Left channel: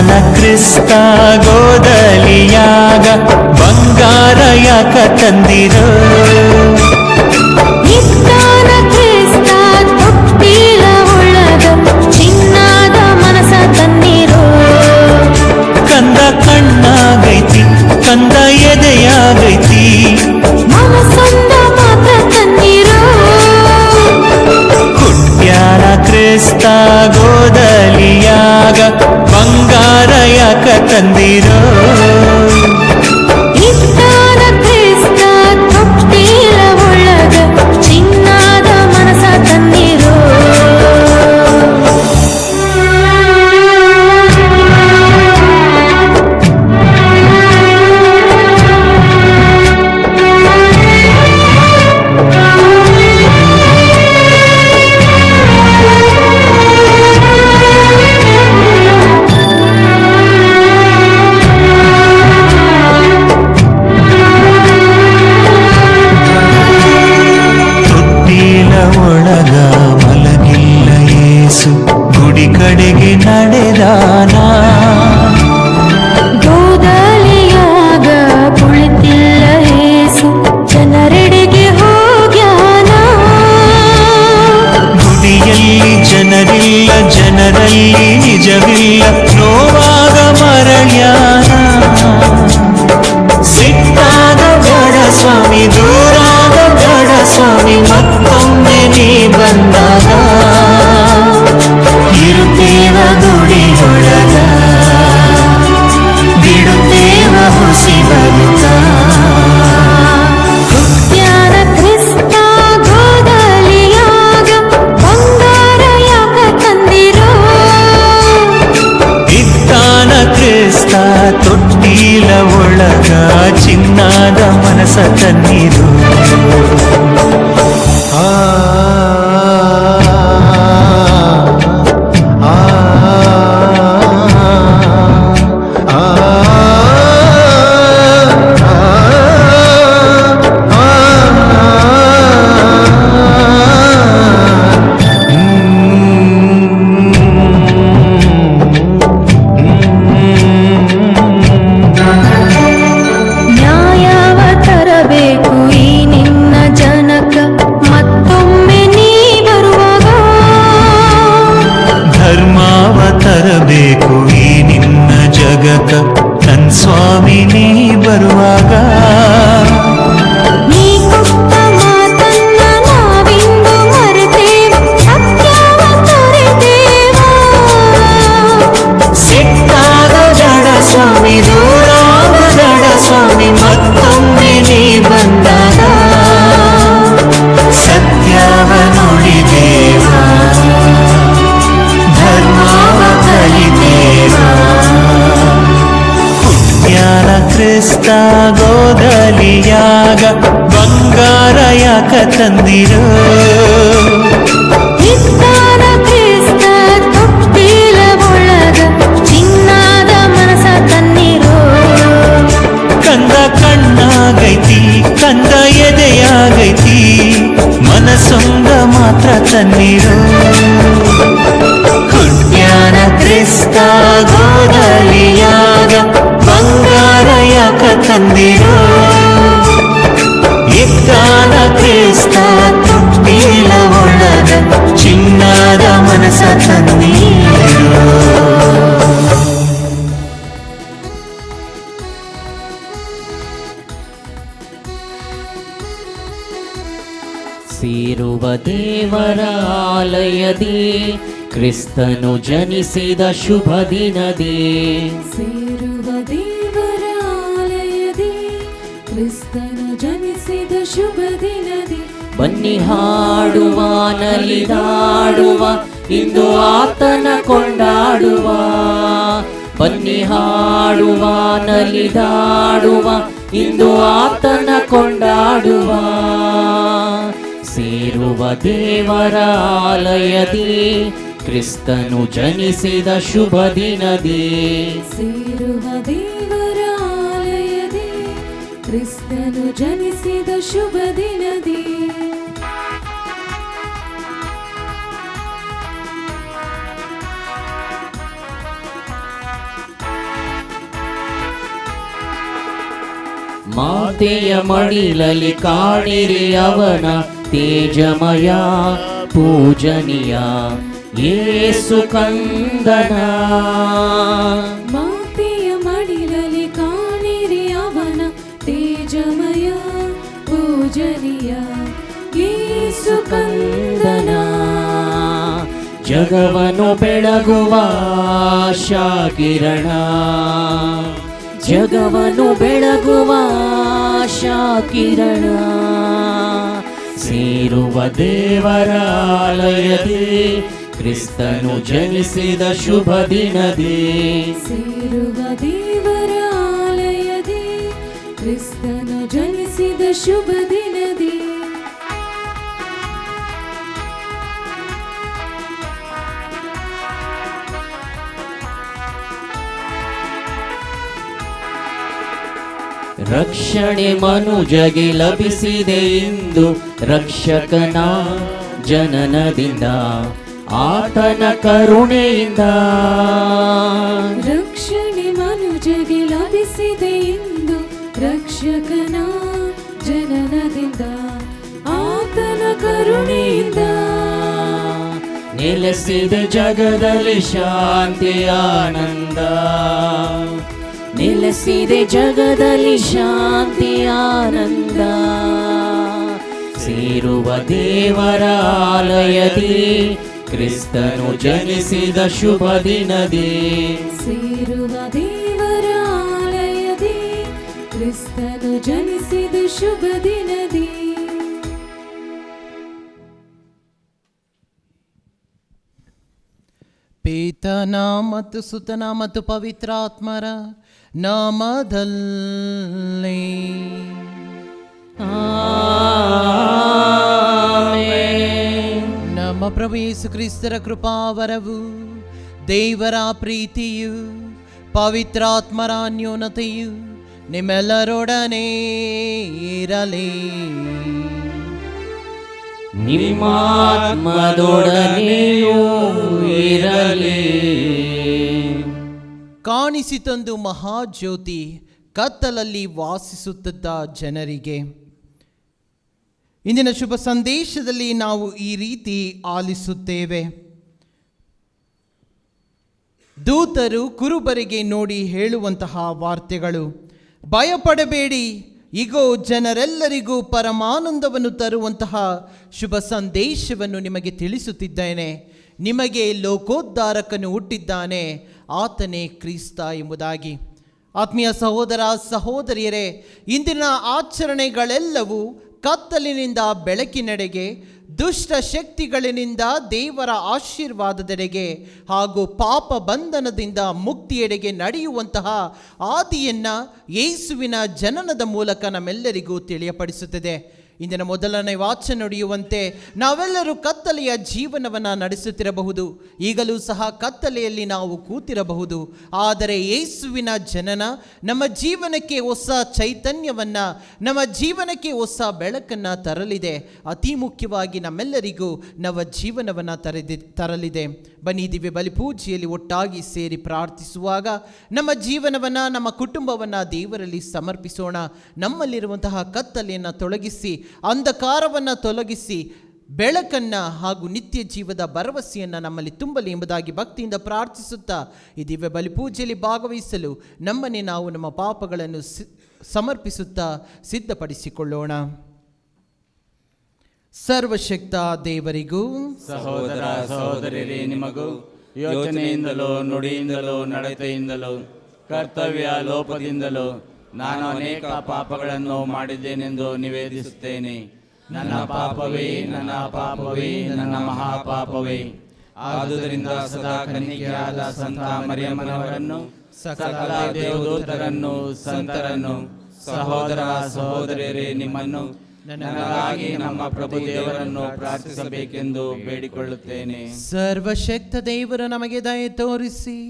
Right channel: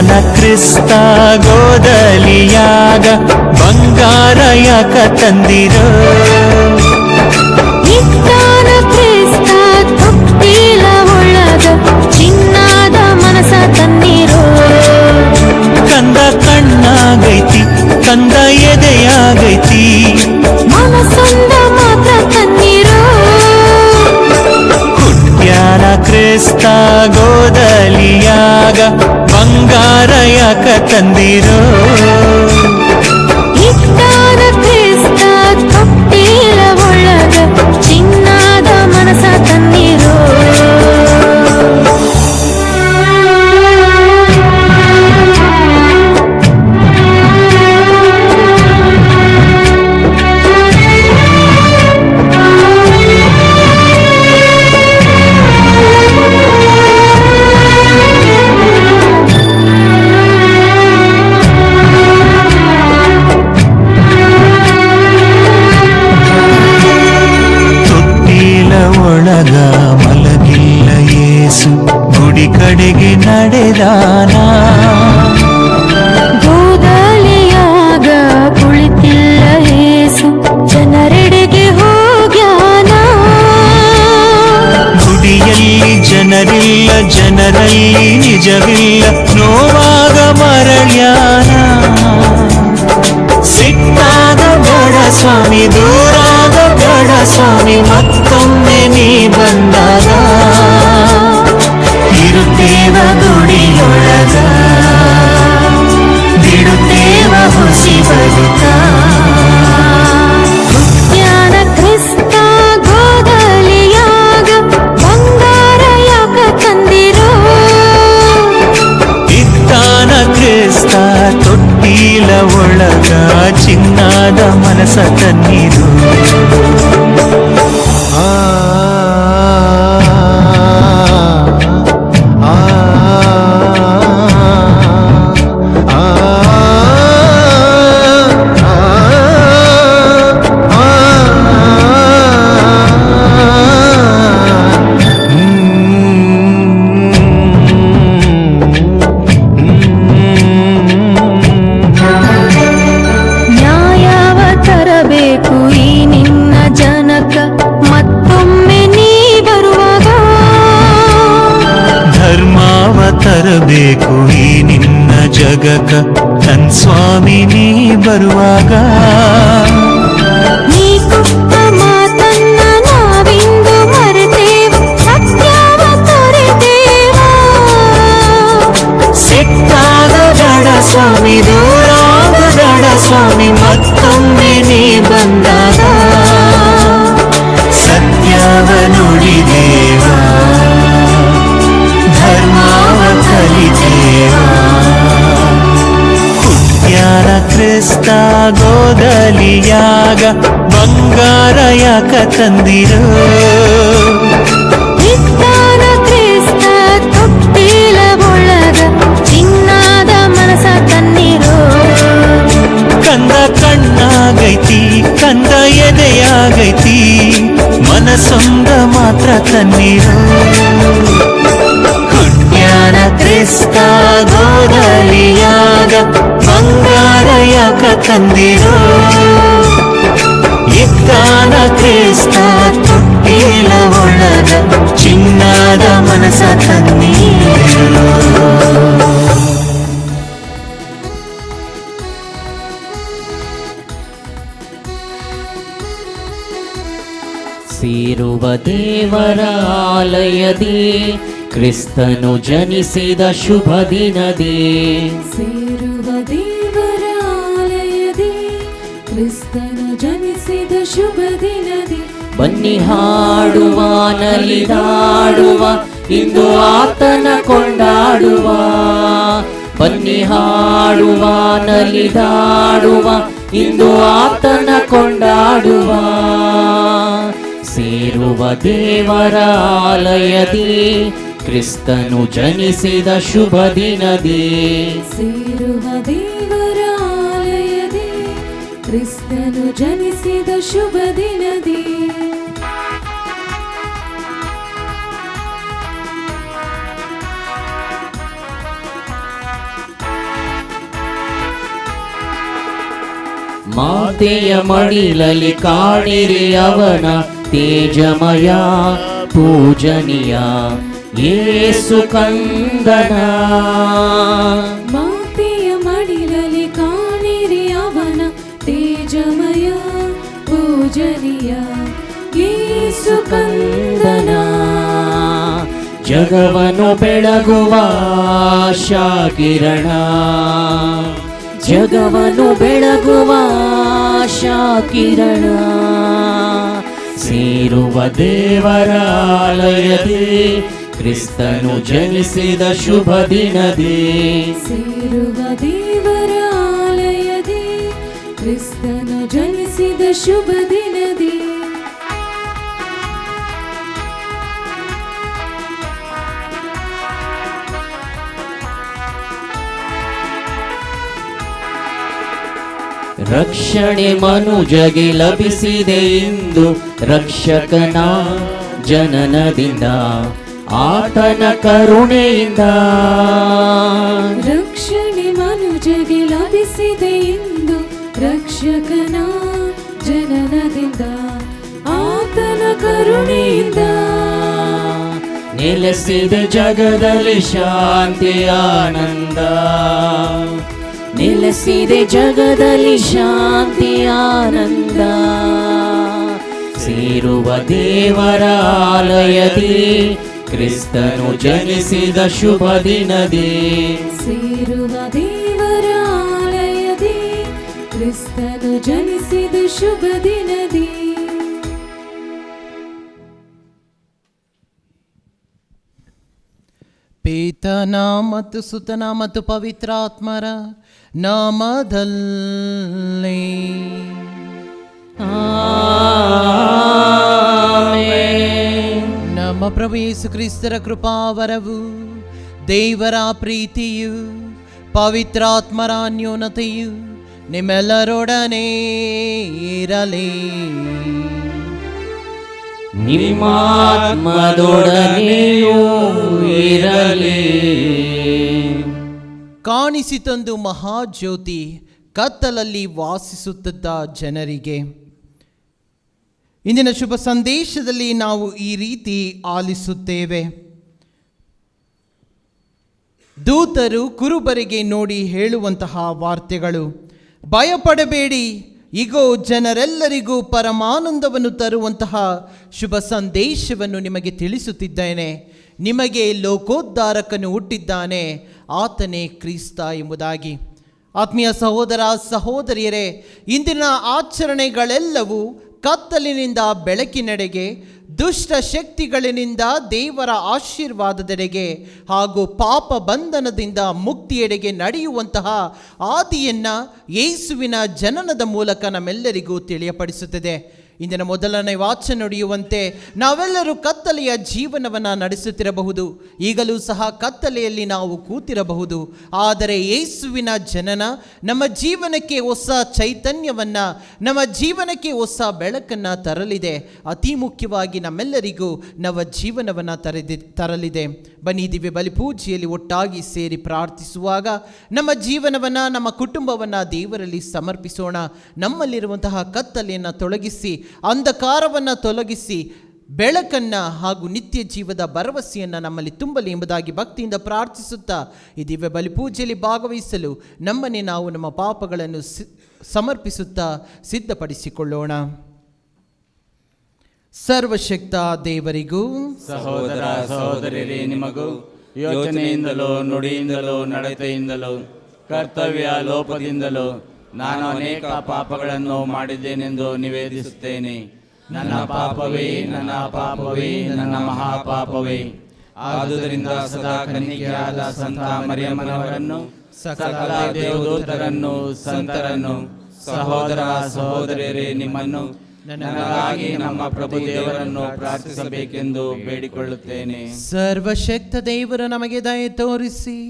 ಇತ್ತಾನ ಕ್ರಿಸ್ತ ಗೋದಲಿಯಾಗ ಬಂಗಾರ ಯಾಕ ತಂದಿರೋ ಇತ್ತಾನ ಕ್ರಿಸ್ತ ತೊಟ್ಟಿಲ ಒಳಗ ಚಿನ್ನದ ಮನಸ ತಂದಿರೋ ಕಂದ ಕಣ್ಣಾಗೈತಿ ಕಂದ ಎದೆಯಾಗೈತಿ ಮನಸೊಂದ ಮಾತ್ರ ತನ್ನಿರೋ ಹುಟ್ಟ್ಯಾನ ಕ್ರಿಸ್ತ ಗೋದಲಿಯಾಗ ಬಂಗಾರ ಯಾಕ ತಂದಿರೋ ಇತ್ತಾನ ಕ್ರಿಸ್ತ ತೊಟ್ಟಿಲ ಒಳಗ ಚಿನ್ನದ ಮನಸ ತನ್ನಿರೋ ಒಳಗ ಮಲಗಿಲ್ಲ ಯೇಸು ಗುಡಿ ಕಡೆಗೆ ನಡೆದಾನ ಗೋದಲಿಯಾಗ ಕುಳಿತಿಲ್ಲ ಯೇಸು ಜನರೆಡೆಗೆ ಹೋಗ್ಯಾನ ಗುಡಿಯಲ್ಲಿ ಜನರಿಲ್ಲ ಜನರಲ್ಲಿ ನಿಜವಿಲ್ಲ ನೋವಾಗ ಮರಳ್ಯಾನ ಸಿಟ್ಟಾದ ಬೇಡ ಸ್ವಾಮಿ ದೂರಾದ ಬೇಡ ಸ್ವಾಮಿ ಮತ್ತೊಮ್ಮೆ ನೀ ಬಂದಾಗ ಇರುತ್ತೇವ ಗುಡಿಯೊಳಗ ಬಿಡುತ್ತೇವ ಹುಸಿ ಬದುಕ ಹುಟ್ಟ್ಯಾನ ಕ್ರಿಸ್ತ ಗೋದಲಿಯಾಗ ಬಂಗಾರ ಯಾಕ ತಂದಿರೋ ಇತ್ತಾನ ಕ್ರಿಸ್ತ ತೊಟ್ಟಿಲ ಒಳಗ ಚಿನ್ನದ ಮನಸ ತನ್ನಿರು ಬೇಕು ಈ ನಿನ್ನ ಜನಕ ಮತ್ತೊಮ್ಮೆ ನೀ ಬರುವಾಗ ಧರ್ಮಾವ ತರಬೇಕು ಈ ನಿನ್ನ ಜಗಕ ತನ್ ಸ್ವಾಮಿ ನೀ ಬರುವಾಗ ನೀ ಕೊಟ್ಟ ಮಾತನ್ನ ನಾವಿಂದು ಮರೆತೇವ ಸತ್ಯವ ತೊರೆದೇವ ಸಿಟ್ಟಾದ ಬೇಡ ಸ್ವಾಮಿ ದೂರಾದ ಬೇಡ ಸ್ವಾಮಿ ಮತ್ತೊಮ್ಮೆ ನೀ ಬಂದಾಗ ಸತ್ಯವ ನುಡಿದೇವ ಧರ್ಮವ ಕಲಿದೇವ ಹುಟ್ಟ್ಯಾನ ಕ್ರಿಸ್ತ ಗೋದಲಿಯಾಗ ಬಂಗಾರ ಯಾಕ ತಂದಿರೋ ಇತ್ತಾನ ಕ್ರಿಸ್ತ ತೊಟ್ಟಿಲ ಒಳಗ ಚಿನ್ನದ ಮನಸ ತನ್ನಿರೋ ಕಂದ ಕಣ್ಣಾಗೈತಿ ಕಂದ ಎದೆಯಾಗೈತಿ ಮನಸೊಂದ ಮಾತ್ರ ತನ್ನಿರೋ ಹುಟ್ಟ್ಯಾನ ಕ್ರಿಸ್ತ ಗೋದಲಿಯಾಗ ಬಂಗಾರ ಯಾಕ ತಂದಿರೋ ಇತ್ತಾನ ಕ್ರಿಸ್ತ ತೊಟ್ಟಿಲ ಒಳಗ ಚಿನ್ನದ ಮನಸ ತನ್ನಿರೋ ಸೇರುವ ದೇವರ ಆಲಯದಿ ಕ್ರಿಸ್ತನು ಜನಿಸಿದ ಶುಭ ದಿನದೇ ಸೇರುವ ದೇವರ ಆಲಯದಿ ಕ್ರಿಸ್ತನು ಜನಿಸಿದ ಶುಭ ದಿನದಿ ಬನ್ನಿ ಹಾಡುವ ನಲಿದಾಡುವ ಇಂದು ಆತನ ಕೊಂಡಾಡುವ ಬನ್ನಿ ಹಾಡುವ ನಲಿದಾಡುವ ಇಂದು ಆತನ ಕೊಂಡಾಡುವ ಸೇರುವ ದೇವರ ಆಲಯದಿ ಕ್ರಿಸ್ತನು ಜನಿಸಿದ ಶುಭ ದಿನದೇ ಸೇರುವ ದೇವರ ಆಲಯದಿ ಕ್ರಿಸ್ತನು ಜನಿಸಿದ ಶುಭ ದಿನದಿ ಮಾತೆಯ ಮಡಿಲಲ್ಲಿ ಕಾಣಿರಿ ಅವನ ತೇಜಮಯ ಪೂಜನೀಯ ಯೇಸು ಕಂದನ. ಮಾತೆಯ ಮಡಿಲಲ್ಲಿ ಕಾಣಿರಿ ಅವನ ತೇಜಮಯ ಪೂಜನೀಯ ಯೇಸು ಕಂದನ. ಜಗವನ್ನು ಬೆಳಗುವ ಆಶಾಕಿರಣ, ಜಗವನ್ನು ಬೆಳಗುವ ಆಶಾಕಿರಣ. ಸೇರುವ ದೇವರ ಆಲಯದಿ ಕ್ರಿಸ್ತನು ಜನಿಸಿದ ಶುಭ ದಿನದಿ. ಸೇರುವ ದೇವರ ಆಲಯದಿ ಕ್ರಿಸ್ತನು ಜನಿಸಿದ ಶುಭ ದಿನದಿ. ರಕ್ಷಣೆ ಮನುಜಗೆ ಲಭಿಸಿದೆ ಇಂದು ರಕ್ಷಕನ ಜನನದಿಂದ ಆತನ ಕರುಣೆಯಿಂದ. ರಕ್ಷಣೆ ಮನುಜಗೆ ಲಭಿಸಿದೆ ಇಂದು ರಕ್ಷಕನ ಜನನದಿಂದ ಆತನ ಕರುಣೆಯಿಂದ. ನೆಲೆಸಿದೆ ಜಗದಲ್ಲಿ ಶಾಂತಿ ಆನಂದ, ನೆಲೆಸಿದೆ ಜಗದಲ್ಲಿ ಶಾಂತಿ ಆನಂದ. ಸೇರುವ ದೇವರ ಆಲಯದಿ ಕ್ರಿಸ್ತನು ಜನಿಸಿದ ಶುಭ ದಿನದಿ. ಸೇರುವ ದೇವರ ಆಲಯದಿ ಕ್ರಿಸ್ತನು ಜನಿಸಿದ ಶುಭ ದಿನದಿ. ಪಿತನ ಮತ್ತು ಸುತನ ಮತ್ತು ಪವಿತ್ರಾತ್ಮರ ನಾಮದಲ್ಲಿ ಆಮೆನ್. ನಮ್ಮ ಪ್ರಭು ಯೇಸು ಕ್ರಿಸ್ತರ ಕೃಪಾವರವು, ದೇವರ ಪ್ರೀತಿಯು, ಪವಿತ್ರಾತ್ಮರ ಅನ್ಯೋನ್ಯತೆಯು ನಿಮ್ಮೆಲ್ಲರೊಡನೆ ಇರಲಿ. ನಿಮ್ಮಾತ್ಮದೊಡನೆಯೂ ಇರಲಿ. ಕಾಣಿಸಿತಂದು ಮಹಾಜ್ಯೋತಿ ಕತ್ತಲಲ್ಲಿ ವಾಸಿಸುತ್ತಿದ್ದ ಜನರಿಗೆ. ಇಂದಿನ ಶುಭ ಸಂದೇಶದಲ್ಲಿ ನಾವು ಈ ರೀತಿ ಆಲಿಸುತ್ತೇವೆ. ದೂತರು ಕುರುಬರಿಗೆ ನೋಡಿ ಹೇಳುವಂತಹ ವಾರ್ತೆಗಳು: ಭಯಪಡಬೇಡಿ, ಇಗೋ ಜನರೆಲ್ಲರಿಗೂ ಪರಮಾನಂದವನ್ನು ತರುವಂತಹ ಶುಭ ಸಂದೇಶವನ್ನು ನಿಮಗೆ ತಿಳಿಸುತ್ತಿದ್ದೇನೆ. ನಿಮಗೆ ಲೋಕೋದ್ಧಾರಕನು ಹುಟ್ಟಿದ್ದಾನೆ, ಆತನೇ ಕ್ರಿಸ್ತ ಎಂಬುದಾಗಿ. ಆತ್ಮೀಯ ಸಹೋದರ ಸಹೋದರಿಯರೇ, ಇಂದಿನ ಆಚರಣೆಗಳೆಲ್ಲವೂ ಕತ್ತಲಿನಿಂದ ಬೆಳಕಿನೆಡೆಗೆ, ದುಷ್ಟ ಶಕ್ತಿಗಳಿಂದ ದೇವರ ಆಶೀರ್ವಾದದೆಡೆಗೆ ಹಾಗೂ ಪಾಪ ಬಂಧನದಿಂದ ಮುಕ್ತಿಯೆಡೆಗೆ ನಡೆಯುವಂತಹ ಆದಿಯನ್ನು ಯೇಸುವಿನ ಜನನದ ಮೂಲಕ ನಮ್ಮೆಲ್ಲರಿಗೂ ತಿಳಿಯಪಡಿಸುತ್ತದೆ. ಇಂದಿನ ಮೊದಲನೇ ವಾಚನ ನುಡಿಯುವಂತೆ ನಾವೆಲ್ಲರೂ ಕತ್ತಲೆಯ ಜೀವನವನ್ನು ನಡೆಸುತ್ತಿರಬಹುದು, ಈಗಲೂ ಸಹ ಕತ್ತಲೆಯಲ್ಲಿ ನಾವು ಕೂತಿರಬಹುದು. ಆದರೆ ಯೇಸುವಿನ ಜನನ ನಮ್ಮ ಜೀವನಕ್ಕೆ ಹೊಸ ಚೈತನ್ಯವನ್ನು, ನಮ್ಮ ಜೀವನಕ್ಕೆ ಹೊಸ ಬೆಳಕನ್ನು ತರಲಿದೆ. ಅತಿ ಮುಖ್ಯವಾಗಿ ನಮ್ಮೆಲ್ಲರಿಗೂ ನವ ಜೀವನವನ್ನು ತರಲಿದೆ. ಬನ್ನಿ, ದಿವ್ಯ ಬಲಿಪೂಜೆಯಲ್ಲಿ ಒಟ್ಟಾಗಿ ಸೇರಿ ಪ್ರಾರ್ಥಿಸುವಾಗ ನಮ್ಮ ಜೀವನವನ್ನು, ನಮ್ಮ ಕುಟುಂಬವನ್ನು ದೇವರಲ್ಲಿ ಸಮರ್ಪಿಸೋಣ. ನಮ್ಮಲ್ಲಿರುವಂತಹ ಕತ್ತಲೆಯನ್ನು ತೊಲಗಿಸಿ, ಅಂಧಕಾರವನ್ನು ತೊಲಗಿಸಿ, ಬೆಳಕನ್ನು ಹಾಗೂ ನಿತ್ಯ ಜೀವದ ಭರವಸೆಯನ್ನು ನಮ್ಮಲ್ಲಿ ತುಂಬಲಿ ಎಂಬುದಾಗಿ ಭಕ್ತಿಯಿಂದ ಪ್ರಾರ್ಥಿಸುತ್ತಾ ಈ ದಿವ್ಯ ಬಲಿಪೂಜೆಯಲ್ಲಿ ಭಾಗವಹಿಸಲು ನಮ್ಮನ್ನೇ ನಾವು ನಮ್ಮ ಪಾಪಗಳನ್ನು ಸಮರ್ಪಿಸುತ್ತಾ ಸಿದ್ಧಪಡಿಸಿಕೊಳ್ಳೋಣ. ಸರ್ವಶಕ್ತ ದೇವರಿಗೂ ಸಹೋದರ ಸಹೋದರಿಯರೇ ನಿಮಗೂ ಯೋಚನೆಯಿಂದಲೋ ನುಡಿಯಿಂದಲೋ ನಡತೆಯಿಂದಲೋ ಕರ್ತವ್ಯ ಲೋಪದಿಂದಲೋ ನಾನು ಅನೇಕ ಪಾಪಗಳನ್ನು ಮಾಡಿದ್ದೇನೆಂದು ನಿವೇದಿಸುತ್ತೇನೆ. ನನ್ನ ಪಾಪವೇ, ನನ್ನ ಪಾಪವೇ, ನನ್ನ ಮಹಾಪಾಪವೇ. ಆದುದರಿಂದ ಸದಾ ಕನ್ನಿಕೆಯಾದ ಸಂತ ಮರಿಯಮ್ಮನವರನ್ನು, ಸಕಲ ದೇವದೂತರನ್ನು, ಸಂತರನ್ನು, ಸಹೋದರ ಸಹೋದರಿಯರೇ ನಿಮ್ಮನ್ನು, ನನಗಾಗಿ ನಮ್ಮ ಪ್ರಭು ದೇವರನ್ನು ಪ್ರಾರ್ಥಿಸಬೇಕೆಂದು ಬೇಡಿಕೊಳ್ಳುತ್ತೇನೆ. ಸರ್ವಶಕ್ತ ದೇವರು ನಮಗೆ ದಯೆ ತೋರಿಸಿ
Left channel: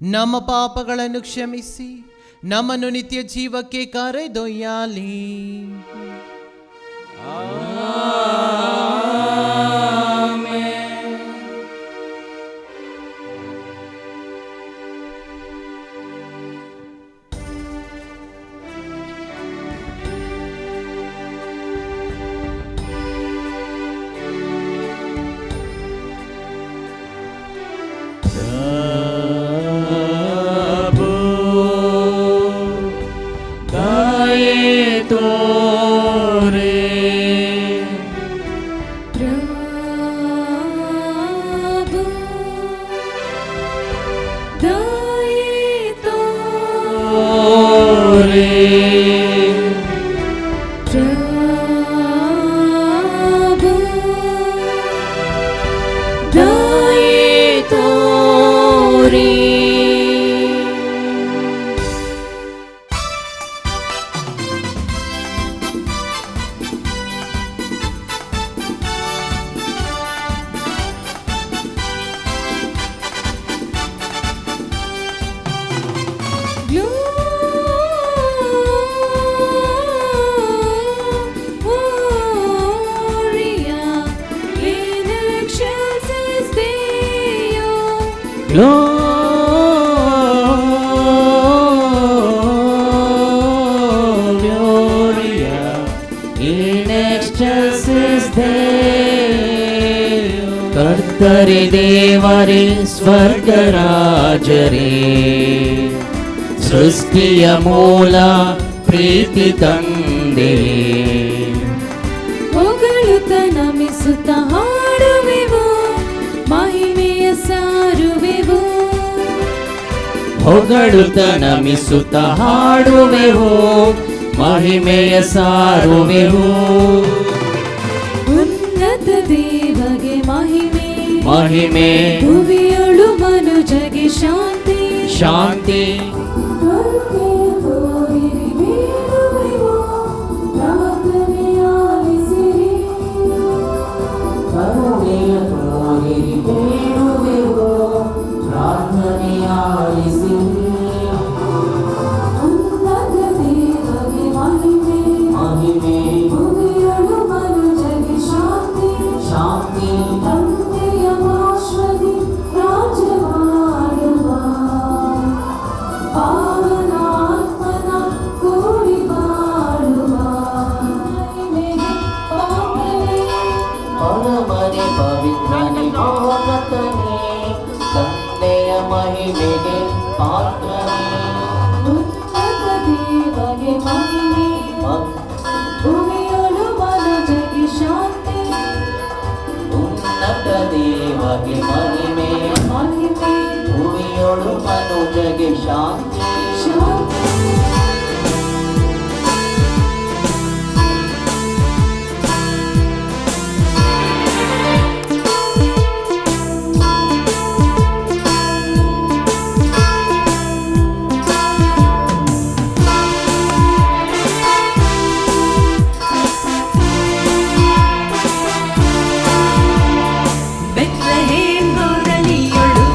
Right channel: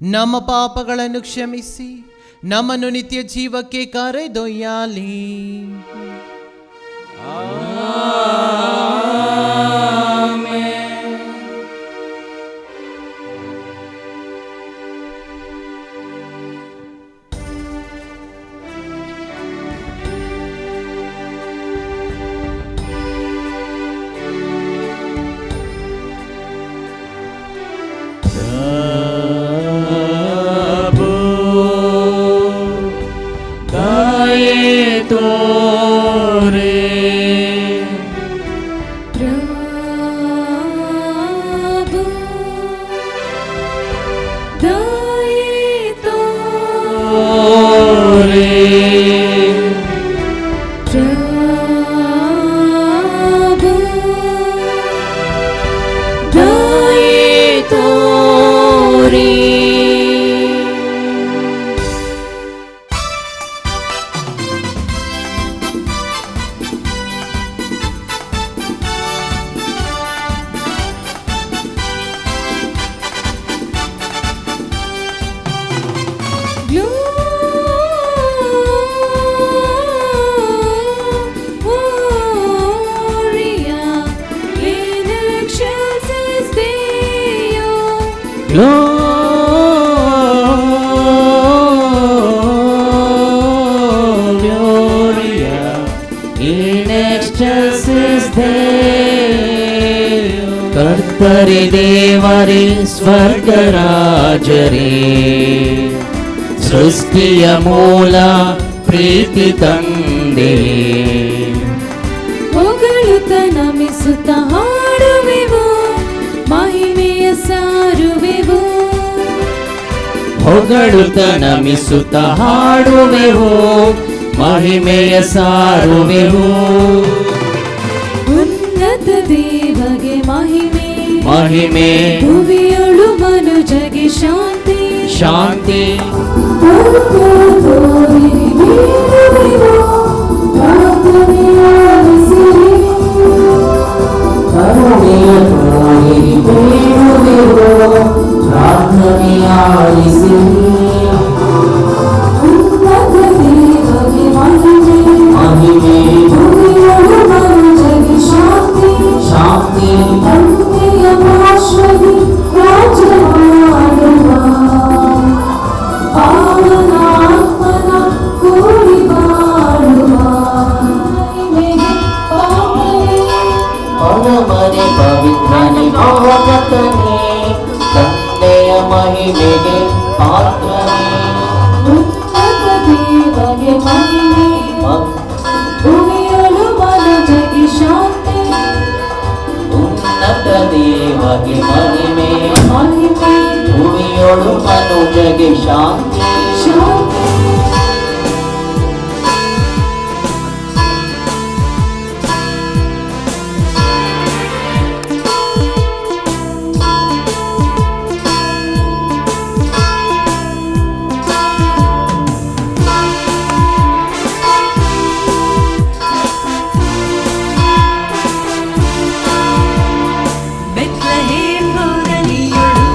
ನಮ್ಮ ಪಾಪಗಳನ್ನು ಕ್ಷಮಿಸಿ ನಮ್ಮನ್ನು ನಿತ್ಯ ಜೀವಕ್ಕೆ ಕರೆದೊಯ್ಯಲಿ. ಪ್ರಭು ದಯೆ ತೋರೆ ಪ್ರಭು ದಯೆ ತೋರೆ ಪ್ರಭು ದಯೆ ತೋರೆ Gloria in excelsis Deo. Gloria in excelsis Deo. ಕರ್ತರೆ ದೇವರೇ ಸ್ವರ್ಗರಾಜರೇ ಸೃಷ್ಟಿಯ ಮೂಲ ಪ್ರೀತಿ ತಂದೆ ಹೊಗಳುತ್ತ ನಮಿಸುತ್ತ ಹಾಡುವೆವು ಮಹಿಮೆಯ ಸಾರುವೆವು ಹೊಗಳುತ್ತ ನಮಿಸುತ್ತ ಹಾಡುವೆವು ಮಹಿಮೆಯ ಸಾರುವೆವು ಉನ್ನತ ದೇವಗೆ ಮಹಿಮೆ ಮಹಿಮೆ ಭುವಿಯೊಳು ಮನುಜಗೆ ಶಾಂತಿ ಶಾಂತಿ ಪರಮನೆ ಪವಿತ್ರನೆ ಮಹೋನ್ನತನೆ ತಂದೆಯ ಮಹಿಮೆಗೆ ಪಾತ್ರನೇ ಉನ್ನತ ದೇವಗೆ ಮಹಿಮೆ ಭುವಿಯೊಳು ಮನುಜಗೆ ಶಾಂತಿ ಉನ್ನತ ದೇವಗೆ ಮಹಿಮೆ ಮಹಿಮೆ ಭೂಮಿಯೊಳು ಮನುಜಗೆ ಶಾಂತಿ ಶಾಂತಿ ಬೆತ್ಲೆಹೇಮ್ ಗೋರಲಿಯೊಳು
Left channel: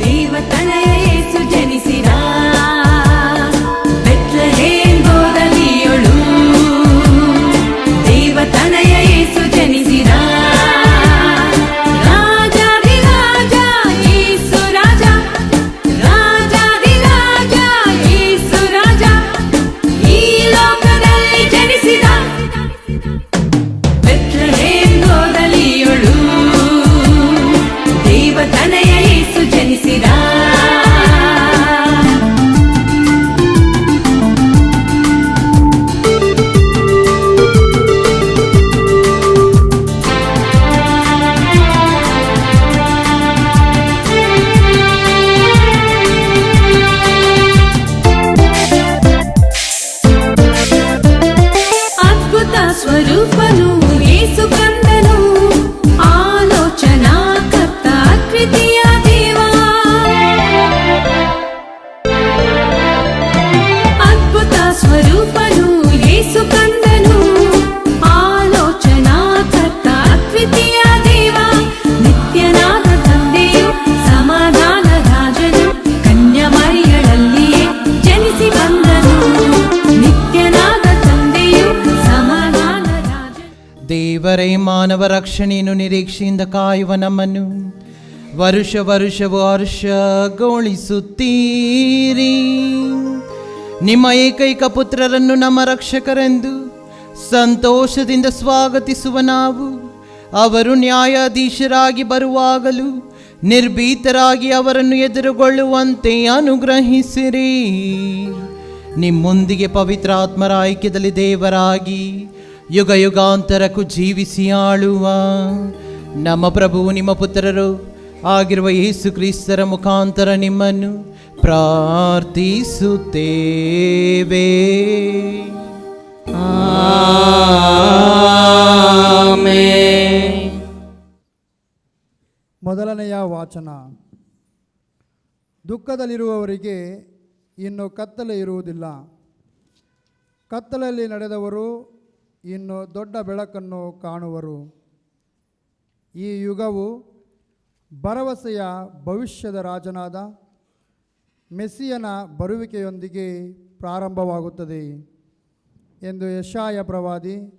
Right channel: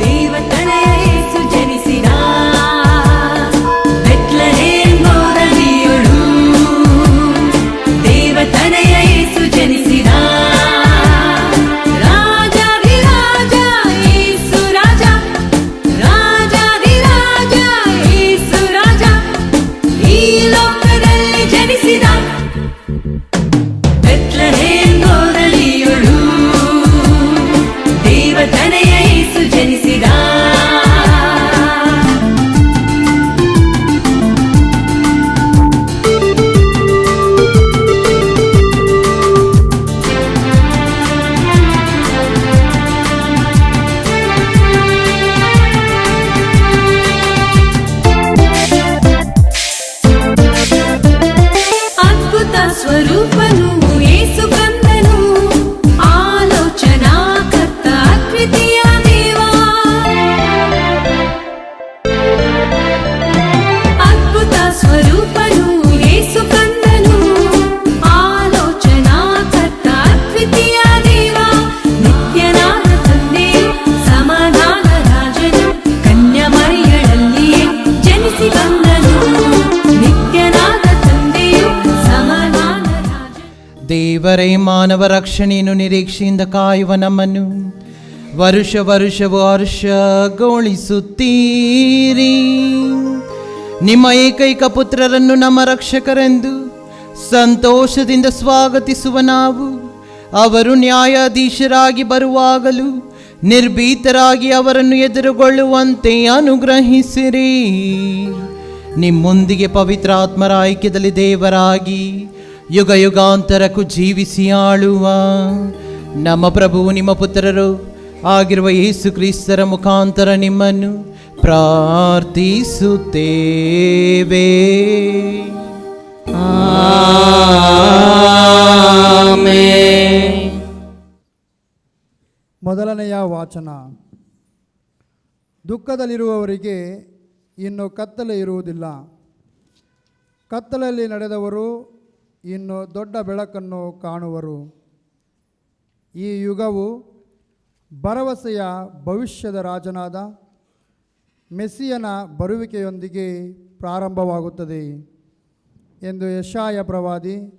ದೇವತನಯ ಯೇಸು ಜನಿಸಿದ. ಬೆತ್ಲೆಹೇಮ್ ಗೋರಲಿಯೊಳು ದೇವತನಯ ಯೇಸು ಜನಿಸಿದ. ರಾಜಾಧಿರಾಜ ಯೇಸು ರಾಜ, ರಾಜಾಧಿರಾಜ ಯೇಸು ರಾಜ ಈ ಲೋಕದಲ್ಲಿ ಜನಿಸಿದ. ಬೆತ್ಲೆಹೇಮ್ ಗೋರಲಿಯೊಳು ದೇವತನಯ ಯೇಸು ಜನಿಸಿದ. ಅದ್ಭುತ ಸ್ವರೂಪನು ಯೇಸು ಕಂದನು, ಆಲೋಚನಾ ಕರ್ತ ಅದ್ವಿತೀಯ ದೇವ. ಅದ್ಭುತ ಸ್ವರೂಪನು ಯೇಸು ಕಂದನು, ಆಲೋಚನಾ ಕರ್ತ ಅದ್ವಿತೀಯ ದೇವ. ನಿತ್ಯನಾದ ತಂದೆಯು ಸಮಾಧಾನ ರಾಜನು, ಕನ್ಯಮರಿಯಳಲ್ಲಿಯೇ ಜನಿಸಿ ಬಂದನು. ನಿತ್ಯನಾದ ತಂದೆಯು ಸಮಾಧಾನ ರಾಜನು. ದೇವರೇ ಮಾನವ ರಕ್ಷಣೆಯನ್ನು ನಿರೀಕ್ಷೆಯಿಂದ ಕಾಯುವ ನಮ್ಮನ್ನು ವರುಷ ವರುಷವೂ ಹರ್ಷಗೊಳಿಸುತ್ತೀರಿ. ನಿಮ್ಮ ಏಕೈಕ ಪುತ್ರರನ್ನು ನಮ್ಮ ರಕ್ಷಕರೆಂದು ಸಂತೋಷದಿಂದ ಸ್ವಾಗತಿಸುವ ನಾವು ಅವರು ನ್ಯಾಯಾಧೀಶರಾಗಿ ಬರುವಾಗಲೂ ನಿರ್ಭೀತರಾಗಿ ಅವರನ್ನು ಎದುರುಗೊಳ್ಳುವಂತೆ ಅನುಗ್ರಹಿಸಿರಿ. ನಿಮ್ಮೊಂದಿಗೆ ಪವಿತ್ರಾತ್ಮರ ಐಕ್ಯದಲ್ಲಿ ದೇವರಾಗಿ ಯುಗ ಯುಗಾಂತರಕ್ಕೂ ಜೀವಿಸಿ ಆಳುವ ನಮ್ಮ ಪ್ರಭು ನಿಮ್ಮ ಪುತ್ರರು ಆಗಿರುವ ಯೇಸು ಕ್ರಿಸ್ತರ ಮುಖಾಂತರ ನಿಮ್ಮನ್ನು ಪ್ರಾರ್ಥಿಸುತ್ತೇವೆ. ಮೊದಲನೆಯ ವಾಚನ. ದುಃಖದಲ್ಲಿರುವವರಿಗೆ ಇನ್ನು ಕತ್ತಲೆ ಇರುವುದಿಲ್ಲ. ಕತ್ತಲೆಯಲ್ಲಿ ನಡೆದವರು ಇನ್ನು ದೊಡ್ಡ ಬೆಳಕನ್ನು ಕಾಣುವರು. ಈ ಯುಗವು ಭರವಸೆಯ ಭವಿಷ್ಯದ ರಾಜನಾದ ಮೆಸ್ಸಿಯನ ಬರುವಿಕೆಯೊಂದಿಗೆ ಪ್ರಾರಂಭವಾಗುತ್ತದೆ ಎಂದು ಯೆಶಾಯ ಪ್ರವಾದಿ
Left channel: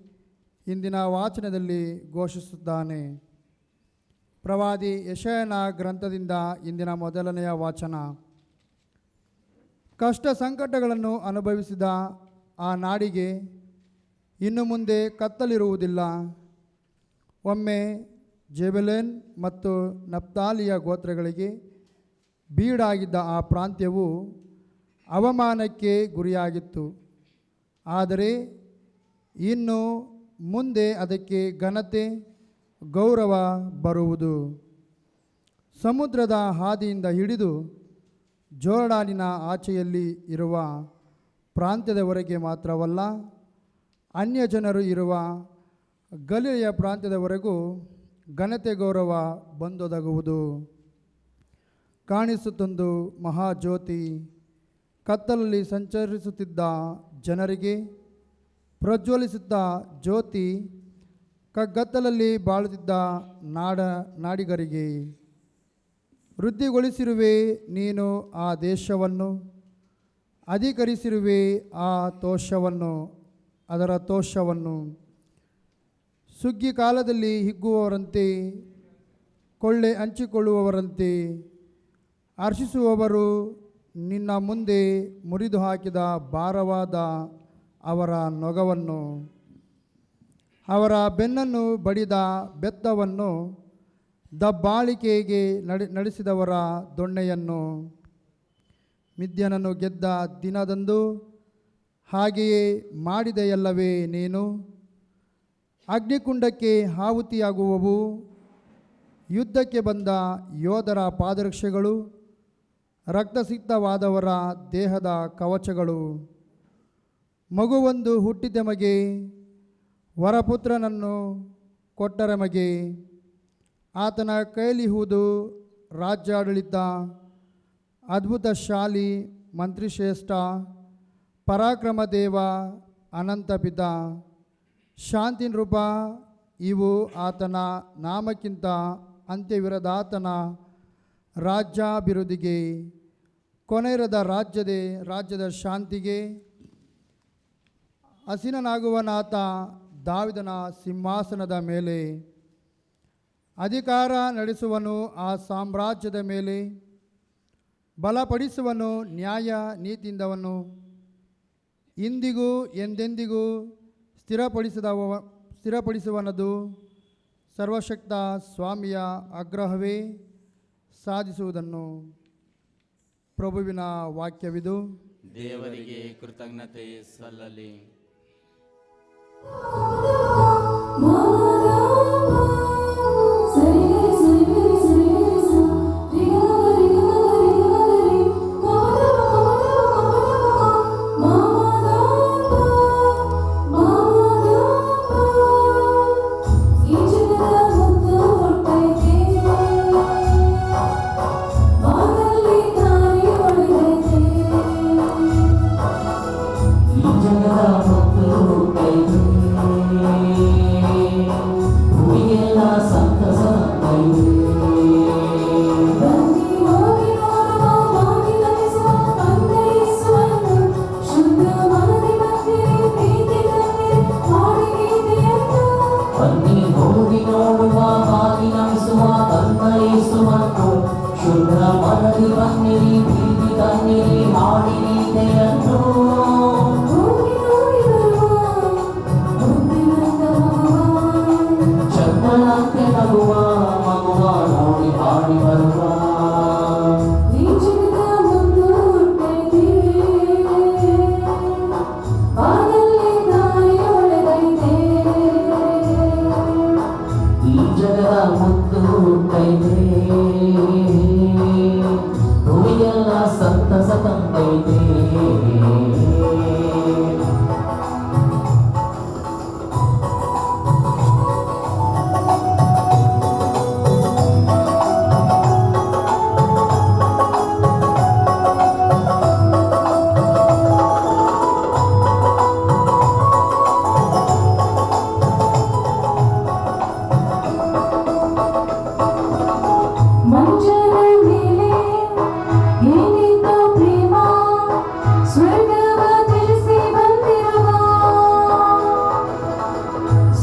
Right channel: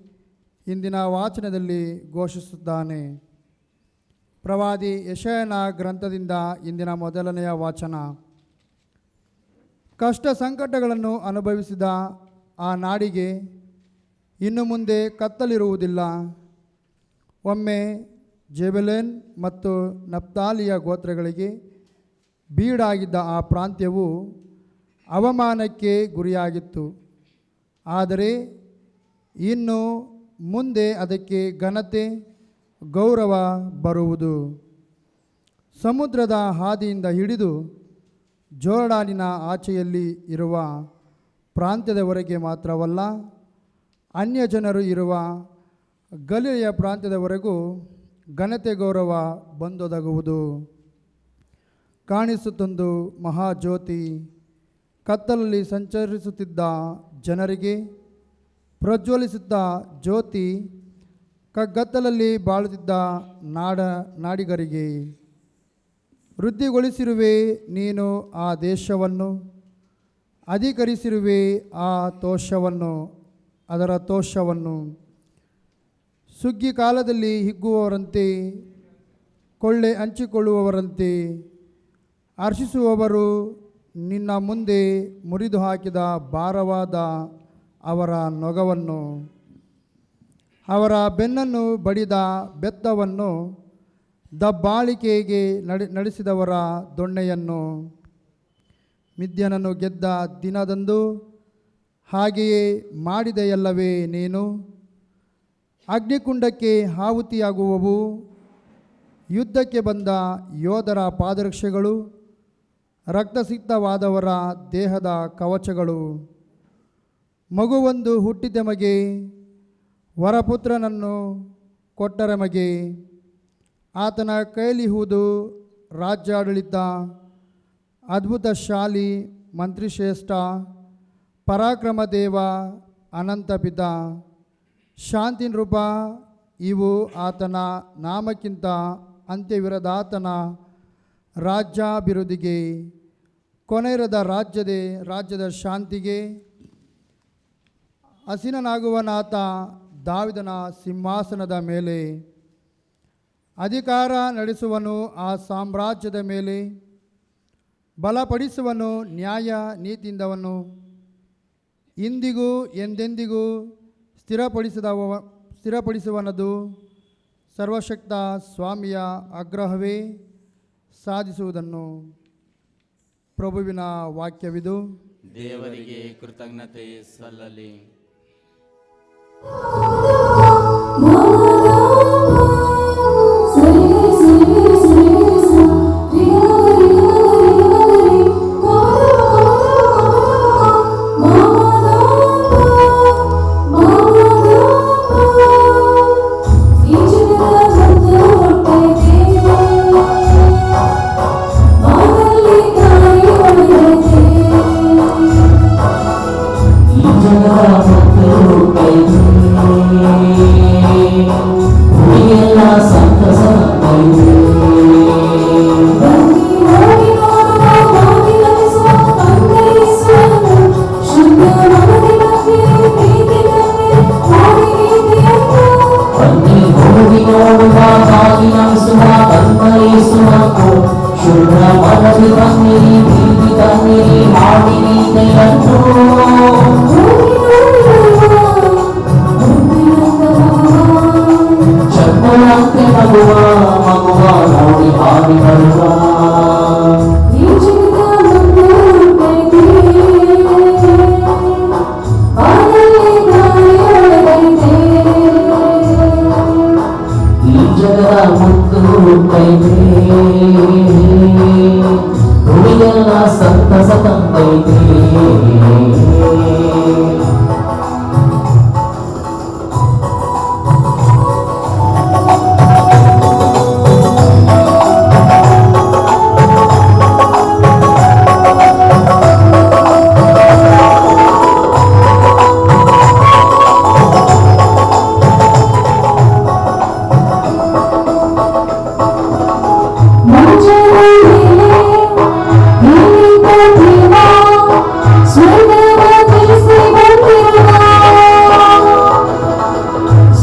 ಇಂದಿನ ವಾಚನದಲ್ಲಿ ಘೋಷಿಸುತ್ತಾನೆ. ಪ್ರವಾದಿ ಯೆಶಾಯನ ಗ್ರಂಥದಿಂದ ಇಂದಿನ ಮೊದಲನೆಯ ವಾಚನ. ಕಷ್ಟ ಸಂಕಟಗಳನ್ನು ಅನುಭವಿಸಿದ ಆ ನಾಡಿಗೆ ಇನ್ನು ಮುಂದೆ ಕತ್ತಲಿರುವುದಿಲ್ಲ. ಒಮ್ಮೆ ಜೆಬೆಲೆನ್ ಮತ್ತು ನಫ್ತಾಲಿಯ ಗೋತ್ರಗಳಿಗೆ ಬೀಡಾಗಿದ್ದ ಆ ಪ್ರಾಂತ್ಯವು ಅವಮಾನಕ್ಕೆ ಗುರಿಯಾಗಿತ್ತು. ಆದರೆ ಇನ್ನು ಮುಂದೆ ಅದಕ್ಕೆ ಘನತೆ ಗೌರವ ಬರುವುದು. ಸಮುದ್ರದ ಹಾದಿಯಿಂದ ಹಿಡಿದು ಜೋರ್ಡಾನಿನ ಆಚೆಯಲ್ಲಿ ಇರುವ ಪ್ರಾಂತ್ಯದವರೆಗೆ ಮಾತ್ರವಲ್ಲ, ಅನ್ಯ ಜನರು ಇರುವ ಗಲಿಲೆಯ ಪ್ರಾಂತ್ಯದವರೆಗೂ ಘನತೆ ಗೌರವ ಬಂದೊದಗುವುದು. ಕಾಣಿಸುತ್ತೊಂದು ಮಹಾಜ್ಯೋತಿ ಕತ್ತಲಲ್ಲಿ ಸಂಚರಿಸುತ್ತಿದ್ದ ಜನರಿಗೆ, ಪ್ರಜ್ವಲಿಸುತ್ತ ಜ್ಯೋತಿ ಕಗ್ಗತ್ತಲಲ್ಲಿ ಬಾಳುತ್ತಿದ್ದ ನಾಡಿಗರಿಗೆ. ವೃದ್ಧಿಗೊಳಿಸಿರುವೆ ನೀನು ಆ ದೇಶವನ್ನು, ಅಧಿಕರಿಸಿರುವೆ ಆ ತೋಷವನ್ನು, ಅದರ ತೋಷವನ್ನು. ಸುಗ್ಗಿ ಕಾಲದಲ್ಲಿ ಹಿಗ್ಗುವವರಂತೆ, ಕೊಳ್ಳೆ ಹಂಚಿಕೊಳ್ಳುವವರಂತೆ ಹರ್ಷಿಸುವವರು ನಿನ್ನ ಮುಂದೆ ಮುರಿದು ಹಾಕಿದ ಭಾರವಾದ ಅವರ ನೊಗವನ್ನು, ಅವರ ಬೆನ್ನನ್ನು ಬಡಿದ ಬೆತ್ತವನ್ನು, ದಬ್ಬಾಳಿಕೆಗೆ ನಡೆಸಿದವರ ದೊಣ್ಣೆಯನ್ನು. ಮಿದ್ಯನನ್ನು ಗೆದ್ದ ದಿನದಂದು ಹಾಗೆಯೇ ಮಾಡಿದೆಯಲ್ಲವೇ ನೀನು? ಅಗ್ನಿಕುಂಡಕ್ಕೆ ಆಹುತಿಯಾಗುವವು ಯುದ್ಧಕ್ಕೆ ಬಂದ ಯೋಧರ ಪಾದರಕ್ಷೆಗಳು, ರಕ್ತಸಿಕ್ತವಾದವರ ದೇಹದ ಕವಚಗಳು. ಮಗುವೊಂದು ಹುಟ್ಟಿದೆಮಗೆ, ವರಪುತ್ರನನ್ನು ಕೊಟ್ಟರೆಮಗೆ. ಆತನ ಕೈಲಿಹುದು ರಾಜ್ಯಾಡಳಿತ, ಅದ್ಭುತಶಾಲಿ, ಮಂತ್ರಿಶ್ರೇಷ್ಠ, ಪರಾಕ್ರಮ ದೇವ, ಅನಂತ ಪಿತ. ಶಾಂತಿ ನೃಪ ಇವು ಆತನ ನಾಮಕ್ಕಿಂತ ಅಂತ್ಯವಿರದಾತನ ರಾಜ್ಯಾಭಿವೃದ್ಧಿಗೆ, ಕೊನೆಯಿರದ ರಾಜ್ಯದ ಶಾಂತಿಗೆ. ಹಸಿನನಾಗುವನಾತ ದಾವಿದನ ಸಿಂಹಾಸನದ ಮೇಲೆ ಅಧಿಕಾರ ನಡೆಸುವನು, ಆ ಸಾಮ್ರಾಜ್ಯದ ಮೇಲೆ ಬಲಪಡಿಸುವನು ನ್ಯಾಯ ನೀತಿಯಿಂದವನು. ಇಂದಿಗೂ ಎಂದೆಂದಿಗೂ ಸ್ಥಿರಪಡಿಸುವನದು. ಸರ್ವಶಕ್ತ ಸ್ವಾಮಿಯ ಆಗ್ರಹವೇ ಸಾಧಿಸುವುದನ್ನು. ಪ್ರಭುವಿನ ವಾಕ್ಯವಿದು. ದೇವರಿಗೆ ಕೃತಜ್ಞತೆ ಸಲ್ಲಲಿ. ಮಗುವ ನೋಡಿ ಹಾಡಿ ಬರುವ ಈ ಜಗದ ಮುಂದೆ ಬಾನಲ್ಲಿ ದಾರಿ ಒಳಗೈತೆ ಈ ಜಗದ ಮುತ್ತು ಹುಟ್ಟೈತೆ ಹುಡುಗೆಲ್ಲ ಸಂತಸ ತಂದೈತೆ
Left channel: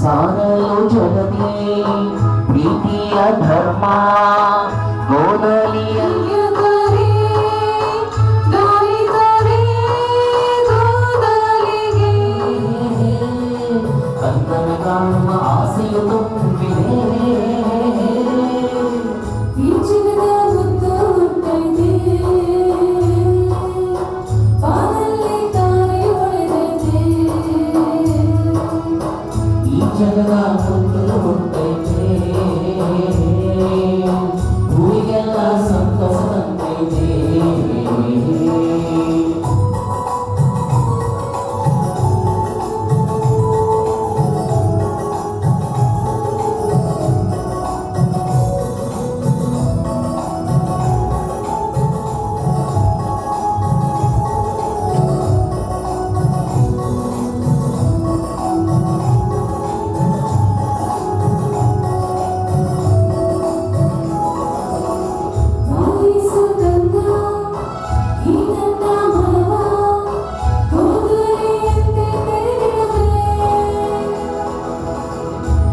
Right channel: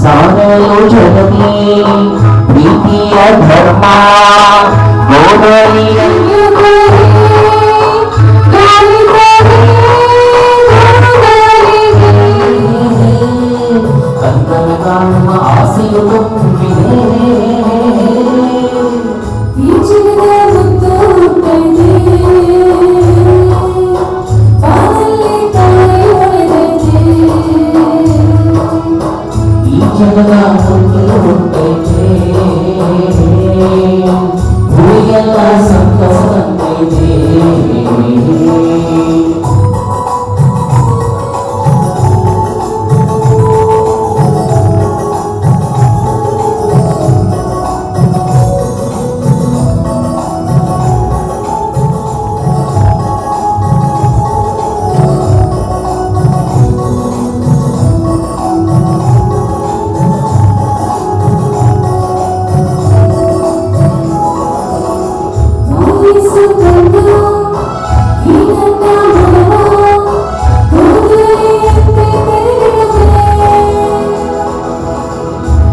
ಸಾರಲು ಜಗತಿ ಪ್ರೀತಿಯ ಧರ್ಮ ಗೋಡಲಿಯ ಕಂದನ ಕಾಣುವ ಆಸೆಯು ತುಂಬಿದೆ ಈ ಜಗದ ಮುತ್ತು ಹುಟ್ಟೈತೆ ಬಾನಲ್ಲಿ ದಾರಿ ಒಳಗೈತೆ ಈ ಜಗದ ಮುತ್ತು ಹುಟ್ಟೈತೆ ಹುಡುಗೆಲ್ಲ ಸಂತಸ ತಂದೈತೆ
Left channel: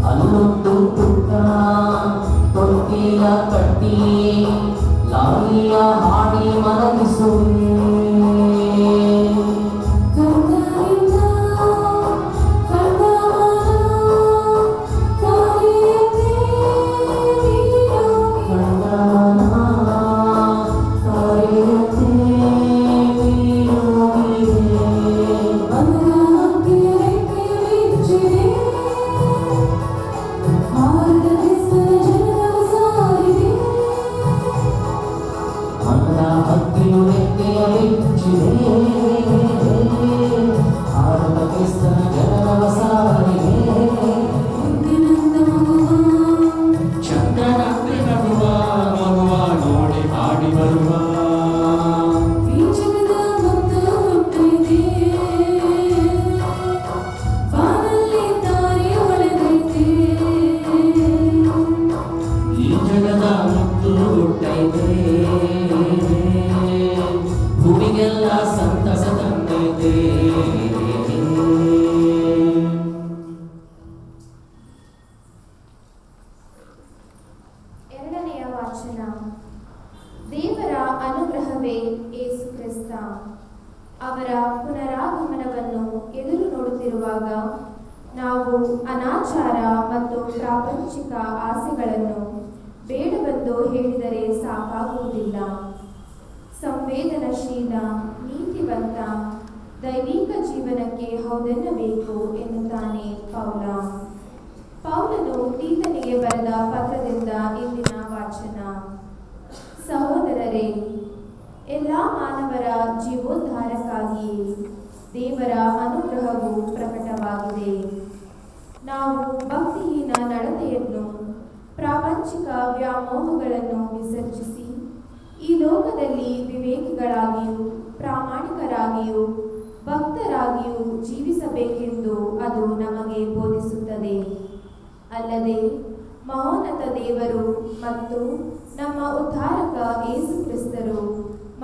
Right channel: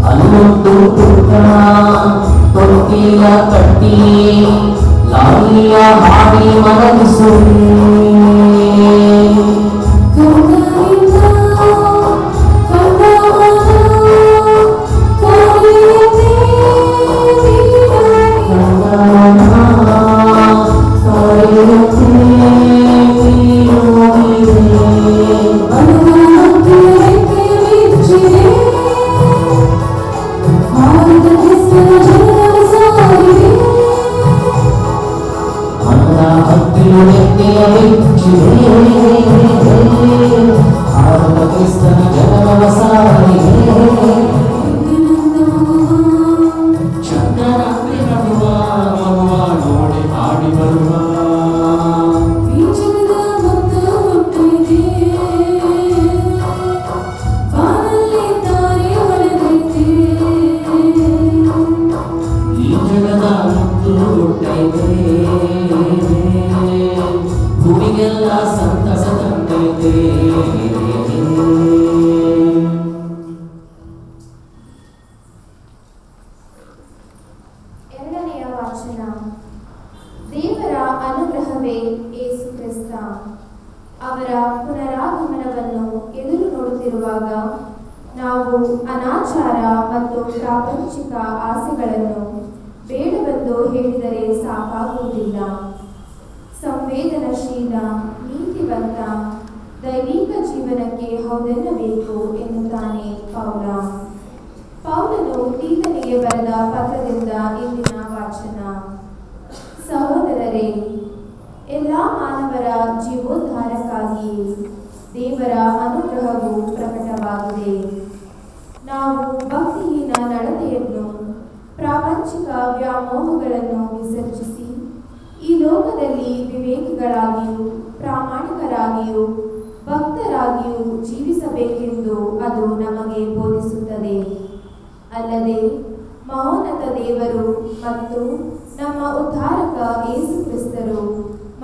ಅಲ್ಲೊಂದು ಪುಟ್ಟ ತೊಟ್ಟಿಯ ಕಟ್ಟಿ ಲಾಲಿಯ ಹಾಡಿ ಮಲಗಿಸು ಕ್ರಿಸ್ತನ ಜನನವ ಸಾರಿಗೆ ಚಂದ್ರರಾತ್ರಿ ನಡುವ ಮಗುವ ನೋಡಿ ಹಾಡಿ ಬರುವ ಈ ಜಗದ ಮುತ್ತು ಹುಟ್ಟೈತೆ ಬಾನಲ್ಲಿ ದಾರಿ ಒಳಗೈತೆ ಈ ಜಗದ ಮುತ್ತು ಹುಟ್ಟೈತೆ ಭೂಮಿಗೆಲ್ಲ ಸಂತಸ ತಂದೈತೆ ಎರಡನೆಯ ವಾಚನ. ದೇವರ ಅನುಗ್ರಹವೇ ಯೇಸು ಕ್ರಿಸ್ತ. ಅವರ ಪುನರಾಗಮನವನ್ನು ಎದುರು ನೋಡುತ್ತಿರುವಾಗ ನಾವು ಅನಾಚಾರ ಮತ್ತು ಪ್ರಾಪಂಚಿಕ ಆಸೆಗಳನ್ನು ಬೇಡವೆಂದು ಹೇಳಿದರೆ ಸಾಕಾಗುವುದಿಲ್ಲ. ಸಂವೇದನಶೀಲ, ನೀತಿವಂತ, ದೈವಿಕ ಜೀವನಕ್ಕೆ ಹೌದೆನ್ನಬೇಕು ಎನ್ನುತ್ತಾನೆ ಪೌಲ. ಪೌಲನು ತೀತನಿಗೆ ಬರೆದ ಪತ್ರದಿಂದ ಇಂದಿನ ವಾಚನ. ಸಹೋದರರೇ, ಎಲ್ಲ ಮಾನವರ ಜೀವೋದ್ಧಾರಕ್ಕಾಗಿ ದೇವರ ಅನುಗ್ರಹವು ಪ್ರಕಟವಾಗಿದೆ. ನಾವು ಭಕ್ತಿಹೀನ ನಡತೆಯನ್ನು, ಪ್ರಾಪಂಚಿಕ ವ್ಯಾಮೋಹಗಳನ್ನು ವಿಸರ್ಜಿಸಿ ಈ ಲೋಕದಲ್ಲಿ ವಿವೇಕಿಗಳಾಗಿಯೂ ಪ್ರಾಮಾಣಿಕರಾಗಿಯೂ ಭಕ್ತರಾಗಿಯೂ ಜೀವಿಸಬೇಕೆಂದು ಅದು ನಮಗೆ ಬೋಧಿಸುತ್ತದೆ. ಅಲ್ಲದೆ ಮಹೋನ್ನತ ದೇವರು ಮತ್ತು ನಮ್ಮ ಉದ್ಧಾರಕ ಯೇಸು ಕ್ರಿಸ್ತರು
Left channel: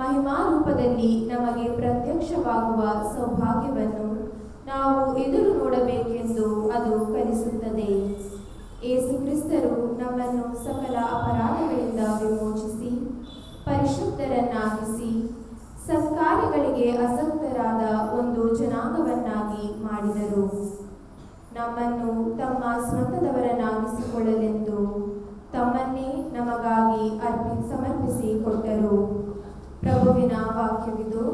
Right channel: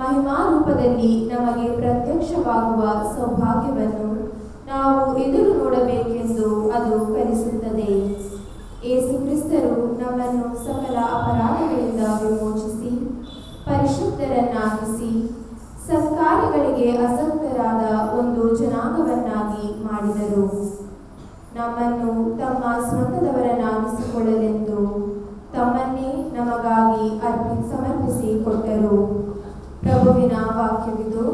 ಮಹಿಮಾರೂಪದಲ್ಲಿ ನಮಗೆ ಪ್ರತ್ಯಕ್ಷವಾಗುವ ಸೌಭಾಗ್ಯವನ್ನು ನಾವು ಎದುರು ನೋಡಬೇಕೆಂದು ಅದು ಕಲಿಸುತ್ತದೆ. ಯೇಸು ಕ್ರಿಸ್ತರು ನಮ್ಮನ್ನು ಸಕಲ ಅಪರಾಧಗಳಿಂದ ವಿಮೋಚಿಸಿ ಪರಿಶುದ್ಧರನ್ನಾಗಿಸಿ ಸತ್ಕಾರ್ಯಗಳಿಗೆ ಆಸಕ್ತರಾದ ಒಂದು ಜನಾಂಗವನ್ನಾಗಿ ಮಾಡಿದರು. ನಮ್ಮನ್ನು ತಮ್ಮ ಸ್ವಂತದವರನ್ನಾಗಿಸಿಕೊಳ್ಳಲೆಂದು ತಮ್ಮನ್ನೇ ನಮಗಾಗಿ ಸಮರ್ಪಿಸಿ ಕೊಟ್ಟರು. ಪ್ರಭುವಿನ ವಾಕ್ಯವಿದು.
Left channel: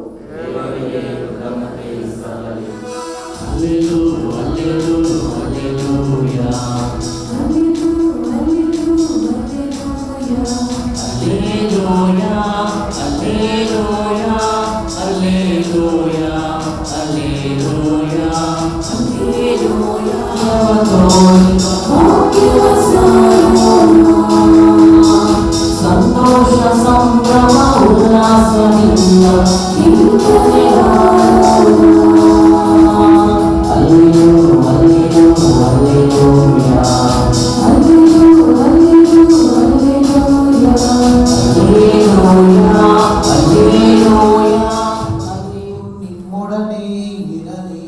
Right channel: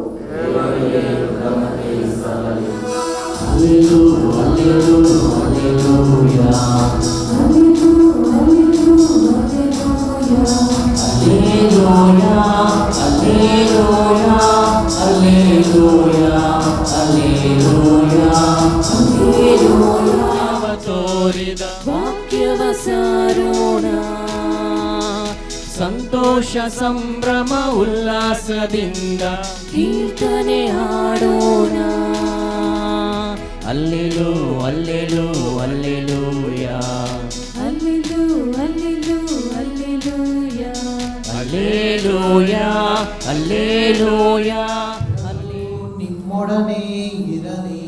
ಸಂತೋಷ ಸಂಭ್ರಮ ಉಲ್ಲಾಸದಿಂದ ನಿಮ್ಮೊಡನೆ ಇರಲಿ.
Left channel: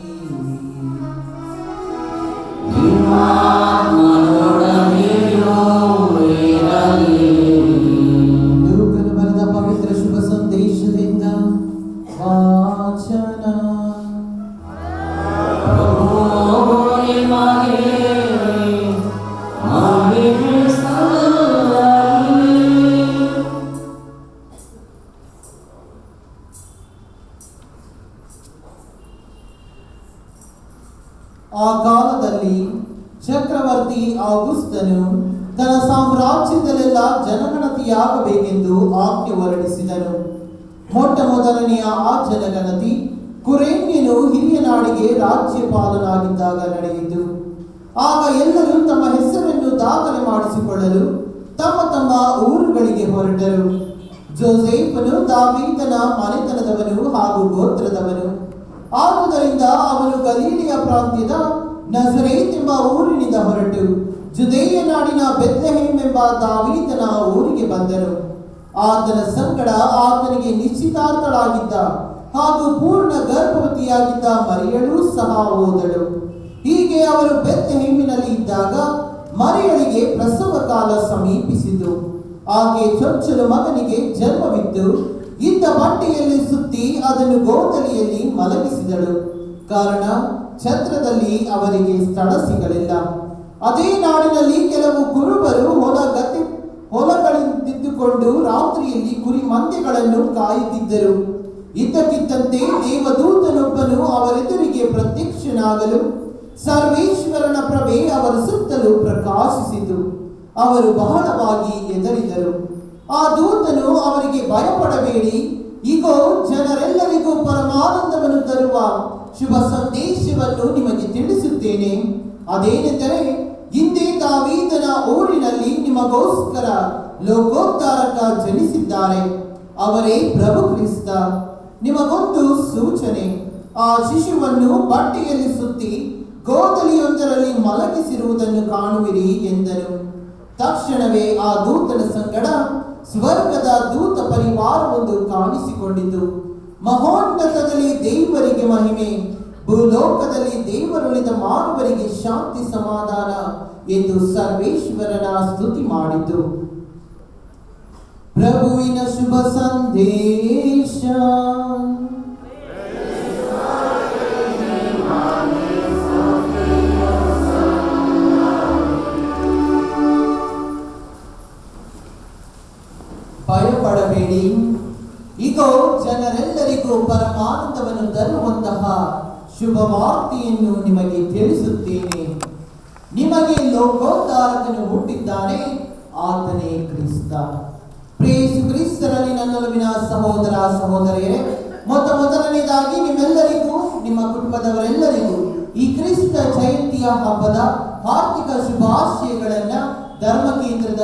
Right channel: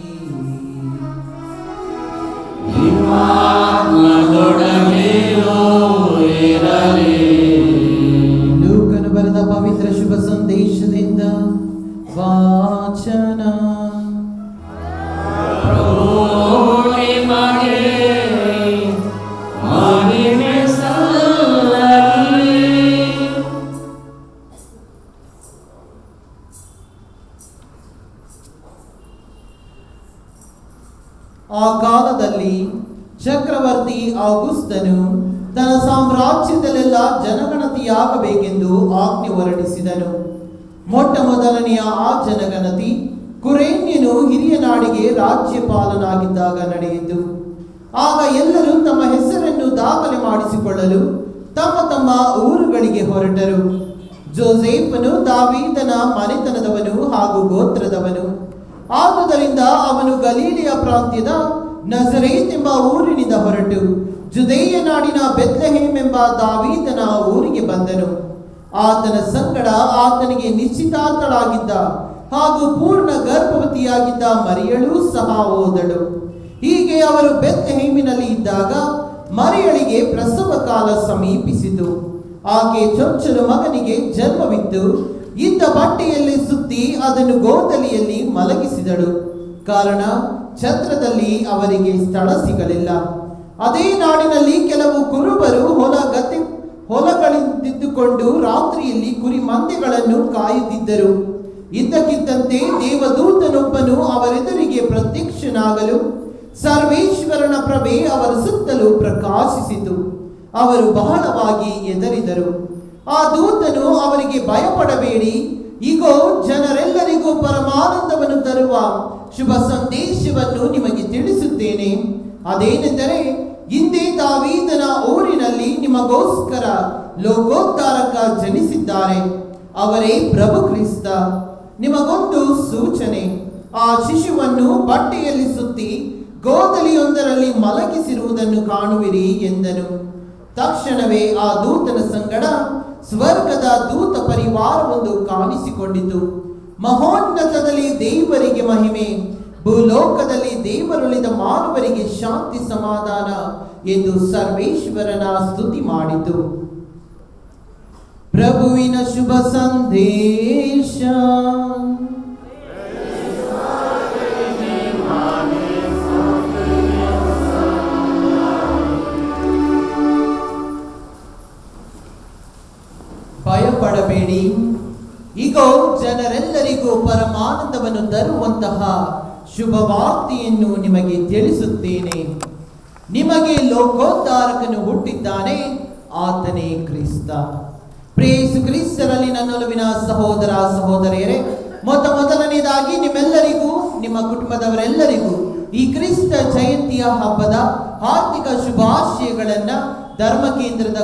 ಲೂಕನು ಬರೆದ ಪವಿತ್ರ ಶುಭ ಸಂದೇಶದಿಂದ ವಾಚನ. ಆ ಕಾಲದಲ್ಲಿ ಚಕ್ರವರ್ತಿ ಔಗುಸ್ತನು ತನ್ನ ಸಾಮ್ರಾಜ್ಯದಲ್ಲೆಲ್ಲ ಜನಗಣತಿಯಾಗಬೇಕೆಂದು ಆಜ್ಞೆ ಹೊರಡಿಸಿದನು. ಮೊಟ್ಟ ಮೊದಲನೆಯ ಆ ಜನಗಣತಿ ಕುರೇನ್ಯನು ಹಿರಿಯ ನಾಡಿಗೆ ರಾಜ್ಯಪಾಲನಾಗಿದ್ದಾಗ ನಡೆಯಿತು. ಆಗ ಎಲ್ಲರೂ ತಮ್ಮ ಹೆಸರನ್ನು ದಾಖಲೆ ಮಾಡಿಸಿಕೊಳ್ಳಲು ತಮ್ಮ ತಮ್ಮ ಊರುಗಳಿಗೆ ಹೊರಟರು. ಜೋಸೇಫನು ದಾವೀದನ ಮನೆತನದವನು ಹಾಗೂ ಗೋತ್ರದವನು. ಆದುದರಿಂದ ಅವನು ಗಲೀಲಿಯ ಪ್ರಾಂತ್ಯದ ನಜರೇತ್ ಎಂಬ ಊರಿನಿಂದ ಹೊರಟು ಜುದೇಯ ನಾಡಿನ ಬೆತ್ಲೆಹೇಮ್ ಎಂಬ ದಾವೀದನ ಊರಿಗೆ ಬಂದನು. ಆತನ ಸಂಗಡ ಆತನಿಗೆ ನಿಶ್ಚಿತಾರ್ಥಳಾಗಿದ್ದ ಹಾಗೂ ಪೂರ್ಣ ಗರ್ಭವತಿಯಾಗಿದ್ದ ಮರಿಯಳೂ ಸಹ ಹೋದಳು. ಹೀಗೆ ಅವರು ಬೆತ್ಲೆಹೇಮಿನಲ್ಲಿ ಇದ್ದಾಗ ಮರಿಯಳಿಗೆ ಪ್ರಸವ ಕಾಲ ಸಮೀಪಿಸಿತು. ಆಕೆ ಚೊಚ್ಚಲು ಮಗನಿಗೆ ಜನ್ಮವಿತ್ತು. ಇದ್ದ ಬಟ್ಟೆಯಲ್ಲಿ ಸುತ್ತಿ ಅದನ್ನು ಗೋದಲಿಯಲ್ಲಿ ಮಲಗಿಸಿದಳು. ಕಾರಣ ಛತ್ರದಲ್ಲಿ ಅವರಿಗೆ ಸ್ಥಳ ಸಿಗಲಿಲ್ಲ. ಅದೇ ನಾಡಿನಲ್ಲಿ ಕೆಲವು ಕುರುಬರು ಹೊಲಗಳಿದ್ದುಕೊಂಡು ರಾತ್ರಿಯಲ್ಲಿ ಕುರಿ ಮಂದೆಗಳನ್ನು ಕಾಯುತ್ತಿದ್ದರು. ಇದ್ದಕ್ಕಿದ್ದಂತೆ ದೇವದೂತನೊಬ್ಬನು ಅವರೆದುರಿಗೆ ಪ್ರತ್ಯಕ್ಷನಾಗಲು ಸರ್ವೇಶ್ವರನ ಪ್ರಭೆ ಅವರ ಸುತ್ತಲೂ ಪ್ರಕಾಶಿಸಿತು. ಅವರು ಬಹಳವಾಗಿ ಹೆದರಿದರು. ಆ ದೂತನು ಅವರಿಗೆ ಭಯಪಡಬೇಡಿ, ಇಗೋ ಜನರೆಲ್ಲರಿಗೂ ಪರಮಾನಂದವನ್ನು ತರುವ ಶುಭ ಸಂದೇಶವನ್ನು ನಿಮಗೆ ತಿಳಿಸುತ್ತೇನೆ. ಅದೇನೆಂದರೆ, ಹಿಂದೆ ದಾವೀದನ ಊರಿನಲ್ಲಿ ನಿಮಗೋಸ್ಕರ ಲೋಕೋದ್ಧಾರಕ ಜನಿಸಿದ್ದಾರೆ. ಅವರೇ ಪ್ರಭು ಕ್ರಿಸ್ತ. ನಿಮಗೊಂದು ಸೂಚನೆ, ಆ ಶಿಶುವನ್ನು ಬಟ್ಟೆಯಲ್ಲಿ ಸುತ್ತಿ ಗೋದಲಿಯೊಂದರಲ್ಲಿ ಮಲಗಿಸಿರುವುದನ್ನು ಕಾಣುವಿರಿ ಎಂದನು. ತಕ್ಷಣವೇ ಆ ದೂತನ ಸಂಗಡ ಸ್ವರ್ಗದ ದೂತ ಪರಿವಾರವೊಂದು ಕಾಣಿಸಿಕೊಂಡಿತು. ಮಹೋನ್ನತದಲ್ಲಿ ದೇವರಿಗೆ ಮಹಿಮೆ, ಭೂಲೋಕದಲ್ಲಿ ದೇವರುಳಿದ ಮಾನವರಿಗೆ ಶಾಂತಿ ಸಮಾಧಾನ ಎಂದು ಸರ್ವೇಶ್ವರನ ಸ್ತುತಿ ಮಾಡಿತು. ಪ್ರಭುವಿನ ಶುಭ ಸಂದೇಶ. ಭಯಪಡಬೇಡಿ, ಇಗೋ ಜನರೆಲ್ಲರಿಗೂ ಪರಮಾನಂದವನ್ನು ತರುವಂತಹ ಶುಭ ವಾರ್ತೆಯನ್ನು ನಿಮಗೆ ತಿಳಿಸುತ್ತೇನೆ. ನಿಮಗೆ ಲೋಕೋದ್ಧಾರಕನು ಹುಟ್ಟಿದ್ದಾನೆ, ಆತನೇ ಕ್ರಿಸ್ತ. ಪ್ರೇಸು ಕ್ರಿಸ್ತರಲ್ಲಿ ನನ್ನೊಲವಿನ ಸಹೋದರ ಸಹೋದರಿಯರೇ, ಮೊದಲನೇದಾಗಿ ನಿಮ್ಮೆಲ್ಲರಿಗೂ ನಿಮ್ಮ ಕುಟುಂಬದವರೆಲ್ಲರಿಗೂ ಈ ಕ್ರಿಸ್ತ ಜಯಂತಿಯ ಹಬ್ಬದ ಆರ್ಥಿಕ ಶುಭಾಶಯಗಳನ್ನ ಧರ್ಮ ಕೇಂದ್ರದ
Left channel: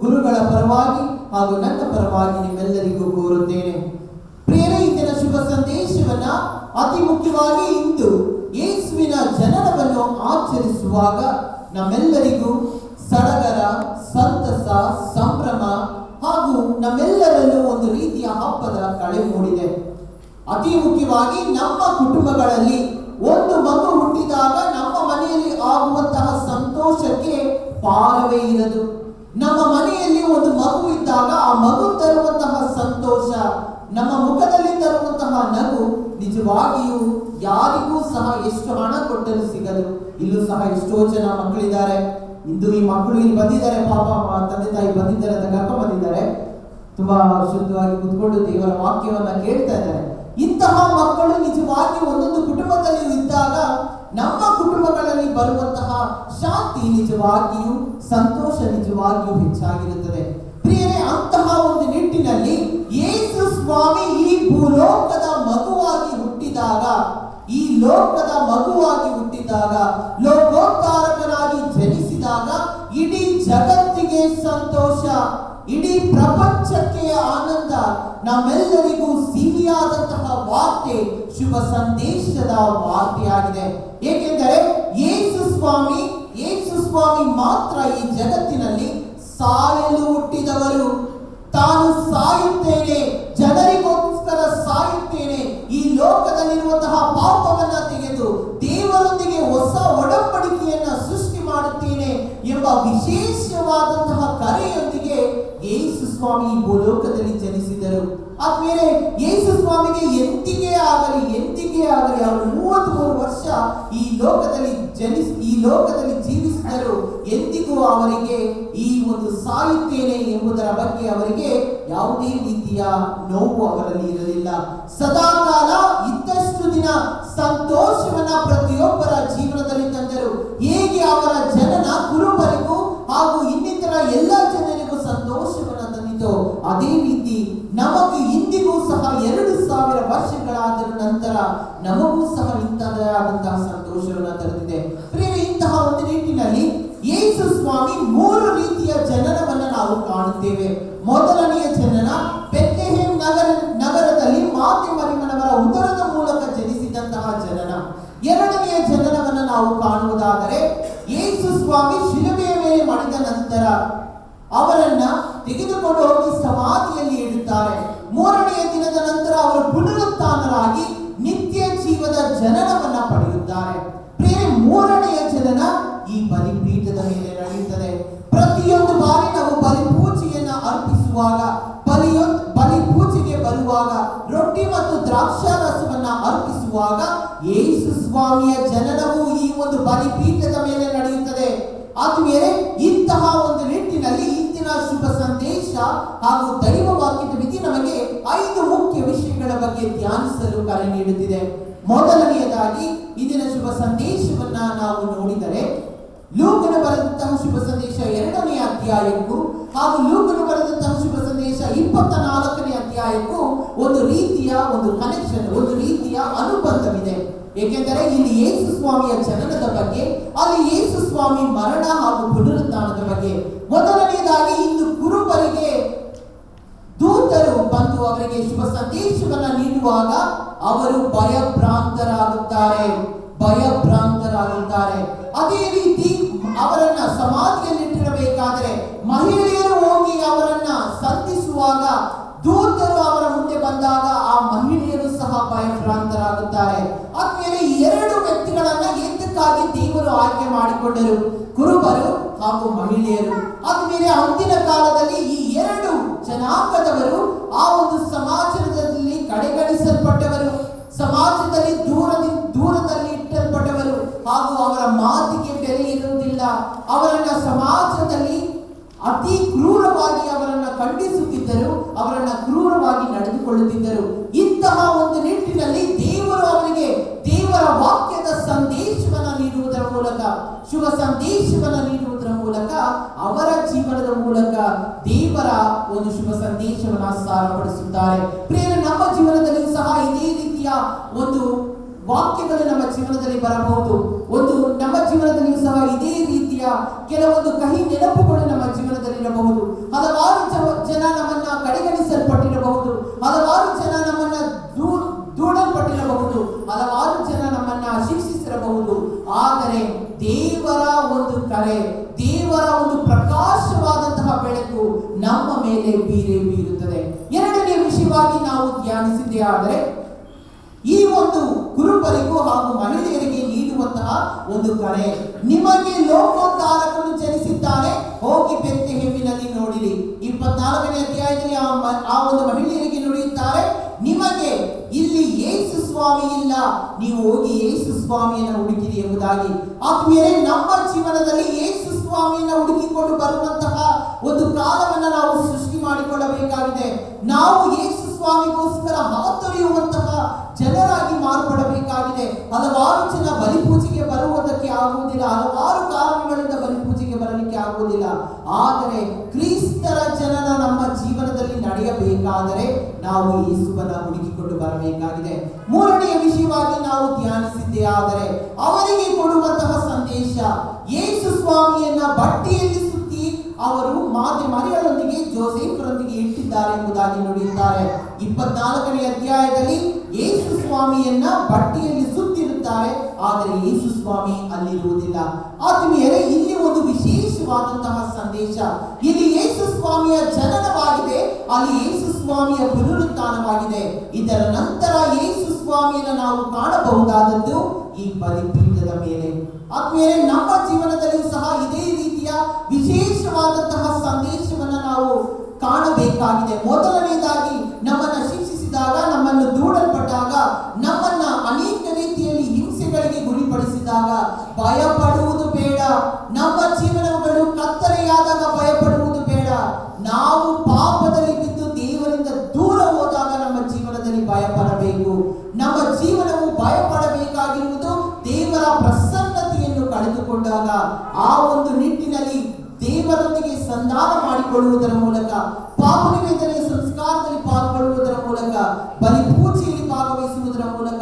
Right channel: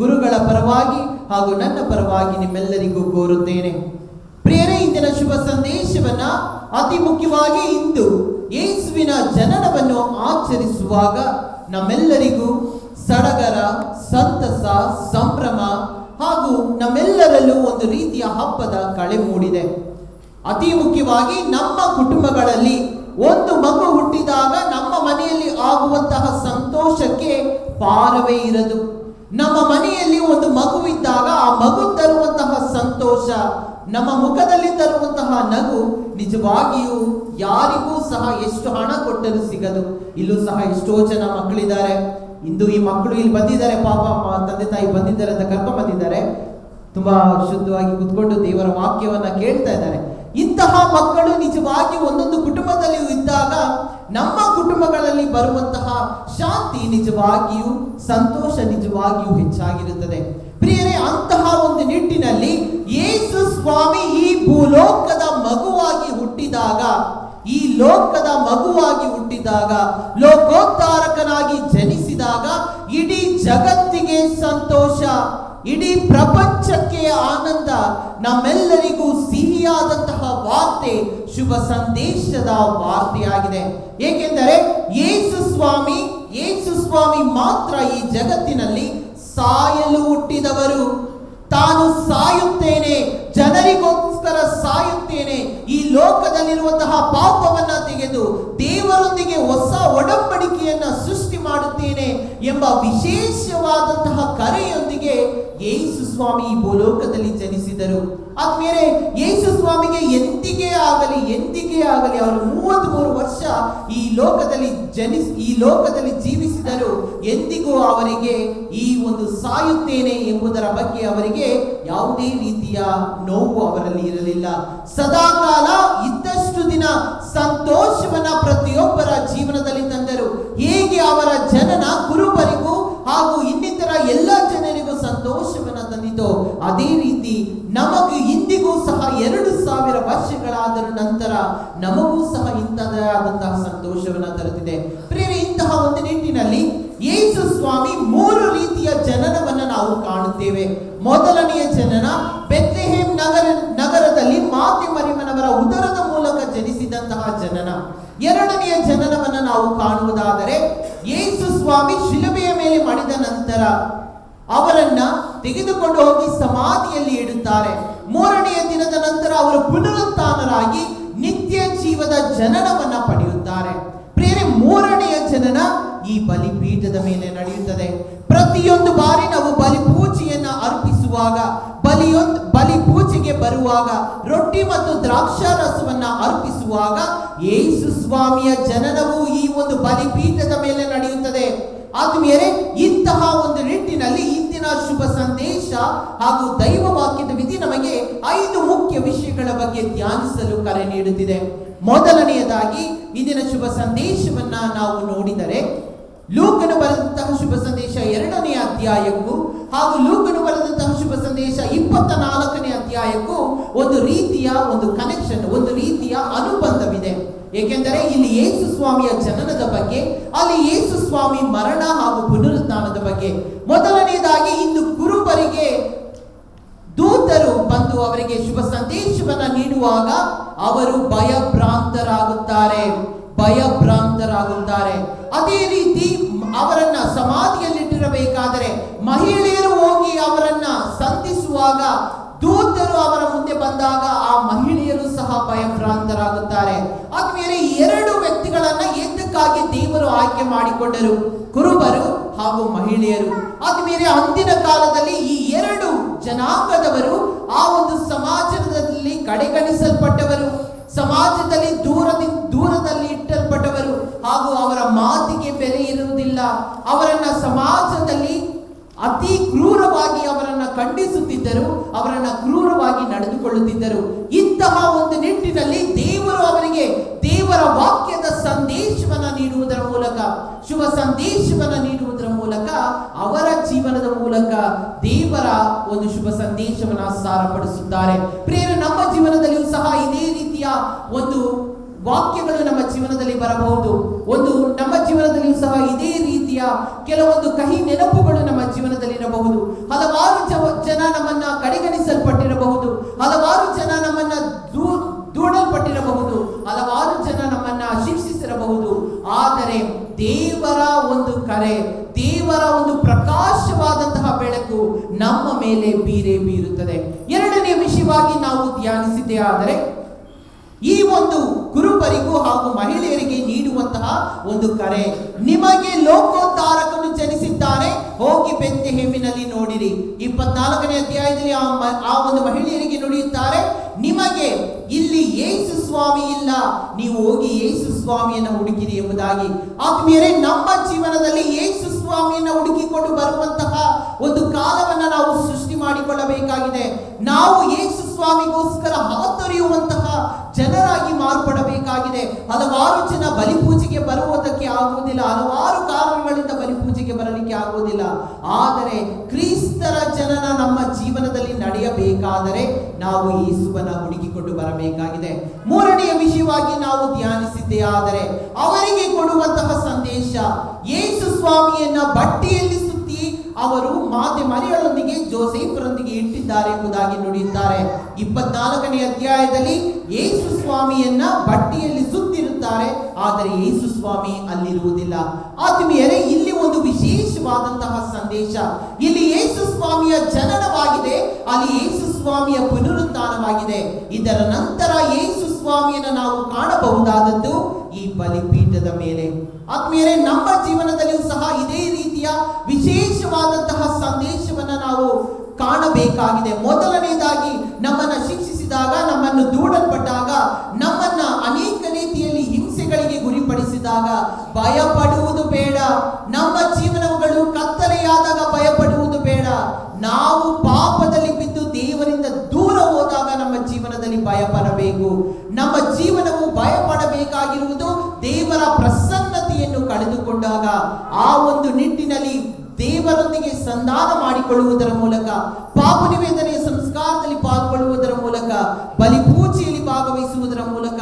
ಗುರುಗಳ ಪರವಾಗಿ ಹಾಗೂ ನನ್ನ ಪರವಾಗಿ ನಿಮ್ಮೆಲ್ಲರಿಗೂ ಕೋರುತ್ತೇನೆ. ಪ್ರಿಯರೇ, ಇಂದಿನ ಶುಭ ಸಂದೇಶವನ್ನ ಅತಿ ಮುಖ್ಯವಾಗಿ ಇಂದು ಯೇಸುವಿನ ಜನನವನ್ನು ಆಚರಿಸುವಾಗ ನಮ್ಮೆಲ್ಲರಿಗೂ ಸಡಗರ, ಸಂತಸ, ಸಂಭ್ರಮ ಹಾಗೂ ನಮ್ಮೆಲ್ಲರಲ್ಲೂ ಒಂದು ರೀತಿಯ ಹಬ್ಬದ ಕಳೆ ಮೂಡಿದೆ. ಅತಿ ಮುಖ್ಯವಾಗಿ ನಮ್ಮ ಕುಟುಂಬಗಳಲ್ಲಿ ಒಂದು ಮಗು ಹುಟ್ಟಿದಾಗ ನಮ್ಮ ಮನೆಯಲ್ಲಿ ಆಗುವಂತಹ ಸಂತೋಷಕ್ಕೆ ಪಾರವೇ ಇರದು. ನಮ್ಮ ಮನೆಯಲ್ಲಿ ಒಂದು ಮಗು ಇದ್ದಾಗ ಆ ಮಗು ತರುವಂತಹ ಸಂತೋಷ, ನಮ್ಮ ಮುಖದಲ್ಲಿ ತರುವಂತಹ ನಗು ನಿಜವಾಗಿಯೂ ಯಾರಿಗೂ ಸಹ ಎಷ್ಟು ಹಣ ಕೊಟ್ಟರೂ ಸಿಗದು. ಇಲ್ಲೂ ಸಹ ಎಷ್ಟೋ ಜನ ಮಕ್ಕಳಿದ್ದಾರೆ, ಇಂದು ಈ ಮಕ್ಕಳು ಇಲ್ಲಿ ಬಂದಿದ್ದಾರೆ, ಪಾಪ ತಂದೆ ತಾಯಿ ಬಂದಿದ್ದಾರೆ ಅಂತ ಕರ್ಕೊಂಡು ಬಂದಿದ್ದಾರೆ. ತುಂಬಾ ಶುದ್ಧವಾಗಿ ಕುತ್ಕೊಂಡು ದೇವರ ವಾಕ್ಯವನ್ನ ಕೇಳ್ತಾ ಇದ್ದಾರೆ. ಇಂತಹ ಮಕ್ಕಳು ನಿಜವಾಗಿ ಒಂದೊಂದು ಕುಟುಂಬದಲ್ಲಿ ಇದ್ದಾಗ ನಮ್ಮ ಕುಟುಂಬಗಳಲ್ಲಿ ಬರುವಂತಹ ಶಾಂತಿ ನಿಜವಾಗಿಯೂ, ಸಂತೋಷ ನಿಜವಾಗಿಯೂ ಹೆಚ್ಚಾಗಿರುತ್ತದೆ. ಪ್ರಿಯರೇ, ಅಂತಹ ಒಂದು ನಿಟ್ಟಿನಲ್ಲಿ ಯೇಸು ಸ್ವಾಮಿ ಈ ಭೂಲೋಕದ ಮಗುವಾಗಿ ಹುಟ್ಟಿದಾಗ, ಈ ಲೋಕದ ಮಗುವಾಗಿ ಹುಟ್ಟಿದಾಗ, ಲೋಕೋದ್ಧಾರಕನಾಗಿ ಜನಿಸಿದಾಗ ಇಡೀ ಜಗತ್ತಿಗೆ ಸಂತೋಷ, ಇಡೀ ಪ್ರಪಂಚಕ್ಕೆ ಆನಂದ, ನಮ್ಮೆಲ್ಲರಿಗೂ ಸಿಹಿಯಾದಂತಹ ವಾರ್ತೆ, ಶುಭ ಸಂದೇಶದ ವಾರ್ತೆಯಾಗಿದೆ. ಏಕೆಂದರೆ ಯೇಸು ಸ್ವಾಮಿ ಮಾತ್ರ ಈ ಜಗತ್ತಿನಲ್ಲಿ ಸಾಯಲು ಹುಟ್ಟಿದವರು. ತಾನು ಸಾಯುತ್ತೇನೆ, ಜನರಿಗೋಸ್ಕರ ಸಾಯುತ್ತೇನೆ, ಈ ಲೋಕದಲ್ಲಿರುವಂತಹ ಪಾಪವನ್ನ ತೆಗೆದು ದೇವರೊಂದಿಗೆ ಹೊಸ ಒಡಂಬಡಿಕೆಯನ್ನ ಸೃಷ್ಟಿ ಮಾಡುತ್ತೇನೆ ಎಂಬ ವಿಶೇಷವಾದಂತಹ ಕರೆಯೊಂದಿಗೆ ಯೇಸು ಸ್ವಾಮಿ ಈ ಭೂಲೋಕದಲ್ಲಿ ಜನಿಸಿದರು. ಆದ್ಮೇಲೆ ಯೇಸು ಸ್ವಾಮಿಗೆ ಎಂದಿಗೆ ಆಗಲಿ ಅವರು 33 ವರ್ಷ ಈ ಲೋಕದಲ್ಲಿ ಜೀವಿಸಿದರು. ಎಂದಿಗೂ ಅವರಿಗೆ ಈ ಒಂದು ಸಾಯುತ್ತೇನೆ ಎಂಬುದರ ಬಗ್ಗೆ ಅವರಿಗೆ ಯಾವುದೇ ರೀತಿಯ ನೋವು ಅವರಲ್ಲಿ ಇರಲಿಲ್ಲ. ಸದಾಕಾಲ ಇದ್ದಷ್ಟು ದಿನ ಸಂತೋಷವನ್ನ ಪ್ರತಿಯೊಬ್ಬರ ಜೀವನದಲ್ಲಿ ತಂದರು. ಹೇಗೆ ಅವರ ಜನನ ಕುರುಬರಿಗೂ ಹಾಗೂ ಇನ್ನಿತರ ಎಲ್ಲ ಜನರಿಗೂ ಸಂತೋಷವನ್ನ ತಂದಿತು, ಅದೇ ರೀತಿ ನಮಗೆ ಇಂದಿಗೂ ಸಹ 2000 ವರ್ಷಗಳಾದ ನಂತರ ನಮಗೂ ಸಹ ಇಂತಹದಾದಂತಹ ಸಂತೋಷವನ್ನ ತರುತ್ತಿದೆ. ಪ್ರಿಯರೇ, ಇಂತಹ ಒಂದು ನಿಟ್ಟಿನಲ್ಲಿ ಯೇಸು ಸ್ವಾಮಿ 3 ರೀತಿಯ ಜನನವನ್ನ ನಾವು ಕಾಣುತ್ತೇವೆ. ಮೊದಲನೆಯ ಜನನ ಬೆತ್ಲೆಹೇಮ್ ನಗರದಲ್ಲಿ ಮಾತೆ ಮರಿಯಮ್ಮನವರ ಉದರದ ಮೂಲಕ ಜನಿಸಿದಂತಹ ಜನನ. ಎರಡನೆಯ ಜನನವನ್ನ ನಾವು ಕಾಣುವುದಾದರೆ ಯೇಸು ಸ್ವಾಮಿ ಶಿಲುಬೆಯ ಮೇಲೆ ಮಡಿದ ನಂತರ ಅವರನ್ನ ತೆಗೆದುಕೊಂಡು ಹೋಗಿ ಸಮಾಧಿಯಲ್ಲಿ ಇಡುತ್ತಾರೆ. 3ನೆಯ ದಿನದ ನಂತರ ಅವರು ಪುನರುತ್ಥಾನರಾಗಿ ನಿತ್ಯ ಜೀವದ ಜನನವನ್ನ ಪಡೆಯುತ್ತಾರೆ. ಪ್ರಿಯರೇ, 3ನೆಯ ಜನನ ಈ ಬಲಿಪೀಠದ ಮೇಲೆ ನಡೆಯುತ್ತದೆ. ಪ್ರತಿಯೊಂದು ಬಾರಿ ನಾವು ಬಲಿಪೂಜೆಯನ್ನ ಅರ್ಪಿಸುವಾಗ, ಬಲಿಪೂಜೆಗೆ ಬರುವಾಗ, ರೊಟ್ಟಿ ಮತ್ತು ದ್ರಾಕ್ಷಾರಸವನ್ನ ಅರ್ಪಿಸುವಾಗ ಯೇಸು ಸ್ವಾಮಿಯ ಜನನವು ಈ ಒಂದು ಬಲಿಪೀಠದ ಮೇಲೆ ನಡೆಯುತ್ತದೆ. ಆದ್ಮೇಲೆ ಇಂತಹ ಒಂದು ನಿಟ್ಟಿನಲ್ಲಿ ಇಂದಿನ ಶುಭ ಸಂದೇಶ ಹಾಗೂ ದೈವ ವಾಕ್ಯದ ವಿಧಿ ನಮಗೆ 5 ಮುಖ್ಯ ವಿಷಯಗಳ ಬಗ್ಗೆ ಧ್ಯಾನಿಸಲು ಕರೆ ನೀಡುತ್ತಿದೆ. ಮೊದಲನೆಯದಾಗಿ ಇಂದಿನ ಶುಭ ಸಂದೇಶವನ್ನ ನಾವು ನೋಡಿದರೆ ಲೂಕನು ಬರೆದಂತಹ ಶುಭ ಸಂದೇಶ 2ನೇ ಅಧ್ಯಾಯಕ್ಕೂ ಹಾಗೂ ಲೂಕನು ಬರೆದಂತಹ ಶುಭ ಸಂದೇಶ 24ನೇ ಅಧ್ಯಾಯಕ್ಕೂ ಒಂದು ರೀತಿಯ ಒಂದು ಕನೆಕ್ಷನ್, ಒಂದು ರೀತಿಯ ಅನುಬಂಧವಿದೆ. ಏಕೆಂದರೆ ಇಲ್ಲಿ ಯೇಸು ಸ್ವಾಮಿಯ ಜನನದ ಬಗ್ಗೆ, ಅಲ್ಲಿ ಯೇಸು ಸ್ವಾಮಿ ಮರಣ ಹಾಗೂ ಪುನರುತ್ಥಾನದ ಬಗ್ಗೆ. ಮೊದಲನೆಯದಾಗಿ ಇಂದು ಕುರುಬರಿಗೆ ದೂತರು ಬಂದು ಅವರಿಗೆ ಶುಭ ಸಂದೇಶವನ್ನ ನೀಡುವಾಗ ಅವರು ಭಯಭ್ರಾಂತರಾಗುತ್ತಾರೆ. ಅದೇ ರೀತಿ ಅವರನ್ನ ಸಮಾಧಿಯಲ್ಲಿಟ್ಟಿರಬೇಕಾದರೆ ಮಹಿಳೆಯರು ಹೋಗಿ ಅವರನ್ನ ಸಂಧಿಸುವಾಗ ದೂತರು ಅವರ ಮುಂದೆ ಬಂದಾಗ ಆ ಮಹಿಳೆಯರು ಸಹ ಭಯಭ್ರಾಂತರಾಗುತ್ತಾರೆ. ಆದ್ಮೇಲೆ 2 ವ್ಯಕ್ತಿಗಳನ್ನ ಎದ್ದಕ್ಕಾಗಿ ದೇವರು ಆಯ್ಕೆ ಮಾಡಿಕೊಂಡರು, ಕುರುಬರು ಹಾಗೂ ಮಹಿಳೆಯರು. ಆದ್ಮೇಲೆ ಅಂದಿನ ಕಾಲದಲ್ಲಿ ಈ 2 ಜನಾಂಗದವರು ಆ ಒಂದು ಸಮಾಜದಲ್ಲಿ ಕಡೆಗಣಿಸಲ್ಪಟ್ಟವರು, ಸಮಾಜದಲ್ಲಿ ದೂರದಲ್ಲಿ ಇಟ್ಟಲ್ಪಟ್ಟವರು ಹಾಗೂ ಅವರ ಮಾತಿಗೆ ಬೆಲೆ ಇರುವುದಿಲ್ಲ. ಅವರನ್ನ ಸಮಾಜದಲ್ಲಿ ಅತಿ ಕ್ರೂರವಾಗಿ ಅವರನ್ನ ಖಂಡಿಸುತ್ತಿದ್ದರು, ಅವರನ್ನ ಕ್ರೂರವಾಗಿ ನಡೆದುಕೊಳ್ಳುತ್ತಿದ್ದರು. ಇಂತಹ ಒಂದು ನಿಟ್ಟಿನಲ್ಲಿ ದೇವರು ಅವರಿಗೆ ದೇವರ ವಾಕ್ಯದ ಸಂದೇಶವನ್ನ ನೀಡುವುದರ ಮೂಲಕ, ಶುಭ ಸಂದೇಶವನ್ನ ನೀಡುವುದರ ಮೂಲಕ, ಅವರ ಜೀವನದ ಮೂಲಕ ದೇವರ ಒಂದು ಶುಭ ಸಂದೇಶವನ್ನ ಸಾರಪಡಿಸುತ್ತಾರೆ. ಪ್ರಿಯರೇ, ನಮ್ಮ ಜೀವನದಲ್ಲಿಯೂ ಸಹ ಇದೇ ರೀತಿಯ ಒಂದು ವಾಕ್ಯಗಳು ನಮ್ಮ ಜೀವನದಲ್ಲಿ ಬರಬಹುದು. ನಮ್ಮ ಜೀವನದಲ್ಲಿಯೂ ಸಹ ಇದೇ ರೀತಿಯ ಕೆಲವೊಂದು ಕಹಿ ನೆನಪುಗಳು ನಮ್ಮ ಜೀವನದಲ್ಲಿ ಇರಬಹುದು. ಹಲವಾರು ಜನ ನಮ್ಮನ್ನ ಕಡೆಗಣಿಸಲ್ಪಟ್ಟಿರಬಹುದು, ಹಲವಾರು ಜನ ನಮ್ಮನ್ನ ದೂಡಲ್ಪಟ್ಟಿರಬಹುದು, ಹಲವಾರು ಜನ ನಮ್ಮನ್ನ ಶಿಕ್ಷಿಸಿರಬಹುದು. ಆದರೆ ದೇವರ ಒಂದು ಕರೆ, ದೇವರ ಒಂದು ಪ್ರಕಾಶವಾದಂತಹ ಬೆಳಕು ನಮ್ಮ ಮೇಲೆ ಬೀರುತ್ತದೆ. 2ನೇ ವಿಷಯವಾಗಿ ನಾವು ಧ್ಯಾನಿಸಿದ್ದೇ ಆದರೆ ಈ ಒಂದು ಕುರುಬರಿಗೂ ಹಾಗೂ ಮಹಿಳೆಯರಿಗೆ ನೀಡುವಂತಹ ಒಂದು ಕರೆ, ನಿಮಗೆ ಲೋಕೋದ್ಧಾರಕನು ಜನಿಸಿದ್ದಾನೆ, ಹೋಗಿ ಬೆತ್ಲೆಹೇಮಿನಲ್ಲಿ ನೋಡಿರಿ. 24ನೇ ಅಧ್ಯಾಯದಲ್ಲಿ ಆ ಒಂದು ಮಹಿಳೆಯರಿಗೆ ನುಡಿಯುತ್ತಾರೆ, ನಿಮಗೆ ಇಲ್ಲಿ ಯೇಸು ಸ್ವಾಮಿ ಇಲ್ಲ, ನೀವು ಹೋಗಿ ಯೇಸು ಸ್ವಾಮಿಯನ್ನು ಹುಡುಕಿರಿ ಎಂಬುದಾಗಿ. ಆದ್ಮೇಲೆ ನಮ್ಮ ಜೀವನದಲ್ಲಿ ಯೇಸು ಸ್ವಾಮಿಯನ್ನ ಹುಡುಕಿಕೊಂಡು ಬರುವಂತಹ ಒಂದು ಕಾಲವನ್ನ ನಾವು ಸೃಷ್ಟಿ ಮಾಡಿಕೊಳ್ಳಬೇಕಾಗಿದೆ. ನಾವು ಯೇಸು ಸ್ವಾಮಿಗೋಸ್ಕರ ಹಾತೊರೆಯುವಂತಹ ಜನರಾಗಿ ಮಾರ್ಪಡಬೇಕಾಗಿದೆ. ಹಲವಾರು ಜನ ಬಲಿಪೂಜೆಗೆ ಬರುವುದಕ್ಕೆ ಆಗುವುದಿಲ್ಲ, ಹಲವಾರು ಕಾರಣಗಳಿಂದ ಬಲಿಪೂಜೆಗೆ ಬರಲಿಕ್ಕೆ ಆಗುವುದಿಲ್ಲ. ಆದರೆ ಕ್ರಿಸ್ತರ ಜನನ ನಮ್ಮ ಜೀವನದಲ್ಲಿ ನಡೆಯಬೇಕಾದರೆ ನಾವು ಯೇಸುವನ್ನ ಹುಡುಕಿಕೊಂಡು ಬರಬೇಕಾಗಿದೆ. ಮೂರನೆಯ ವಿಷಯವಾಗಿ ನಾವು ಧ್ಯಾನಿಸಿದ್ದೇ ಆದರೆ ಅವರಿಗೆ ಕೊಡುವಂತಹ ಸಂದೇಶ, ಯೇಸು ಸ್ವಾಮಿಯನ್ನ ಬಟ್ಟೆಯಲ್ಲಿ ಸುತ್ತಿ ಅವರು ಮಾತೆ ಮರಿಯಳೊಂದಿಗೆ ಜೋಸೆಫರೊಂದಿಗೆ ಇಟ್ಟಿದ್ದಾರೆ ಎಂಬುದಾಗಿ ನುಡಿಯುತ್ತಾರೆ. 24ನೇ ಅಧ್ಯಾಯದಲ್ಲಿ ಯೇಸು ಸ್ವಾಮಿಯನ್ನ ಬಟ್ಟೆಯಲ್ಲಿ ಸುತ್ತಿರುತ್ತಾರೆ, ಆದರೆ ಯೇಸು ಸ್ವಾಮಿ ಅಲ್ಲಿರುವುದಿಲ್ಲ. ಆತ್ಮೀಯರೇ, ಇಲ್ಲಿ ಒಂದು ವಿಶೇಷವಾದಂತಹ ಸಂದೇಶ. ಇಲ್ಲಿ ಯೇಸು ಸ್ವಾಮಿಯ ಜನನವಾಗಿದೆ, ಅಲ್ಲಿ ಯೇಸು ಸ್ವಾಮಿಯ ಪುನರುತ್ಥಾನವಾಗಿದೆ. ಇದರ ನಂತರ ಯೇಸು ಸ್ವಾಮಿಯನ್ನು ನಾವು ಕಾಣಬಹುದಾದದ್ದು ಈ ಬಲಿಪೀಠದ ಮೇಲೆ. ಆತ್ಮೀಯರೇ, ನಮ್ಮ ಜೀವನದಲ್ಲಿಯೂ ಸಹ ಇದೇ ರೀತಿಯ ವಿಶೇಷವಾದಂತಹ ಸಂದೇಶವನ್ನ ನಾವು ಕಾಣಬೇಕಾಗಿದೆ. ಮೊದಲನೇದಾಗಿ ನಮ್ಮನ್ನ ಶಿಕ್ಷಿಸಿದಾಗ, ನಮ್ಮನ್ನು ದೂಡಲ್ಪಟ್ಟಾಗ, ನಮ್ಮನ್ನ ಅನೇಕ ರೀತಿಯಲ್ಲಿ ಹಿಂಸೆಗಳಿಗೆ ಗುರಿಪಡಿಸಿದಾಗ ಭಯಪಡುವುದು ಬೇಡ. ನಮ್ಮ ಜೀವನಗಳು ಕತ್ತಲೆಯಾದಾಗ ಭಯಪಡುವುದು ಬೇಡ. ನಾವು ಪಾಪದಲ್ಲಿ ಬಿದ್ದು ದೇವರಿಂದ ದೂರ ಹೋದಾಗ ನಮ್ಮ ಜೀವನದಲ್ಲಿ ಭಯಪಡಬೇಕು. ನಮ್ಮ ಜೀವನವು ಭಯಪಡಬೇಕಾಗಿರುವುದು ದೇವರ ಪ್ರಸನ್ನತೆಯನ್ನು ಕಳೆದುಕೊಂಡಾಗ. ಆ ಒಂದು ನಿಟ್ಟಿನಲ್ಲಿ ದೇವರೊಂದಿಗೆ ಸಂಧಾನ ಮಾಡಿಕೊಳ್ಳುವುದರ ಮೂಲಕ, ಪಾಪ ನಿವೇದನೆಯ ಸಂಸ್ಕಾರದಲ್ಲಿ ಪಾಲ್ಗೊಳ್ಳುವುದರ ಮೂಲಕ, ಬಲಿಪೂಜೆಯಲ್ಲಿ ಭಾಗವಹಿಸುವುದರ ಮೂಲಕ,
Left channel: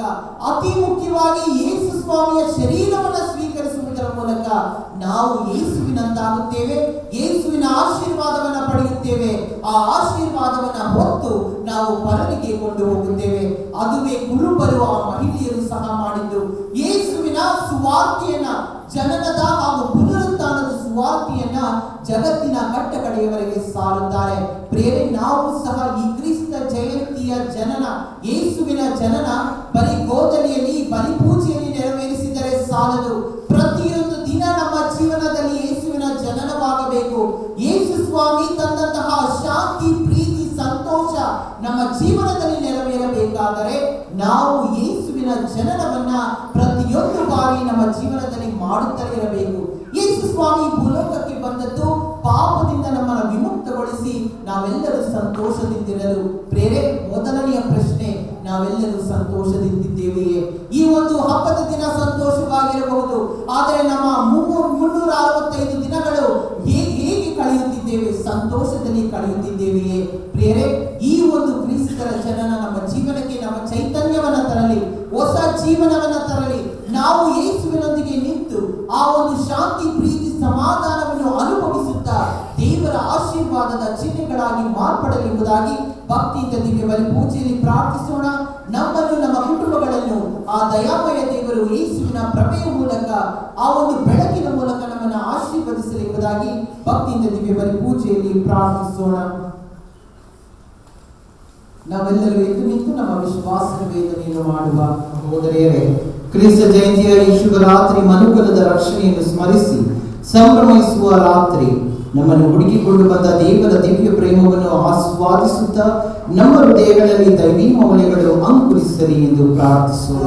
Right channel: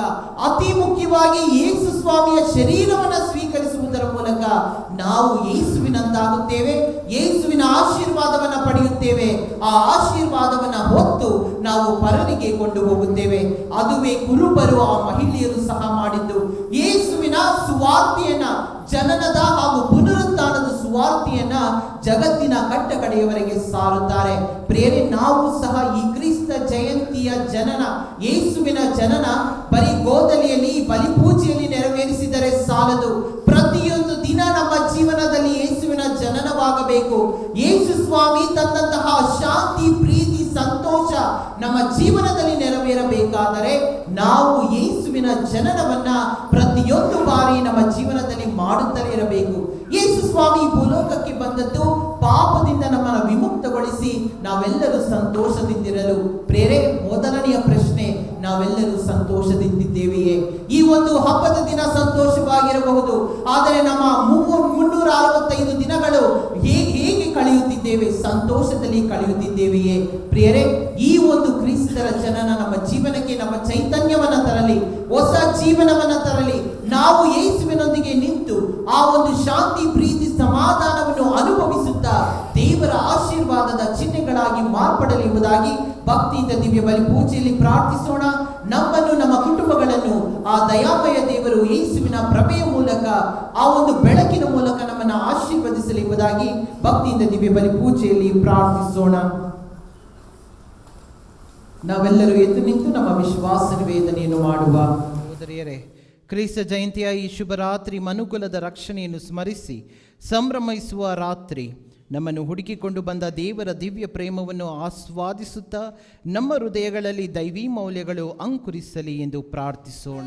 ಅತಿ ಮುಖ್ಯವಾಗಿ ಯೇಸು ಸ್ವಾಮಿಯ ಶರೀರವನ್ನು ಸ್ವೀಕರಿಸುವುದರ ಮೂಲಕ ನಾವು ಯೇಸುವಿನಂತಾಗುತ್ತೇವೆ, ಯೇಸುವಿನ ಆಶೀರ್ವಾದವನ್ನ ಪಡೆಯುತ್ತೇವೆ. ಆ ಆಶೀರ್ವಾದವನ್ನ ಹೊತ್ತು ನಾವು ಪರರಿಗೆ ಕೊಂಡು ಹೋಗುತ್ತೇವೆ. ಅದುವೇ ಕುರುಬರು ಆ ಮಹಿಳೆಯರು ಸಹ ಮಾಡಿದ್ದು. ಯೇಸುವಿನ ಸುವಾರ್ತೆಯನ್ನ, ಜನನದ ಹಾಗೂ ಪುನರುತ್ಥಾನದ ಸುವಾರ್ತೆಯನ್ನ ಜಗತ್ತಿನ ಕಟ್ಟ ಕಡೆಯವರೆಗೆ ಸಾರುತ್ತಾರೆ. ಪ್ರಿಯರೇ, ನಾವು ಸಹ ಈ ಕ್ರಿಸ್ತ ಜಯಂತಿಯ ಜನನ, ಯೇಸುವಿನ ಜನನ ಬರೀ ಗೋದಲಿಯಲ್ಲಿ ಬಲಿಪೂಜೆಯಲ್ಲಿ ನೆರವೇರಿಸಿದರೆ ಸಾಲದು. ಪ್ರತಿಯೊಂದು ದಿನ ನಮ್ಮ ಜೀವನದಲ್ಲಿ ಯೇಸುವಿನ ಜನನವಾಗಬೇಕು. ಯೇಸು ಸ್ವಾಮಿ ತಂದಂತಹ ಶಾಂತಿ, ಪ್ರೀತಿ, ಸಂತೋಷ ನಮ್ಮ ಜೀವನದಲ್ಲಿ ನೆರವೇರಬೇಕಾದರೆ ನಾವು ಯೇಸುವಿನ ಜನನವನ್ನ ಪ್ರತಿಯೊಂದು ಬಾರಿ ನಮ್ಮ ಜೀವನದಲ್ಲಿ ಮಾಡುತ್ತಲೇ ಇರಬೇಕು. ಯೇಸು ಸ್ವಾಮಿ ಭೂಲೋಕಕ್ಕೆ ಬಂದದ್ದು ಪಾಪದಿಂದ ನಮ್ಮನ್ನು ವಿಮುಕ್ತಗೊಳಿಸಿ ನಾವೆಲ್ಲರೂ ಸಂತೋಷದಿಂದಿರಲು. ಪ್ರೇರೆ, ಮೊದಲನೆಯ ಪ್ರಶ್ನೆ, ನಾವೆಲ್ಲರೂ ಸಂತೋಷದಿಂದಿದ್ದೇವೆಯೇ? ಈ ಒಂದು ಹಬ್ಬದ ದಿನ ಸಂತೋಷವಾಗಿರಬಹುದು, ಆದರೆ ನಮ್ಮ 365 ದಿನಗಳು ಹೇಗೆ ಕಳೆಯುತ್ತಿದ್ದೇವೆ? ಸಂತೋಷದಲ್ಲಿ ಕಳೆಯುತ್ತಿದ್ದೇವೆಯೇ? ಪ್ರಿಯರೇ, ಈ ಒಂದು ಕ್ರಿಸ್ತರ ಜನನ ನಮ್ಮ ಜೀವನಕ್ಕೆ ನಮ್ಮ ಚೈತನ್ಯವನ್ನ ತರಲಿ, ಹೊಸ ಜೀವನವನ್ನ ತರಲಿ. ನಾವು ಯೇಸುವಿನೊಂದಿಗೆ ನಿಂತು ಆ ಒಂದು ಶಾಂತಿ, ಪ್ರೀತಿ, ಸಮಾಧಾನವನ್ನು ಅನುಭವಿಸುತ್ತಾ ದೇವರ ಆಶೀರ್ವಾದದ ಚಿಹ್ನೆಗಳಾಗಿ ಮಾರ್ಪಡಲಿ ಎಂಬುದಾಗಿ ಭಕ್ತಿಯಿಂದ ದಿವ್ಯ ಬಲಿ ಪೂಜೆಯಲ್ಲಿ ಪ್ರಾರ್ಥಿಸೋಣ. ನಮ್ಮನ್ನು, ನಮ್ಮ ಕುಟುಂಬಗಳನ್ನು ಆ ದಯಾಮಯ ದೇವರು ಯೇಸುವಿನ ಪ್ರಭೆಯ ಮೂಲಕ, ಆ ಒಂದು ಬೆಳಕಿನ ಮೂಲಕ ನಮ್ಮನ್ನು ಆಶೀರ್ವದಿಸಲಿ ಎಂಬುದಾಗಿ ಭಕ್ತಿಯಿಂದ ದಿವ್ಯ ಬಲಿ ಪೂಜೆಯಲ್ಲಿ ಪ್ರಾರ್ಥಿಸೋಣ. ನಾವೆಲ್ಲರೂ ಎದ್ದು ನಿಂತು ನಮ್ಮ ವಿಶ್ವಾಸ ವೇದನೆಯನ್ನು ಮಾಡುವ. ಸಹೋದರಿಯರೇ, ಕ್ರಿಸ್ತ ಜಯಂತಿಯ ಈ ಶುಭ ರಾತ್ರಿ ಮನುಕುಲದ ರಕ್ಷಣೆಯನ್ನು ಸ್ಮರಿಸಿ ಸಂಭ್ರಮಿಸುವ ರಾತ್ರಿ. ನಮ್ಮನ್ನು ಹುಡುಕಿಕೊಂಡು ಬಂದ ದೇವರ ದಿವ್ಯ ಪ್ರೇಮವನ್ನು ಆಸ್ವಾದಿಸುತ್ತಾ ನಮ್ಮ ಹೃದಯಗಳಲ್ಲಿ ದೈವಿ ಮೌಲ್ಯಗಳು ಅಂಕುರಿಸಲಿ ಎಂದು ಪ್ರಾರ್ಥಿಸೋಣ.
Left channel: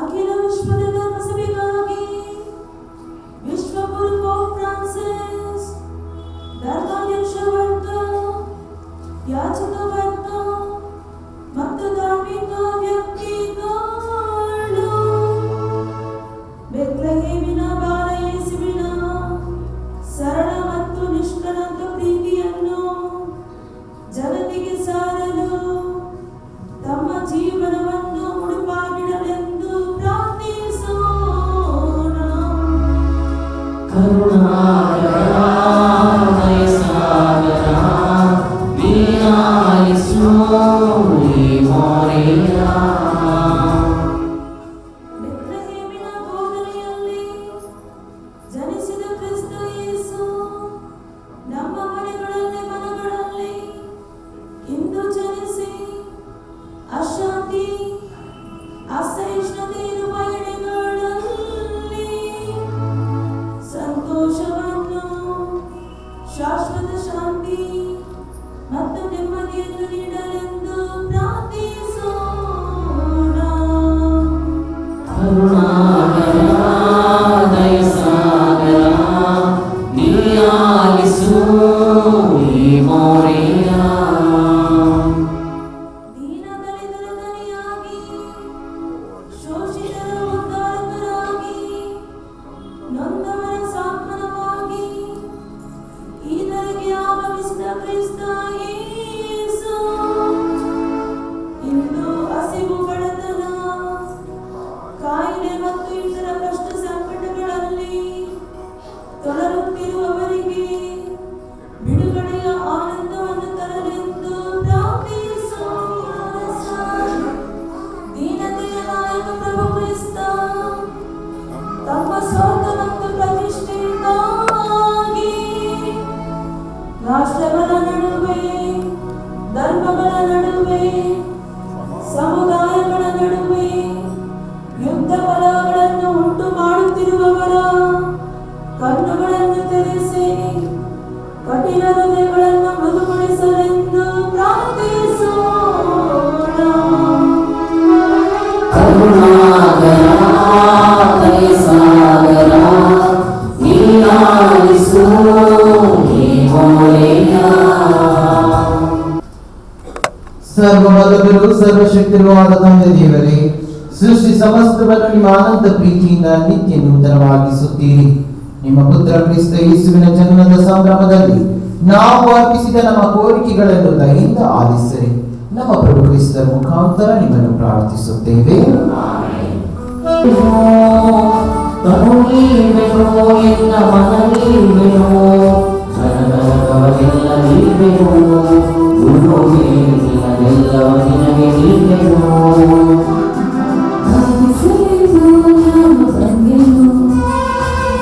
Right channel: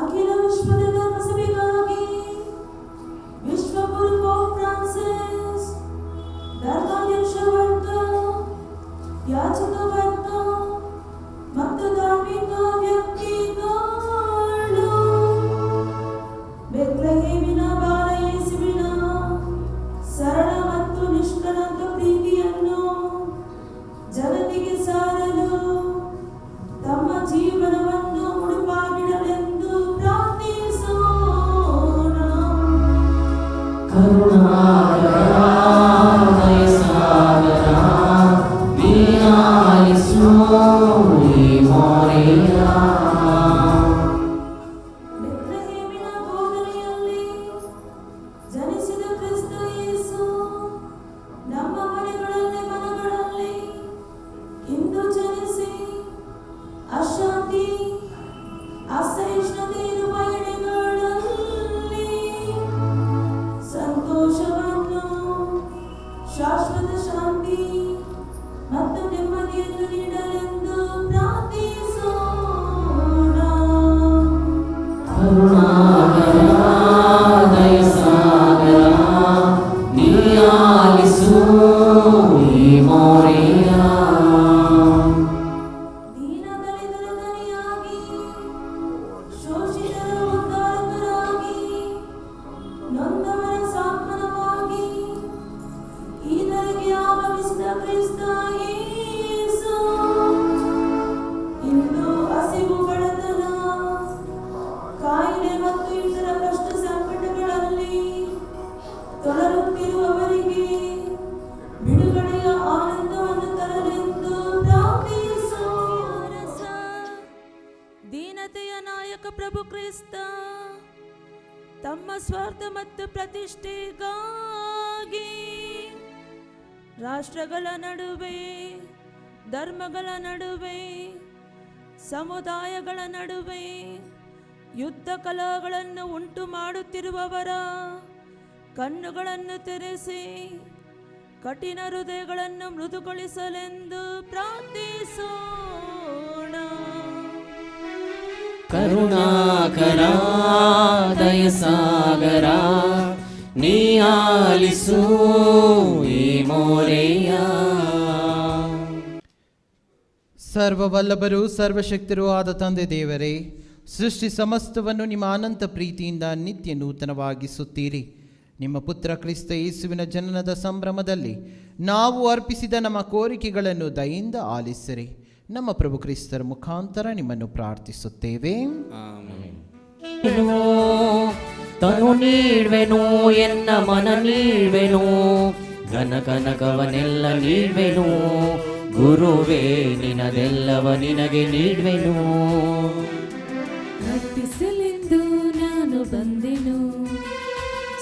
ಅಖಿಲ ವಿಶ್ವದ ಧರ್ಮಸಭೆಗಾಗಿ ವಿಶ್ವಗುರು ಪೋಪ್ ಫ್ರಾನ್ಸಿಸ್, ಧರ್ಮಾಧ್ಯಕ್ಷ ವರ್ಗ, ಯಾಜಕ ವರ್ಗ ಮತ್ತು ಧಾರ್ಮಿಕ ವ್ಯಕ್ತಿಗಳು ಬೆತ್ಲೆಹೇಮಿನ ಬಾಲ ಯೇಸುವಿನ ಸರಳ ಮತ್ತು ನಿಷ್ಕಳಂಕ ಪ್ರೀತಿಯನ್ನು ಜಗತ್ತಿಗೆ ಸಾರಲು ತಮ್ಮ ಜೀವನವನ್ನು ಮುಡುಪಾಗಿಡಲೆಂದು ಪ್ರಾರ್ಥಿಸೋಣ. ಕರುಣಾಕರ ದಯಸಾಗರ, ದೀನಾಯ ಮೋರಿಯಾ. ದೀನದಲಿತರ ದನಿಯಾಗಿ, ಶೋಷಿತರ ಉದ್ಧಾರಕರಾಗಿ, ನೊಂದವರ ಸಾಂತ್ವನವಾಗಿ, ಈತರಿಗೆ ಆಗಮಿಸಿದ ಕ್ರಿಸ್ತ ಯೇಸು, ಇಂದು ಹಸಿವು ಬಡತನ, ಕಾಯಿಲೆ ಮತ್ತು ಇತರ ಕಷ್ಟ ಸಂಕಟಗಳಲ್ಲಿ ತೊಡರುತ್ತಿರುವವರಿಗೆ ಬಿಡುಗಡೆಯ ಆನಂದವನ್ನು ತರಲೆಂದು ಪ್ರಾರ್ಥಿಸೋಣ. ದೀನತೆಯ ನಾಯಕ ಪ್ರಭು ಕ್ರಿಸ್ತ ತಮ್ಮ ಸ್ವಾರ್ಥ ಮತ್ತು ಪ್ರತಿಷ್ಠೆಯಿಂದಾಗಿ ರಾಷ್ಟ್ರಗಳ ನಡುವೆ, ಧರ್ಮಗಳ ನಡುವೆ, ಸಮುದಾಯಗಳ ನಡುವೆ ಯುದ್ಧ ಕಲಹಗಳನ್ನು ಉಂಟು ಮಾಡುತ್ತಿರುವವರ ಕಣ್ಣುಗಳನ್ನು ತೆರೆಸಿ ಕಠಿಣ ಹೃದಯಗಳನ್ನು ಮೃದುಗೊಳಿಸಲೆಂದು ಪ್ರಾರ್ಥಿಸೋಣ. ಕರುಣಾಕರ ದಯಸಾಗರ ನೀನಾಲಿಸು ನೀ ಮೋರಿಯಾ. ಸರ್ವಬಲಗಳು ಸರ್ವಶಕ್ತಿರುವಾದ ತಂದೆ ದೇವರೇ, ಸೃಷ್ಟಿ ಸಮಸ್ತವನ್ನು ನಿಮ್ಮ ಅನಂತ ಪ್ರೀತಿಯಿಂದ ನಿತ್ಯ ನೂತನವಾಗಿಸುತ್ತೀರಿ. ನಿಮ್ಮ ಪುತ್ರ ಕ್ರಿಸ್ತ ಯೇಸುವಿನ ಜನ್ಮದ ಸಂಭ್ರಮದಲ್ಲಿ ನಾವು ಅರ್ಪಿಸಿದ ನಮ್ಮ ಕೋರಿಕೆಗಳನ್ನು ದಯೆಯಿಂದ ಆಲಿಸಿರಿ. ನಮ್ಮ ಪ್ರಭು ಕ್ರಿಸ್ತ ಮುಖಾಂತರ ನಿಮ್ಮನ್ನು ಪ್ರಾರ್ಥಿಸುತ್ತೇವೆ. ತರುಣೀರ್ವೆನೋ ಎನ್ನ ಮನ ನೀರ್ವೆನೋ, ನನಗನಗವನೆಲ್ಲ ನೀರ್ವೆನೋ, ಗುರುವೇ ನಿನಗೆಲ್ಲವ ನಿನಗೆ ನೀರ್ವೆನೋ. ಆಲಿಸಿದ್ದು ನಾನು ಬಂದೆನು,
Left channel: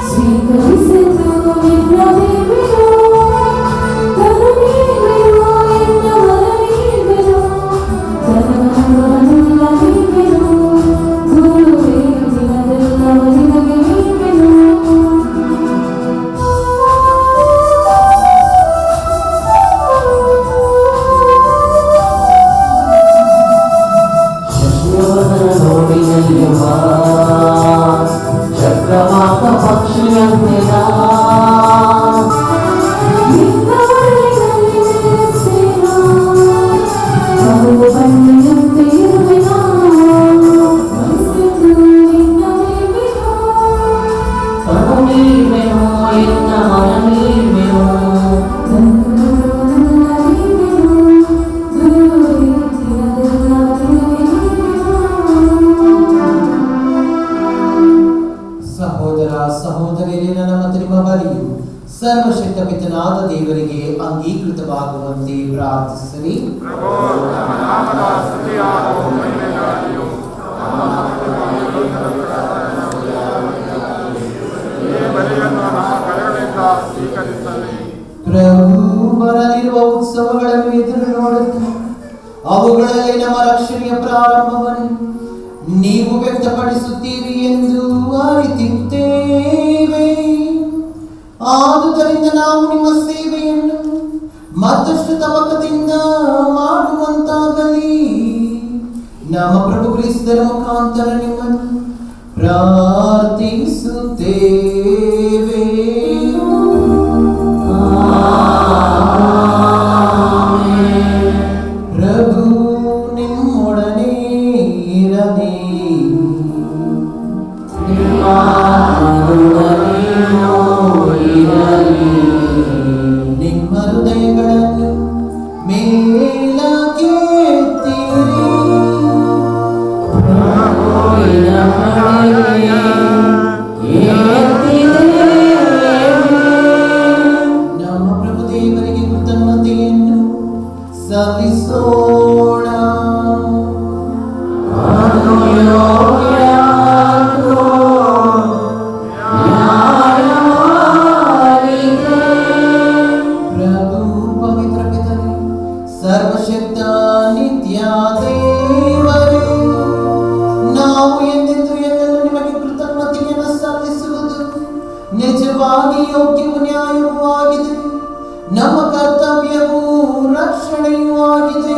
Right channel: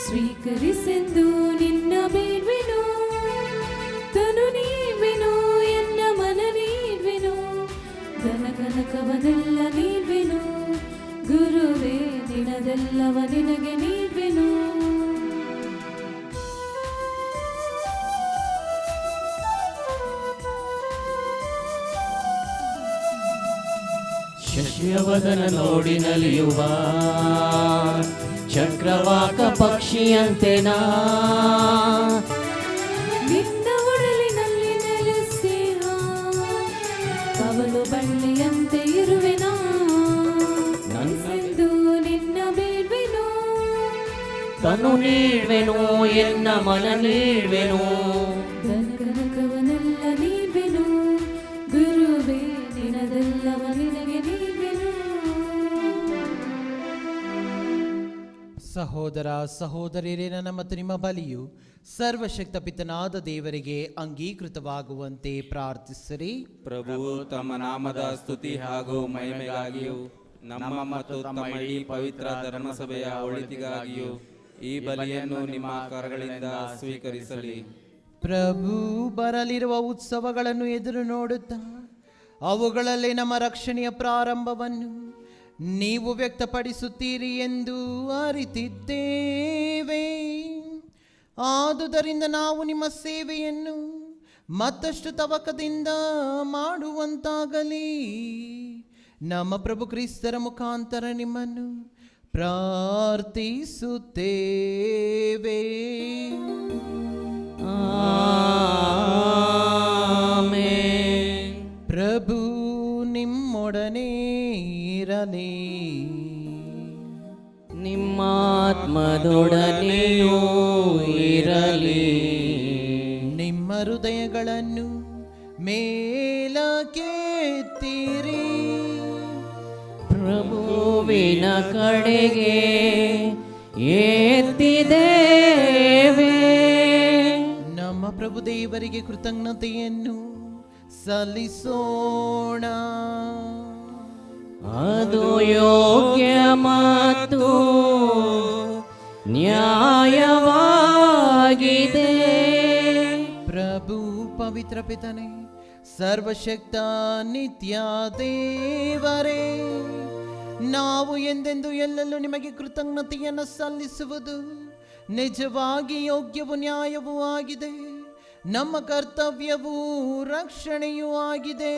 ಸ್ವೀಕರಿಸಿದ್ದು ನಿನ್ನ ಬೇವೆನು, ಕರುಣೀರ್ವೆನು ಎನ್ನ ಮನವೀರ್ವೆನು, ನನಗನಗವನೆಲ್ಲ ನೀರ್ವೆನು, ಗುರುವೇ ನಿನಗೆಲ್ಲವ ನಿನಗೆ ನೀರ್ವೆನು. ಶಶಿಯವದನ ನೋಡಿ ನಲಿಯುವ ಚಕ್ರವಾಕ ಪಕ್ಷಿಯಂತೆ ನಾ ತರುಣೀರ್ವೆನೋ ಎನ್ನ ಮನ ನೀರ್ವೆನೋ. ಸಹೋದರ ಸಹೋದರಿಯರೇ, ನನ್ನ ನಿಮ್ಮ ಬಲಿಯು ಸರ್ವಶಕ್ತ ಪಿತನಾದ ದೇವರಿಗೆ ಅಂಗೀಕೃತವಾಗುವಂತೆ ಪ್ರಾರ್ಥಿಸಿರಿ. ಪ್ರಭು ಬರಲಿರುವ ಉತ್ಸವಗಳನ್ನು ಎದುರು ನೋಡುತ್ತಾ ಅವುಗಳಲ್ಲಿ ನಮ್ಮ ರಕ್ಷಣೆಯ ಪ್ರಾರಂಭವನ್ನು ನೀವು ವ್ಯಕ್ತಪಡಿಸುತ್ತೀರಿ ಎಂದು ಅರಿತಿದ್ದೇವೆ. ಆದುದರಿಂದ ನಾವು ನಿಮ್ಮ ಸೇವೆಯನ್ನು ಮತ್ತಷ್ಟು ತವಕದಿಂದ ಮಾಡುವಂತಾಗಲಿ. ನಮ್ಮ ಪ್ರಭು ಕ್ರಿಸ್ತರ ಮುಖಾಂತರ ನಿಮ್ಮನ್ನು ಪ್ರಾರ್ಥಿಸುತ್ತೇವೆ. ಪ್ರಭು ನಿಮ್ಮೊಡನೆ ಇರಲಿ. ನಿಮ್ಮ ಹೃದಯಗಳನ್ನು ಮೇಲಕ್ಕೆತ್ತಿರಿ. ನಮ್ಮ ಪ್ರಭು ದೇವರಿಗೆ ಕೃತಜ್ಞತೆಯನ್ನು ಸಲ್ಲಿಸೋಣ. ಪ್ರಭು ಪವಿತ್ರ ಪಿತನೇ, ಸರ್ವಶಕ್ತ ನಿತ್ಯ ದೇವರೇ, ನಾವು ಎಂದೆಂದು ನಿಮಗೆ ಕೃತಜ್ಞತೆಯನ್ನು ಸಲ್ಲಿಸುವುದು ನಿಜವಾಗಿ ಯೋಗ್ಯವೂ ನ್ಯಾಯವೂ ಆಗಿದೆ. ನಮ್ಮ ಕರ್ತವ್ಯವೂ ರಕ್ಷಣೆಯೂ ಆಗಿದೆ.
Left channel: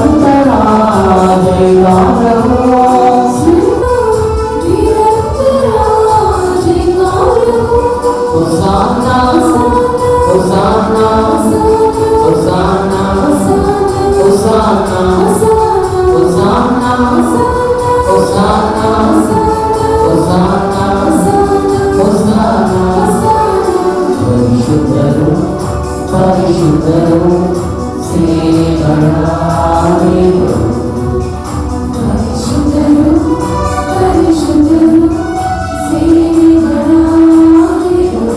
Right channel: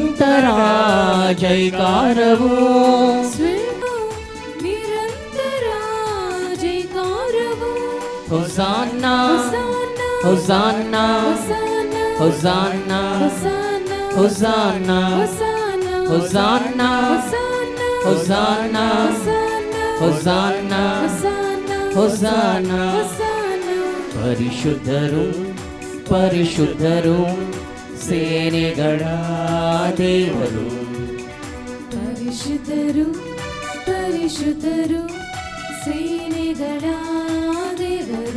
ಸಂತರ ಜೈಗಾನವು ಹೊಸಾನ ಹೊಸಾನ ಹೊಸಾನ ಹೊಸಾನ ಹೊಸಾನ ಹೊಸಾನ ಹೊಸಾನ ಹೊಸಾನ ಪರಿಶುದ್ಧರು ಪರಿಶುದ್ಧರು ಸೇನೆಗಳ ದೇವರು ಪರಿಶುದ್ಧರು ಪರಿಶುದ್ಧರು ಸೇನೆಗಳ ದೇವರು.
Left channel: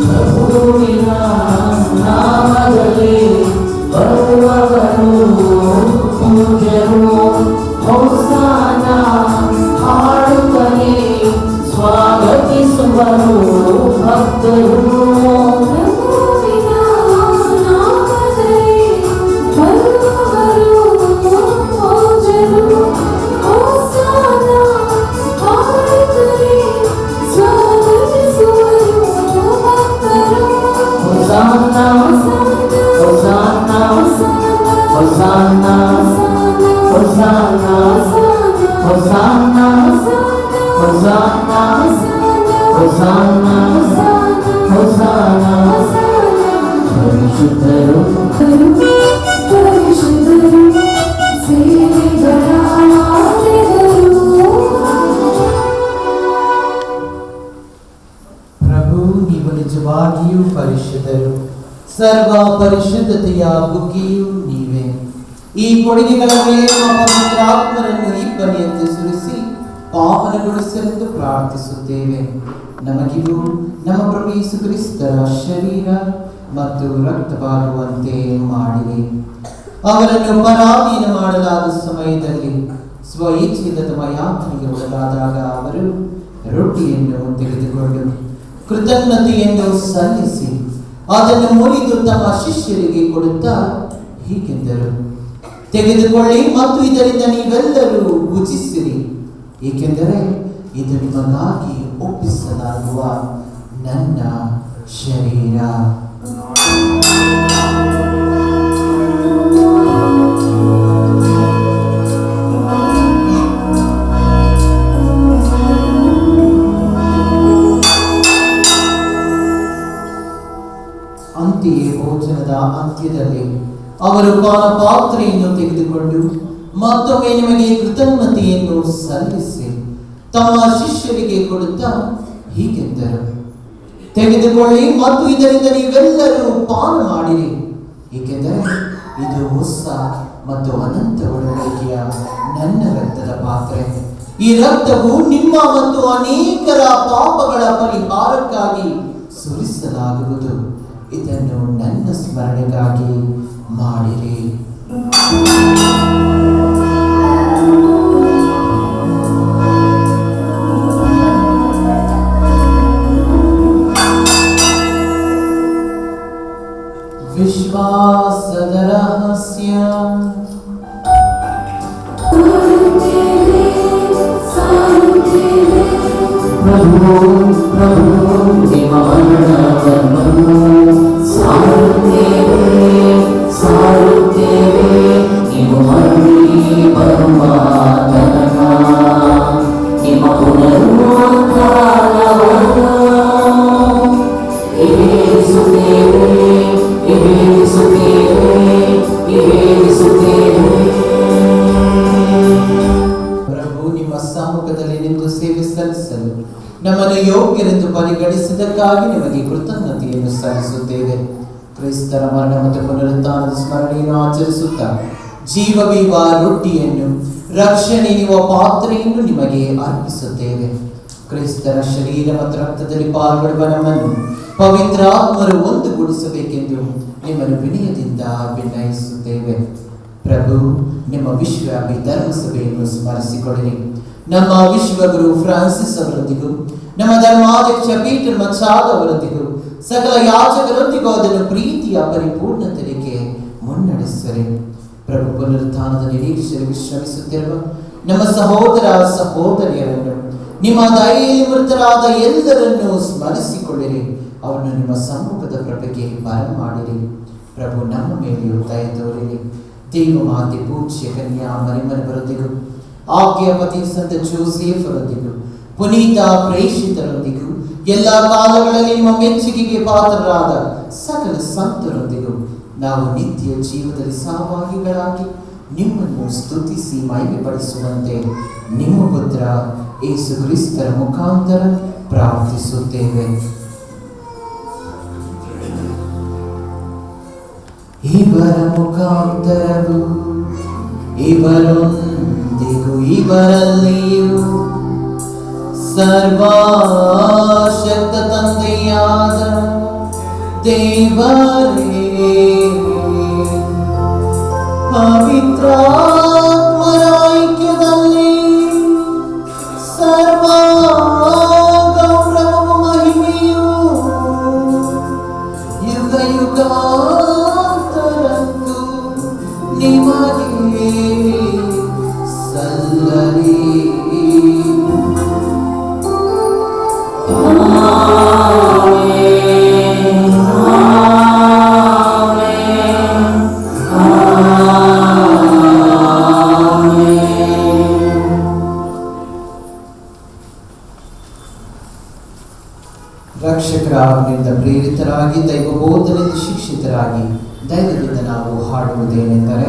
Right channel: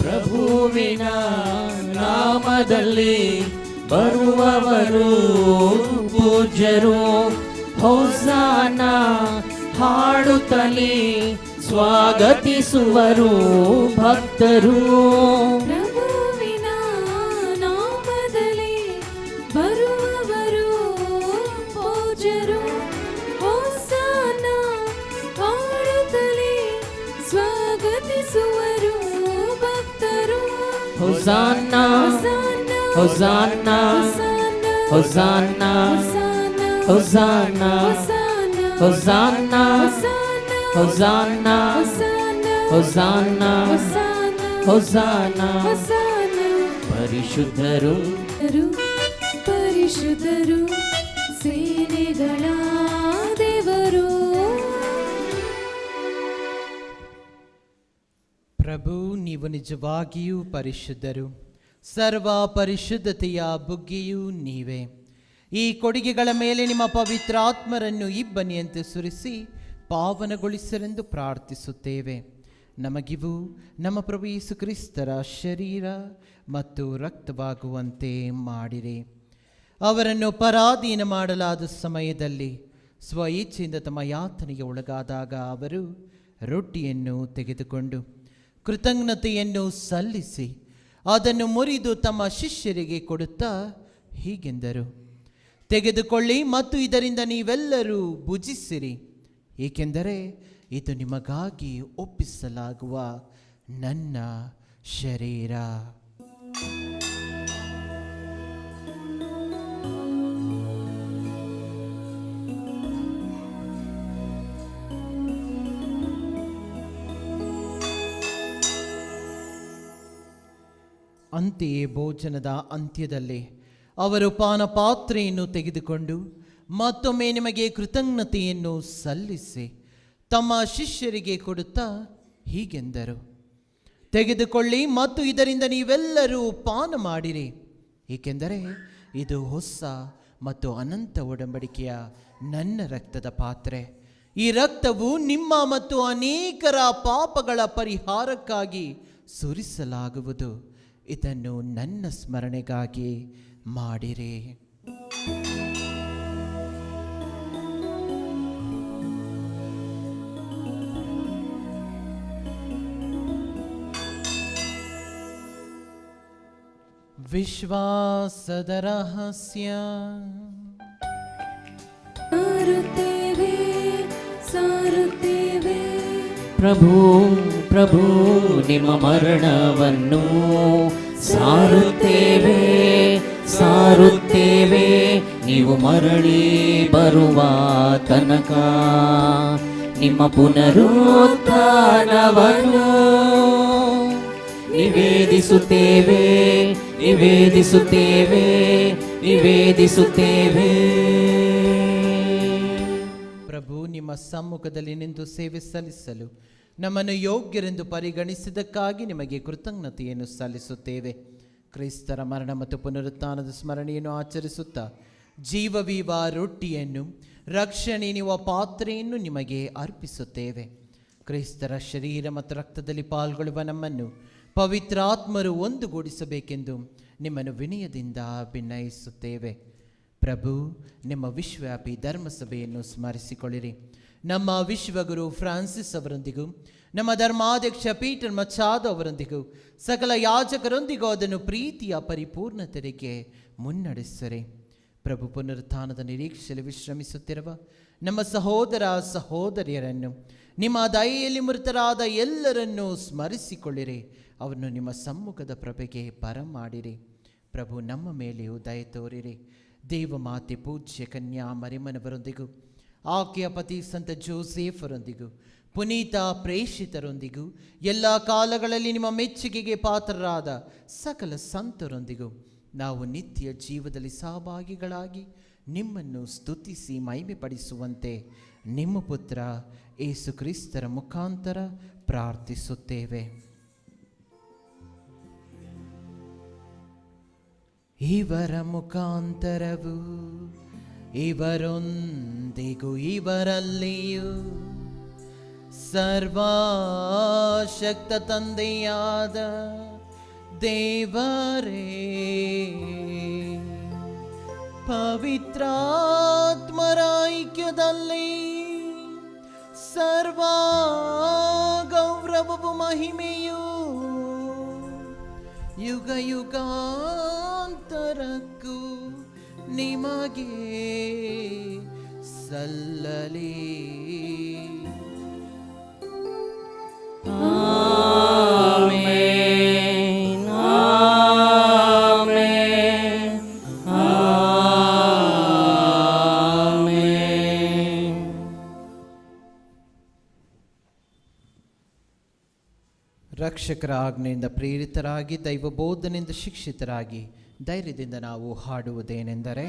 ಪ್ರಭುವಿನ ನಾಮದಲ್ಲಿ ಬರುವವರು ಪೂಜ್ಯರು ಹೊಸಾನ ಹಾಡುತ್ತಲೇ ಸ್ವಾಗತಿಸುವರು ಭಕ್ತರು. ಪ್ರಭುವಿನ ನಾಮದಲ್ಲಿ ಬರುವವರು ಪೂಜ್ಯರು ಹೊಸಾನ ಹಾಡುತ್ತಲೇ ಸ್ವಾಗತಿಸುವರು ಭಕ್ತರು. ಹೊಸಾನ ಹೊಸಾನ ಹೊಸಾನ ಹೊಸಾನ ಹೊಸಾನ ಹೊಸಾನ ಹೊಸಾನ ಹೊಸಾನ ಪರಿಶುದ್ಧರು ಪರಿಶುದ್ಧರು ಸೇನೆಗಳ ದೇವರು. ಪ್ರಭು ನೀವು ನಿಜವಾಗಿಯೂ ಪರಿಶುದ್ಧರು, ಸರ್ವ ಪರಿಶುದ್ಧತೆಯ ಬುಗ್ಗೆಯೂ ನೀವೇ. ಈ ಕೊಡುಗೆಗಳ ಮೇಲೆ ನಮ್ಮ ಪವಿತ್ರಾತ್ಮರನ್ನು ಇಬ್ಬನಿಯಂತೆ ಸುರಿಸಿ ಪಾವನಗೊಳಿಸಲೆಂದು ಪ್ರಾರ್ಥಿಸುತ್ತೇವೆ. ನಮಗಿದು ನಮ್ಮ ಪ್ರಭು ಯೇಸು ಕ್ರಿಸ್ತರ ಶರೀರ ಮತ್ತು ರಕ್ತವಾಗುವಂತೆ ಮಾಡಿರಿ. ಅವರನ್ನು ಪರಾಧೀನ ಮಾಡಲಾದ ಸಮಯದಲ್ಲಿ ಸ್ವಇಚ್ಛೆಯಿಂದ ತಮ್ಮ ಯಾತನೆಗೆ ಒಳಗಾದಾಗ ಅವರು ರೊಟ್ಟಿಯನ್ನು ತೆಗೆದುಕೊಂಡು ಕೃತಜ್ಞತೆಯನ್ನು ಸಲ್ಲಿಸಿ ಅದನ್ನು ಮುರಿದು ತಮ್ಮ ಶಿಷ್ಯರಿಗೆ ಕೊಡುತ್ತಾ ಹೀಗೆಂದರು, ತೆಗೆದುಕೊಳ್ಳಿ ಮತ್ತು ಇದರಿಂದ ನೀವೆಲ್ಲರೂ ಭುಜಿಸಿರಿ, ಏಕೆಂದರೆ ಇದು ನಿಮಗಾಗಿ ಒಪ್ಪಿಸಲಾಗುವ ನನ್ನ ಶರೀರ. ಅಂತೆಯೇ ಭೋಜನದ ಅಂತ್ಯದಲ್ಲಿ ಅವರು ಪಾತ್ರೆಯನ್ನು ತೆಗೆದುಕೊಂಡು ಮತ್ತೊಮ್ಮೆ ನಿಮಗೆ ಕೃತಜ್ಞತೆಯನ್ನು ಸಲ್ಲಿಸಿ ತಮ್ಮ ಶಿಷ್ಯರಿಗೆ ಕೊಡುತ್ತಾ ಹೀಗೆಂದರು, ತೆಗೆದುಕೊಳ್ಳಿ ಮತ್ತು ಇದರಿಂದ ನೀವೆಲ್ಲರೂ ಪಾನ ಮಾಡಿರಿ, ಏಕೆಂದರೆ ಇದು ಹೊಸ ಮತ್ತು ಅನಂತ ಒಡಂಬಡಿಕೆಯ ನನ್ನ ರಕ್ತದ ಪಾತ್ರೆ. ಈ ರಕ್ತವು ನಿಮ್ಮ ಮತ್ತು ಅನೇಕರ ಪಾಪಗಳ ಪರಿಹಾರಕ್ಕಾಗಿ ಸುರಿಸಲಾಗುವುದು. ಇದನ್ನು ನನ್ನ ಸ್ಮರಣೆಗಾಗಿ ಮಾಡಿರಿ. ವಿಶ್ವಾಸದ ರಹಸ್ಯ. ಪ್ರಭು ಪ್ರಭು ನಿಮ್ಮ ಮರಣವನ್ನು ಸಾರುತ್ತೇವೆ ಸಾರುತ್ತೇವೆ, ನೀವು ಮರಳಿ ಬರುವ ತನಕ ನಿಮ್ಮ ಪುನರುತ್ಥಾನವನ್ನು ನಿವೇದಿಸುತ್ತೇವೆ ನಿವೇದಿಸುತ್ತೇವೆ ನಿವೇದಿಸುತ್ತೇವೆ. ಪ್ರಭು ನಿಮ್ಮ ಸಮ್ಮುಖದಲ್ಲಿ ನಿಂತು ಸೇವೆ ಸಲ್ಲಿಸಲು ನಮ್ಮನ್ನು ಯೋಗ್ಯರೆಂದು ಪರಿಗಣಿಸಿದ್ದಕ್ಕಾಗಿ ನಿಮಗೆ ಕೃತಜ್ಞತೆಯನ್ನು ಸಲ್ಲಿಸುತ್ತೇವೆ. ಕ್ರಿಸ್ತರ ಮರಣ ಮತ್ತು ಪುನರುತ್ಥಾನದ ಸ್ಮರಣೆಯನ್ನು ಆಚರಿಸುತ್ತಾ ಜೀವವೀವ ರೊಟ್ಟಿಯನ್ನು ರಕ್ಷಣೆ ನೀಡುವ ಪಾತ್ರೆಯನ್ನು ನಿಮಗೆ ಅರ್ಪಿಸುತ್ತೇವೆ. ಕ್ರಿಸ್ತರ ಶರೀರ ಮತ್ತು ರಕ್ತದಲ್ಲಿ ಪಾಲ್ಗೊಳ್ಳುವ ನಮ್ಮನ್ನು ಪವಿತ್ರಾತ್ಮರು ಒಂದುಗೂಡಿಸಬೇಕೆಂದು ನಿಮ್ಮನ್ನು ವಿನಯದಿಂದ ವಿನಯಿಸುತ್ತೇವೆ. ಪ್ರಭು ನಿಮ್ಮ ವಿಶ್ವವ್ಯಾಪಿ ಧರ್ಮಸಭೆಯನ್ನು ಸ್ಮರಿಸಿಕೊಳ್ಳಿರಿ. ನಮ್ಮ ವಿಶ್ವಗುರು ಫ್ರಾನ್ಸಿಸ್ ಅವರೊಂದಿಗೂ ನಮ್ಮ ಧರ್ಮಾಧ್ಯಕ್ಷ ಪೀಟರ್ ಮಚಾದ್ ಅವರೊಂದಿಗೂ ಸಕಲ ಯಾಜಕರೊಂದಿಗೂ ಅದನ್ನು ಪ್ರೀತಿಯ ಪರಿಪೂರ್ಣತೆಗೆ ಮುನ್ನಡೆಸಿರಿ. ಪ್ರಭು ಪುನರುತ್ಥಾನದ ನಿರೀಕ್ಷೆ ವಿಶ್ರಮಿಸುತ್ತಿರುವ ನಮ್ಮ ಸಹೋದರ ಸಹೋದರಿಯರನ್ನು ನಿಮ್ಮ ದಯೆಯಲ್ಲಿ ಮೃತರಾದ ಎಲ್ಲರನ್ನು ಸ್ಮರಿಸಿಕೊಳ್ಳಿರಿ. ಅವರನ್ನು ನಿಮ್ಮ ಸಮ್ಮುಖದ ಪ್ರಭೆಗೆ ಬರಮಾಡಿರಿ. ಪ್ರಭು ನಮ್ಮ ಮೇಲೆಯೂ ದಯ ತೋರಿರಿ. ದೇವ ಮಾತೆ ಪೂಜ್ಯ ಕನ್ಯಾ ಮರಿಯಮ್ಮರವರೊಂದಿಗೂ ಆಕೆಯ ಪತಿ ಸಂತ ಜೋಸೆಫರೊಂದಿಗೂ ಪುನೀತ ಪ್ರೇಷಿತರೊಂದಿಗೂ ಎಲ್ಲ ಕಾಲಗಳಲ್ಲಿ ನಿಮ್ಮ ಮೆಚ್ಚುಗೆಗೆ ಪಾತ್ರರಾದ ಸಕಲ ಸಂತರೊಂದಿಗೂ ನಾವು ನಿತ್ಯ ಜೀವನದಲ್ಲಿ ಸಹಭಾಗಿಗಳಾಗಿ ನಿಮ್ಮನ್ನು ಸ್ತುತಿಸಿ ಮಹಿಮೆಪಡಿಸುವಂತೆ ನಿಮ್ಮ ಪುತ್ರ ಯೇಸು ಕ್ರಿಸ್ತರ ಮುಖಾಂತರ ಪ್ರಾರ್ಥಿಸುತ್ತೇವೆ. ಇವರ ಮುಖಾಂತರವು ಇವರೊಂದಿಗೂ ಇವರಲ್ಲಿಯೂ ಸರ್ವಶಕ್ತ ತಂದೆಯಾದ ದೇವರೇ ಪವಿತ್ರಾತ್ಮರ ಐಕ್ಯದಲ್ಲಿ ಸರ್ವ ಗೌರವವು ಮಹಿಮೆಯು ಯುಗ ಯುಗಾಂತರಕ್ಕೂ ನಿಮಗೆ ಸಲ್ಲಲಿ. ರಕ್ಷಕರ ಆಜ್ಞೆಯಿಂದ ಪ್ರೇರಿತರಾಗಿ ದೈವಬೋಧನೆಯಿಂದ ಶಿಕ್ಷಿತರಾಗಿ ಧೈರ್ಯದಿಂದ ನಾವು ಹಾಡುವುದೇನೆಂದರೆ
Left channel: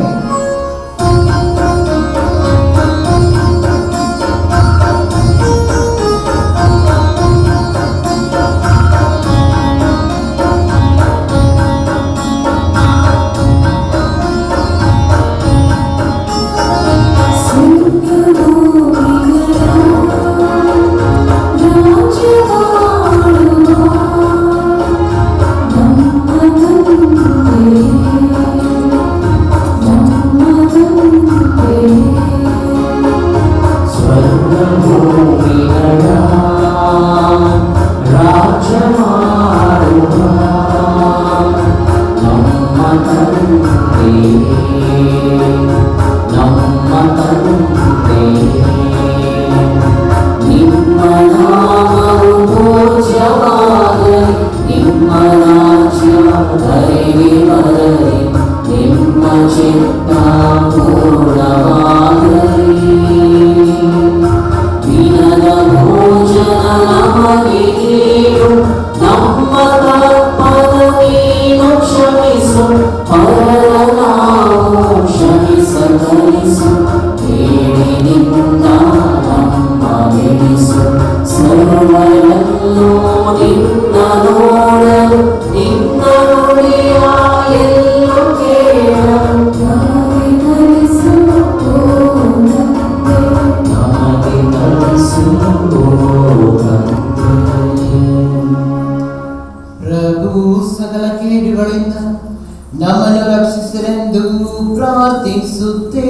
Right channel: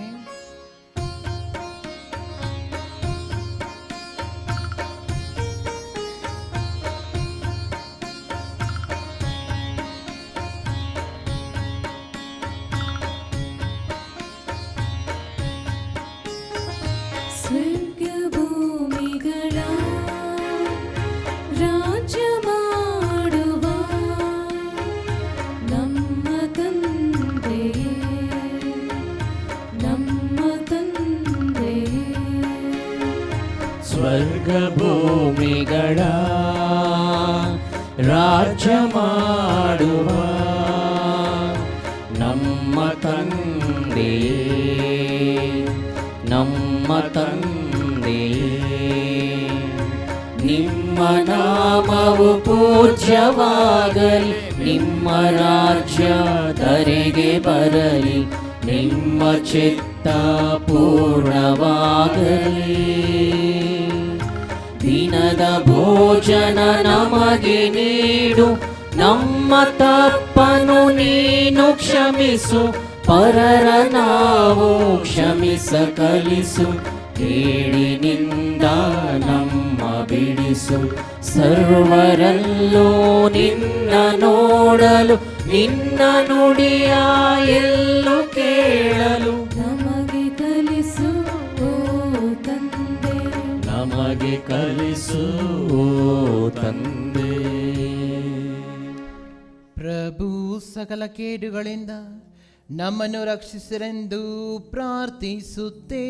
ನಮ್ಮನ್ನು ರಕ್ಷಿಸಿರೆಂದು ಪ್ರಾರ್ಥಿಸುತ್ತೇವೆ.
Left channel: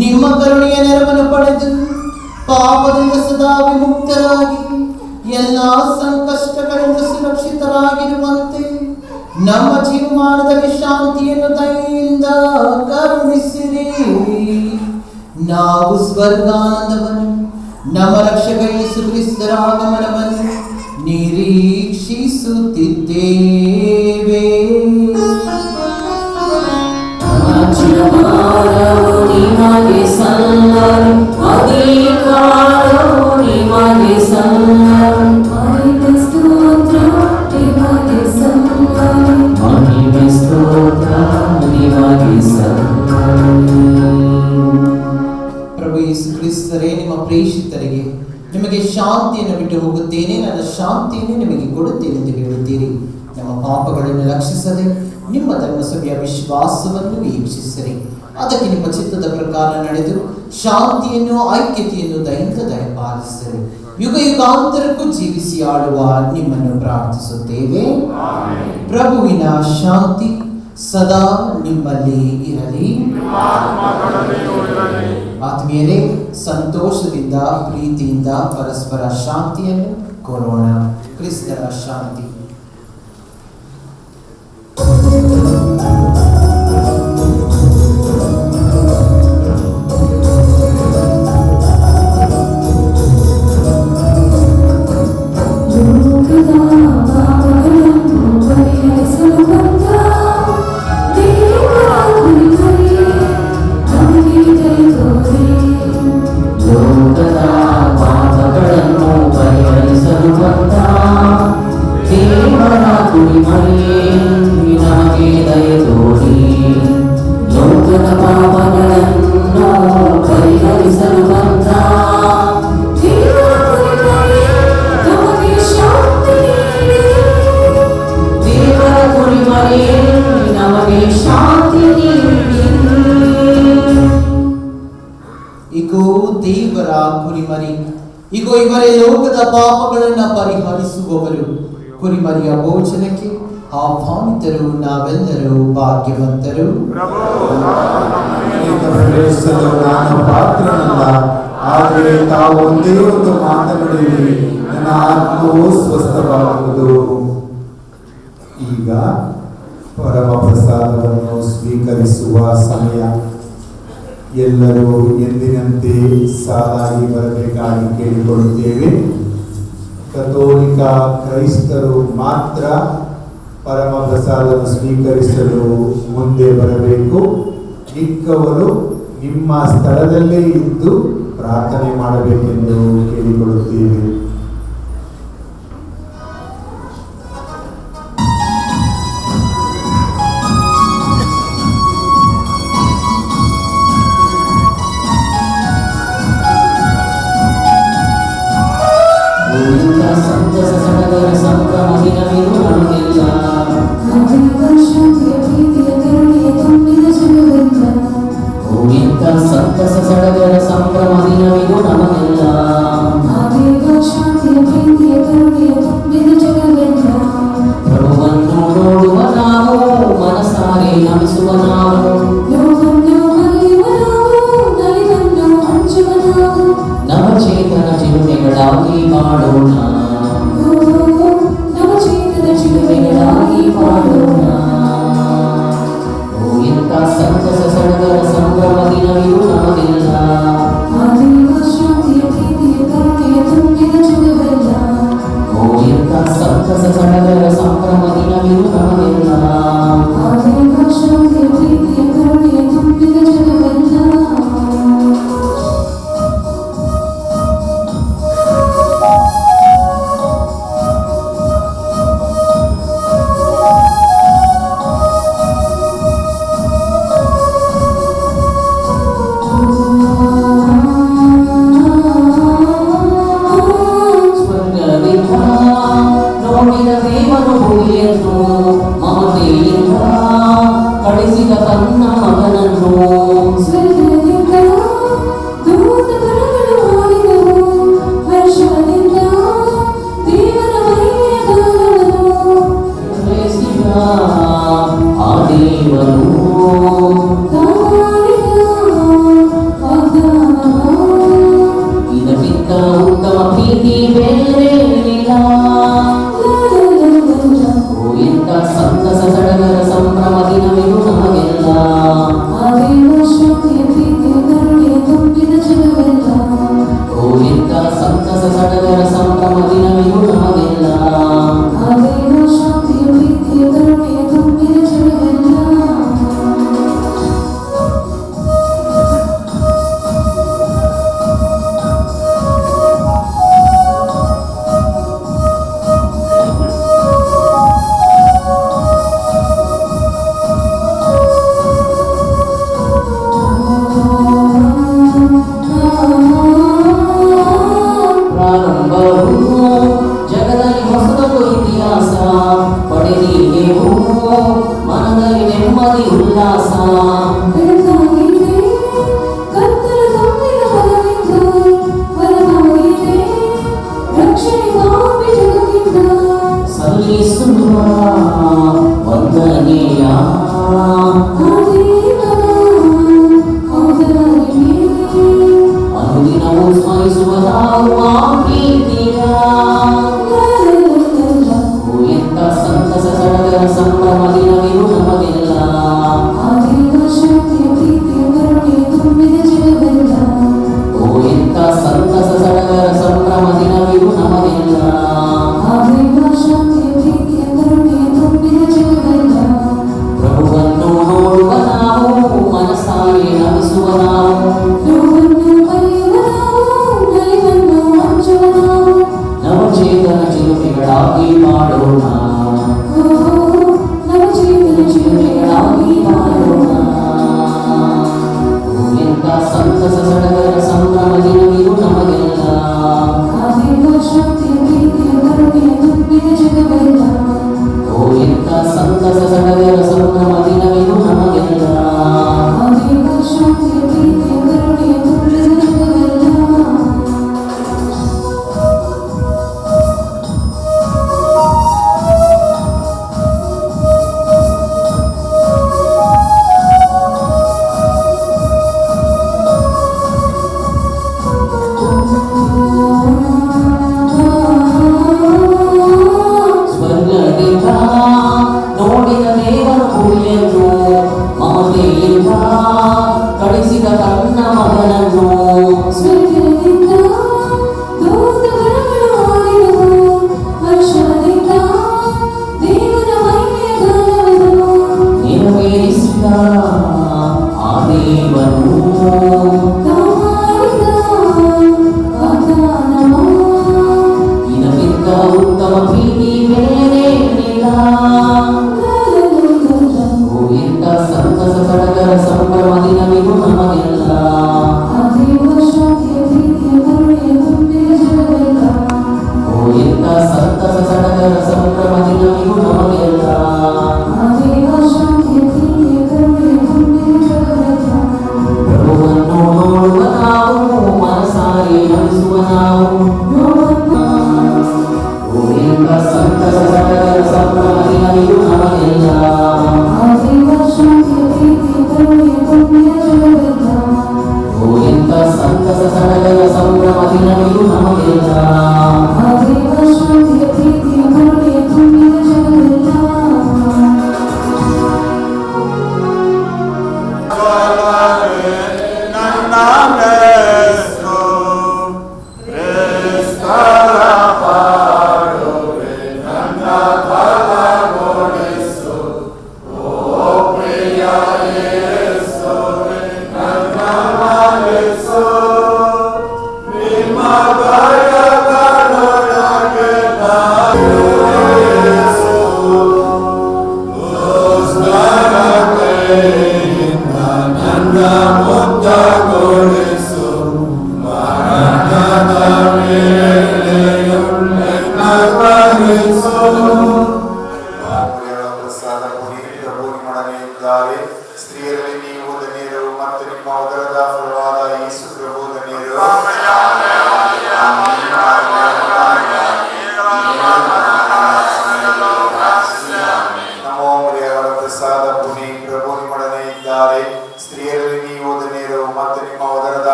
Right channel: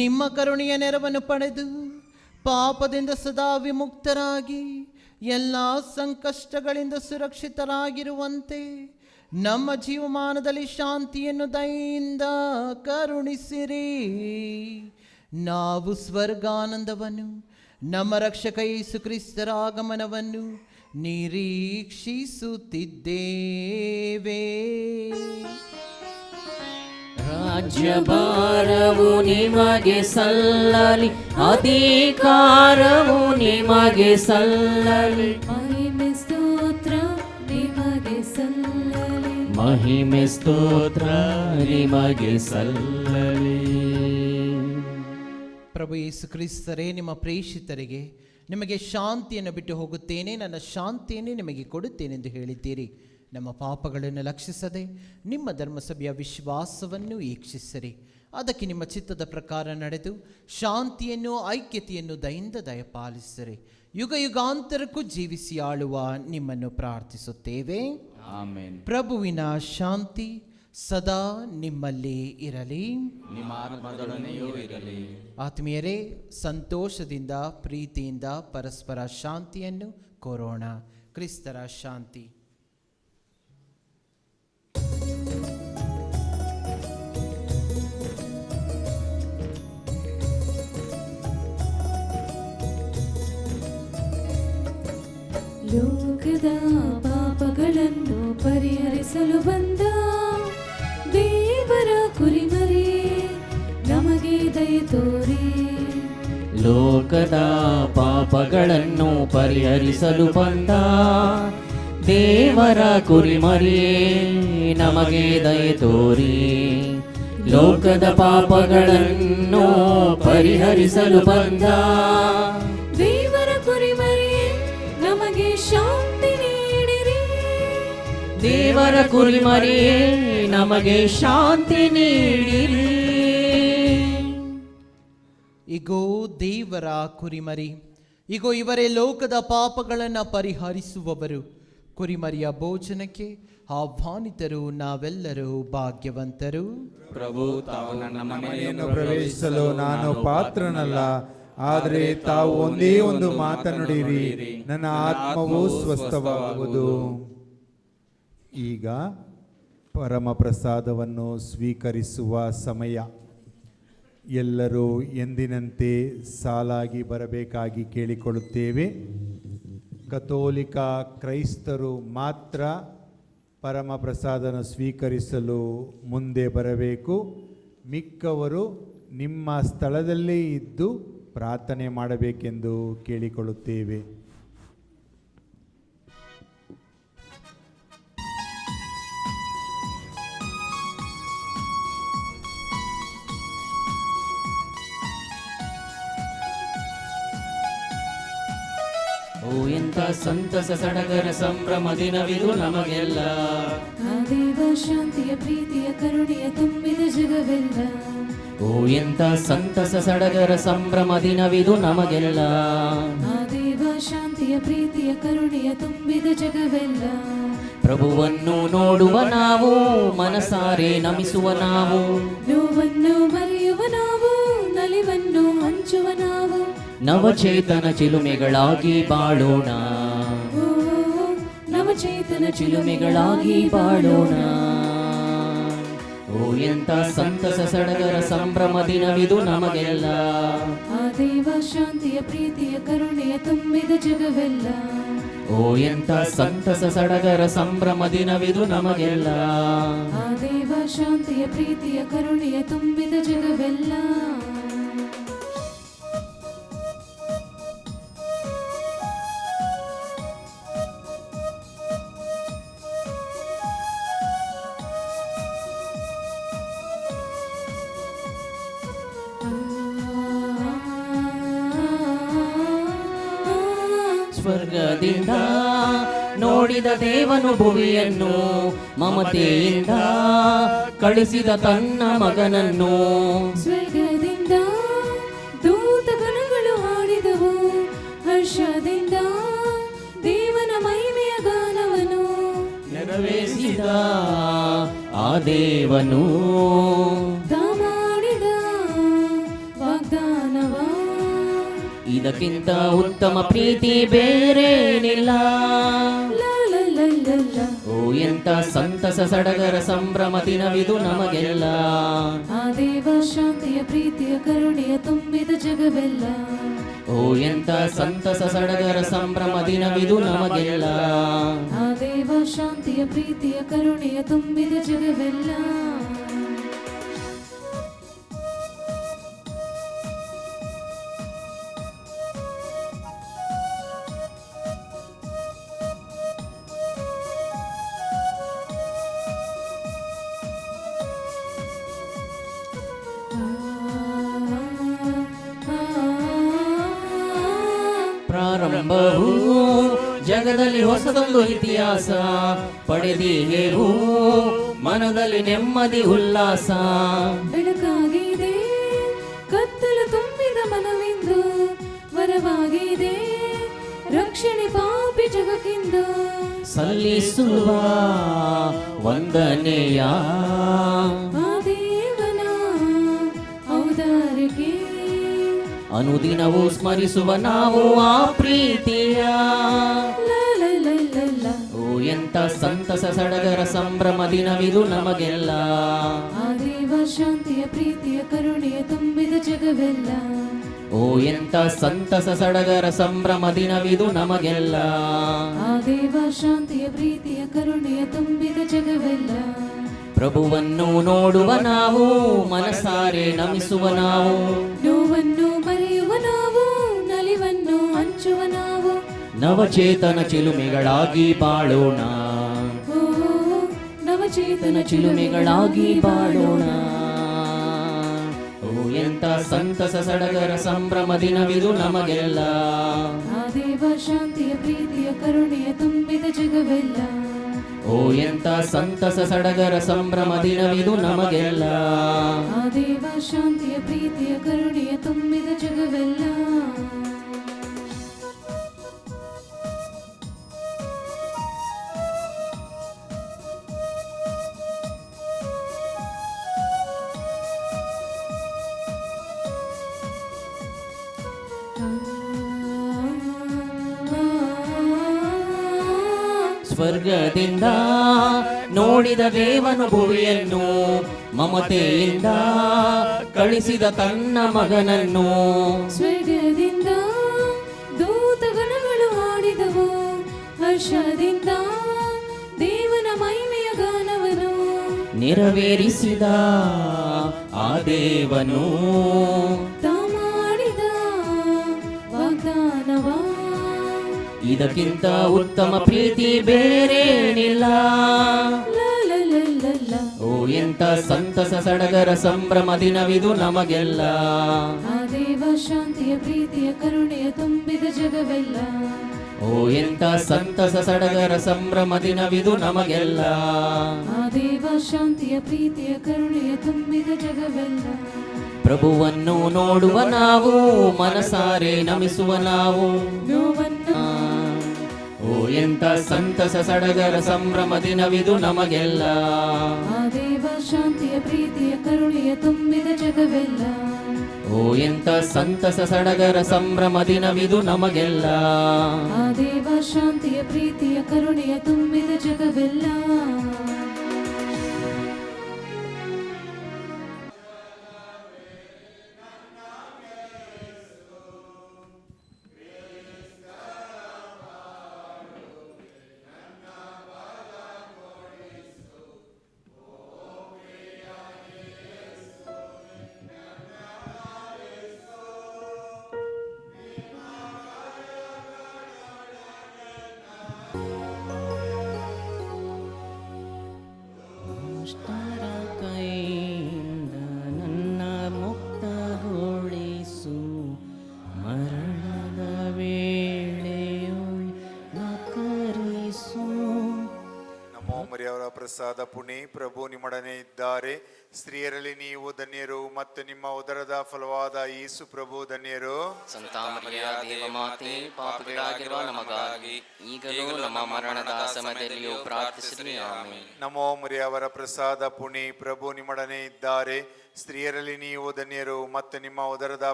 ನಿಮ್ಮ ಕರುಣೆಯ ನೆರವನ್ನು ಪಡೆದು ಪಾಪದಿಂದ ಸದಾ ವಿಮುಕ್ತರಾಗಿ ಎಲ್ಲ ಸಂಕಷ್ಟಗಳಿಂದ ಸುರಕ್ಷಿತರಾಗಿರುವಂತೆ ನಮ್ಮ ಜೀವಮಾನದಲ್ಲಿ ಶಾಂತಿಯನ್ನು ದಯೆಯಿಂದ ಕರುಣಿಸಿರಿ. ನಾವು ಸ್ವರ್ಗಾನಂದವನ್ನು ನಮ್ಮ ರಕ್ಷಕ ಯೇಸು ಕ್ರಿಸ್ತರ ಆಗಮನವನ್ನು ನಿರೀಕ್ಷಿಸುತ್ತಿದ್ದೇವೆ. ರಾಜ್ಯಭಾರವು ನಿಮಗೆ ಸಲ್ಲಲಿ, ಅಧಿಕಾರವು ನಿಮಗೆ ಸಲ್ಲಲಿ. ಮಹಿಮೆ ಸ್ತೋತ್ರ ನಿಮಗೆ ಸಲ್ಲಲಿ. ಮಹಿಮೆ ಸ್ತೋತ್ರ ನಿಮಗೆ ಸಲ್ಲಲಿ. ಪ್ರಭು ಯೇಸು ಕ್ರಿಸ್ತರೇ, ನಿಮ್ಮ ಪ್ರೇಷಿತರಿಗೆ ನಿಮಗೆ ಶಾಂತಿಯನ್ನು ಬಿಟ್ಟು ಹೋಗುತ್ತೇನೆ, ನನ್ನ ಶಾಂತಿಯನ್ನು ನಿಮಗೆ ಕೊಡುತ್ತೇನೆ ಎಂದು ಹೇಳುತ್ತೀರಿ. ನಮ್ಮ ಪಾಪಗಳನ್ನು ರಕ್ಷಿಸದೆ ನಿಮ್ಮ ಧರ್ಮಸಭೆಯ ವಿಶ್ವಾಸವನ್ನು ವೀಕ್ಷಿಸಿರಿ. ಅದಕ್ಕೆ ನಿಮ್ಮ ಚಿತ್ತದ ಪ್ರಕಾರ ನಡೆದು ಶಾಂತಿಯನ್ನು ಐಕ್ಯತೆಯನ್ನು ದಯೆಯಿಂದ ದಯಪಾಲಿಸಿರಿ. ಯುಗ ಯುಗಾಂತರಕ್ಕೂ ಜೀವಿಸಿ ಆಳುವ ನಿಮ್ಮನ್ನು ಪ್ರಾರ್ಥಿಸುತ್ತೇವೆ. ಪ್ರಭುವಿನ ಶಾಂತಿ ಸದಾ ನಿಮ್ಮಲ್ಲಿ ಇರಲಿ. ಆತ್ಮೀಯರೇ, ಸಂತೋಷದಿಂದ ಪ್ರೀತಿಯಿಂದ ಪರಸ್ಪರ ಶಾಂತಿಯನ್ನು ಕೋರೋಣ. ಕ್ರಿಸ್ತರ ಶಾಂತಿ. ಈಗ ಇವರೇ ಲೋಕದ ಪಾಪಗಳನ್ನ ಪರಿಹರಿಸುವವರು. ಕುರಿಮರಿಯ ಭೋಜನಕ್ಕೆ ಆಹ್ವಾನಿತರು ನಾವೆಲ್ಲರೂ ಭಾಗ್ಯವಂತರು. ಪ್ರವೇಶಿಸಲು ನಾನು ಪಾತ್ರನಲ್ಲ, ಆದರೆ ತಾವು ಒಂದೇ ಒಂದು ಮಾತನಾಡಿರಿ, ನನ್ನ ಆತ್ಮವು ಸ್ವಸ್ಥವಾಗುವುದು. ಈಗ ಪರಮ ಪ್ರಸಾದವನ್ನು ಸ್ವೀಕರಿಸುವ ಸಮಯ. ಎಲ್ಲರೂ ಎಂದಿನಂತೆ ಸಾಲಾಗಿ ಬರಬೇಕಾಗಿ ಕೇಳಿಕೊಳ್ಳುತ್ತೇವೆ. ಕಥೋಲಿಕ ಕ್ರೈಸ್ತರು ಮಾತ್ರ ಪರಮ ಪ್ರಸಾದವನ್ನು ಸ್ವೀಕರಿಸಲು ಮುಂದೆ ಬರಬೇಕು. ಮಿಕ್ಕವರು ನಿಮ್ಮ ಸ್ಥಳದಲ್ಲೇ ಇದ್ದು ಪ್ರಾರ್ಥನೆ ಮಾಡಬೇಕೆಂದು ಕೇಳಿಕೊಳ್ಳುತ್ತೇವೆ. ಸಂತಸ ಸಡಗರ ಸಂಭ್ರಮ ದಿನವಿದು ನಮಗೆಲ್ಲ. ಎಂಥ ಸಂತಸ ಸಡಗರ ಸಂಭ್ರಮ ದಿನವಿದು ನಮಗೆಲ್ಲ. ಪ್ರಭುವನ್ನು ನೋಡುವ ನಾವು, ಮನಸಾರೆ ನಮಿಸುವ ನಾವು, ನವಚೇತನ ಚಿಲುಮೆಗಳಾಗಿ ಬಾಳೋಣ, ಚಿಲುಮೆಗಳಾಗಿ ಬಾಳೋಣ. ಓ ಎಂಥ ಸಂತಸ ಸಡಗರ ಸಂಭ್ರಮ ದಿನವಿದು ನಮಗೆಲ್ಲ. ಓ ಎಂಥ ಸಂತಸ ಸಡಗರ ಸಂಭ್ರಮ ದಿನವಿದು ನಮಗೆಲ್ಲ. ಸ್ವರ್ಗದಿಂದ ನೋಡಿದ ದೇವರು ಭೂಮಿಯನ್ನು, ಮಮತೆಯಿಂದ ಕಳಿಸಿದ ತನ್ನ ಮಗನನ್ನು. ನೆರವೇರಿಸಿದ ಆ ದೇವನು ಇದಕ್ಕಿಂತ ಉತ್ತಮ ಪ್ರೀತಿ ಬೇರೇನಿಲ್ಲ. ಓ ಎಂಥ ಸಂತಸ ಸಡಗರ ಸಂಭ್ರಮ ದಿನವಿದು ನಮಗೆಲ್ಲ. ಓ ಎಂಥ ಸಂತಸ ಸಡಗರ ಸಂಭ್ರಮ ದಿನವಿದು ನಮಗೆಲ್ಲ. ಪ್ರಾರಂಭ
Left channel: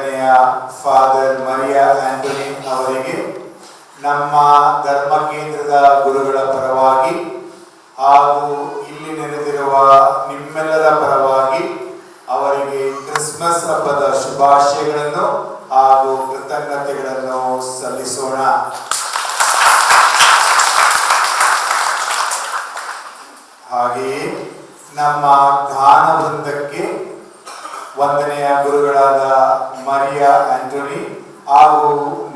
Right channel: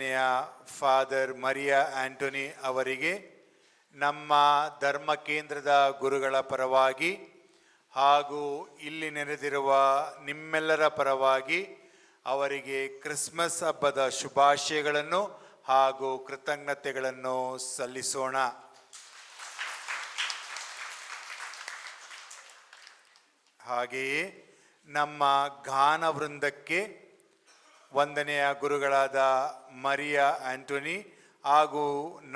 ವಂದನೆಯ ಫಾದರ್ ಮರಿಯಾ ಆಂಟೋನಿ ಅವರಿಗೆ ನಮ್ಮ ಧರ್ಮ ಕೇಂದ್ರದ ಗುರುಗಳ ಪರವಾಗಿ ಹಾಗೂ ಇಲ್ಲಿ ನೆರೆದಿರುವ ನಿಮ್ಮೆಲ್ಲರ ಪರವಾಗಿ ಅವರಿಗೆ ಕ್ರಿಸ್ಮಸ್ ಹಬ್ಬದ ಶುಭಾಶಯಗಳನ್ನು ಹಾಗೂ ಕೃತಜ್ಞತೆಗಳನ್ನು ಸಲ್ಲಿಸೋಣ. ಹಾಗೆಯೇ ನಮ್ಮ ಗಾನ ವೃಂದಕ್ಕೆ ವಂದನೆಯ ಗುರುಗಳಾದ ಮರಿಯಾ ಆಂಟೋನಿ ಹಾಗೂ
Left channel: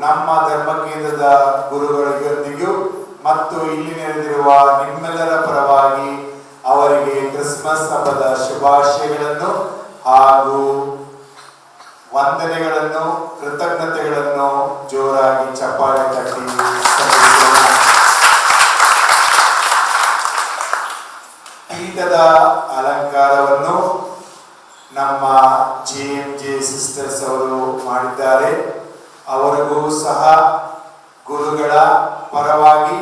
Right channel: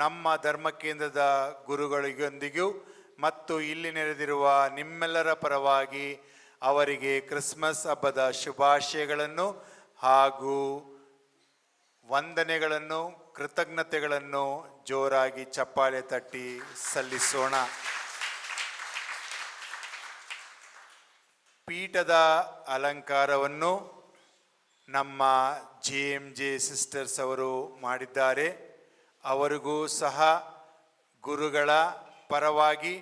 ನಮ್ಮ ಧರ್ಮ ಕೇಂದ್ರದ ಗುರುಗಳಿಗೊಂದಿಗೂ ಮತ್ತು ಇಲ್ಲಿ ನೆರೆದಿರುವ ನಿಮ್ಮೆಲ್ಲರ ಪರವಾಗಿ ಅವರಿಗೆ ಕ್ರಿಸ್ಮಸ್ ಹಬ್ಬದ ಶುಭಾಶಯಗಳನ್ನು ಹಾಗೂ ವಂದನೆಗಳನ್ನು ಕೃತಜ್ಞತೆಗಳನ್ನು ಜೋರಾಗಿ ಚಪ್ಪಾಳೆ ತಟ್ಟಿ ಸಲ್ಲಿಸೋಣ. ಪೀಠದ ಅಲಂಕಾರವನ್ನು ನಮ್ಮ JMJ ಸಿಸ್ಟರ್ಸ್ ಅವರು ಮಾಡಿದ್ದಾರೆ. ಅವರಿಗೂ ಸಹ ಗುರುಗಳ ಪರವಾಗಿ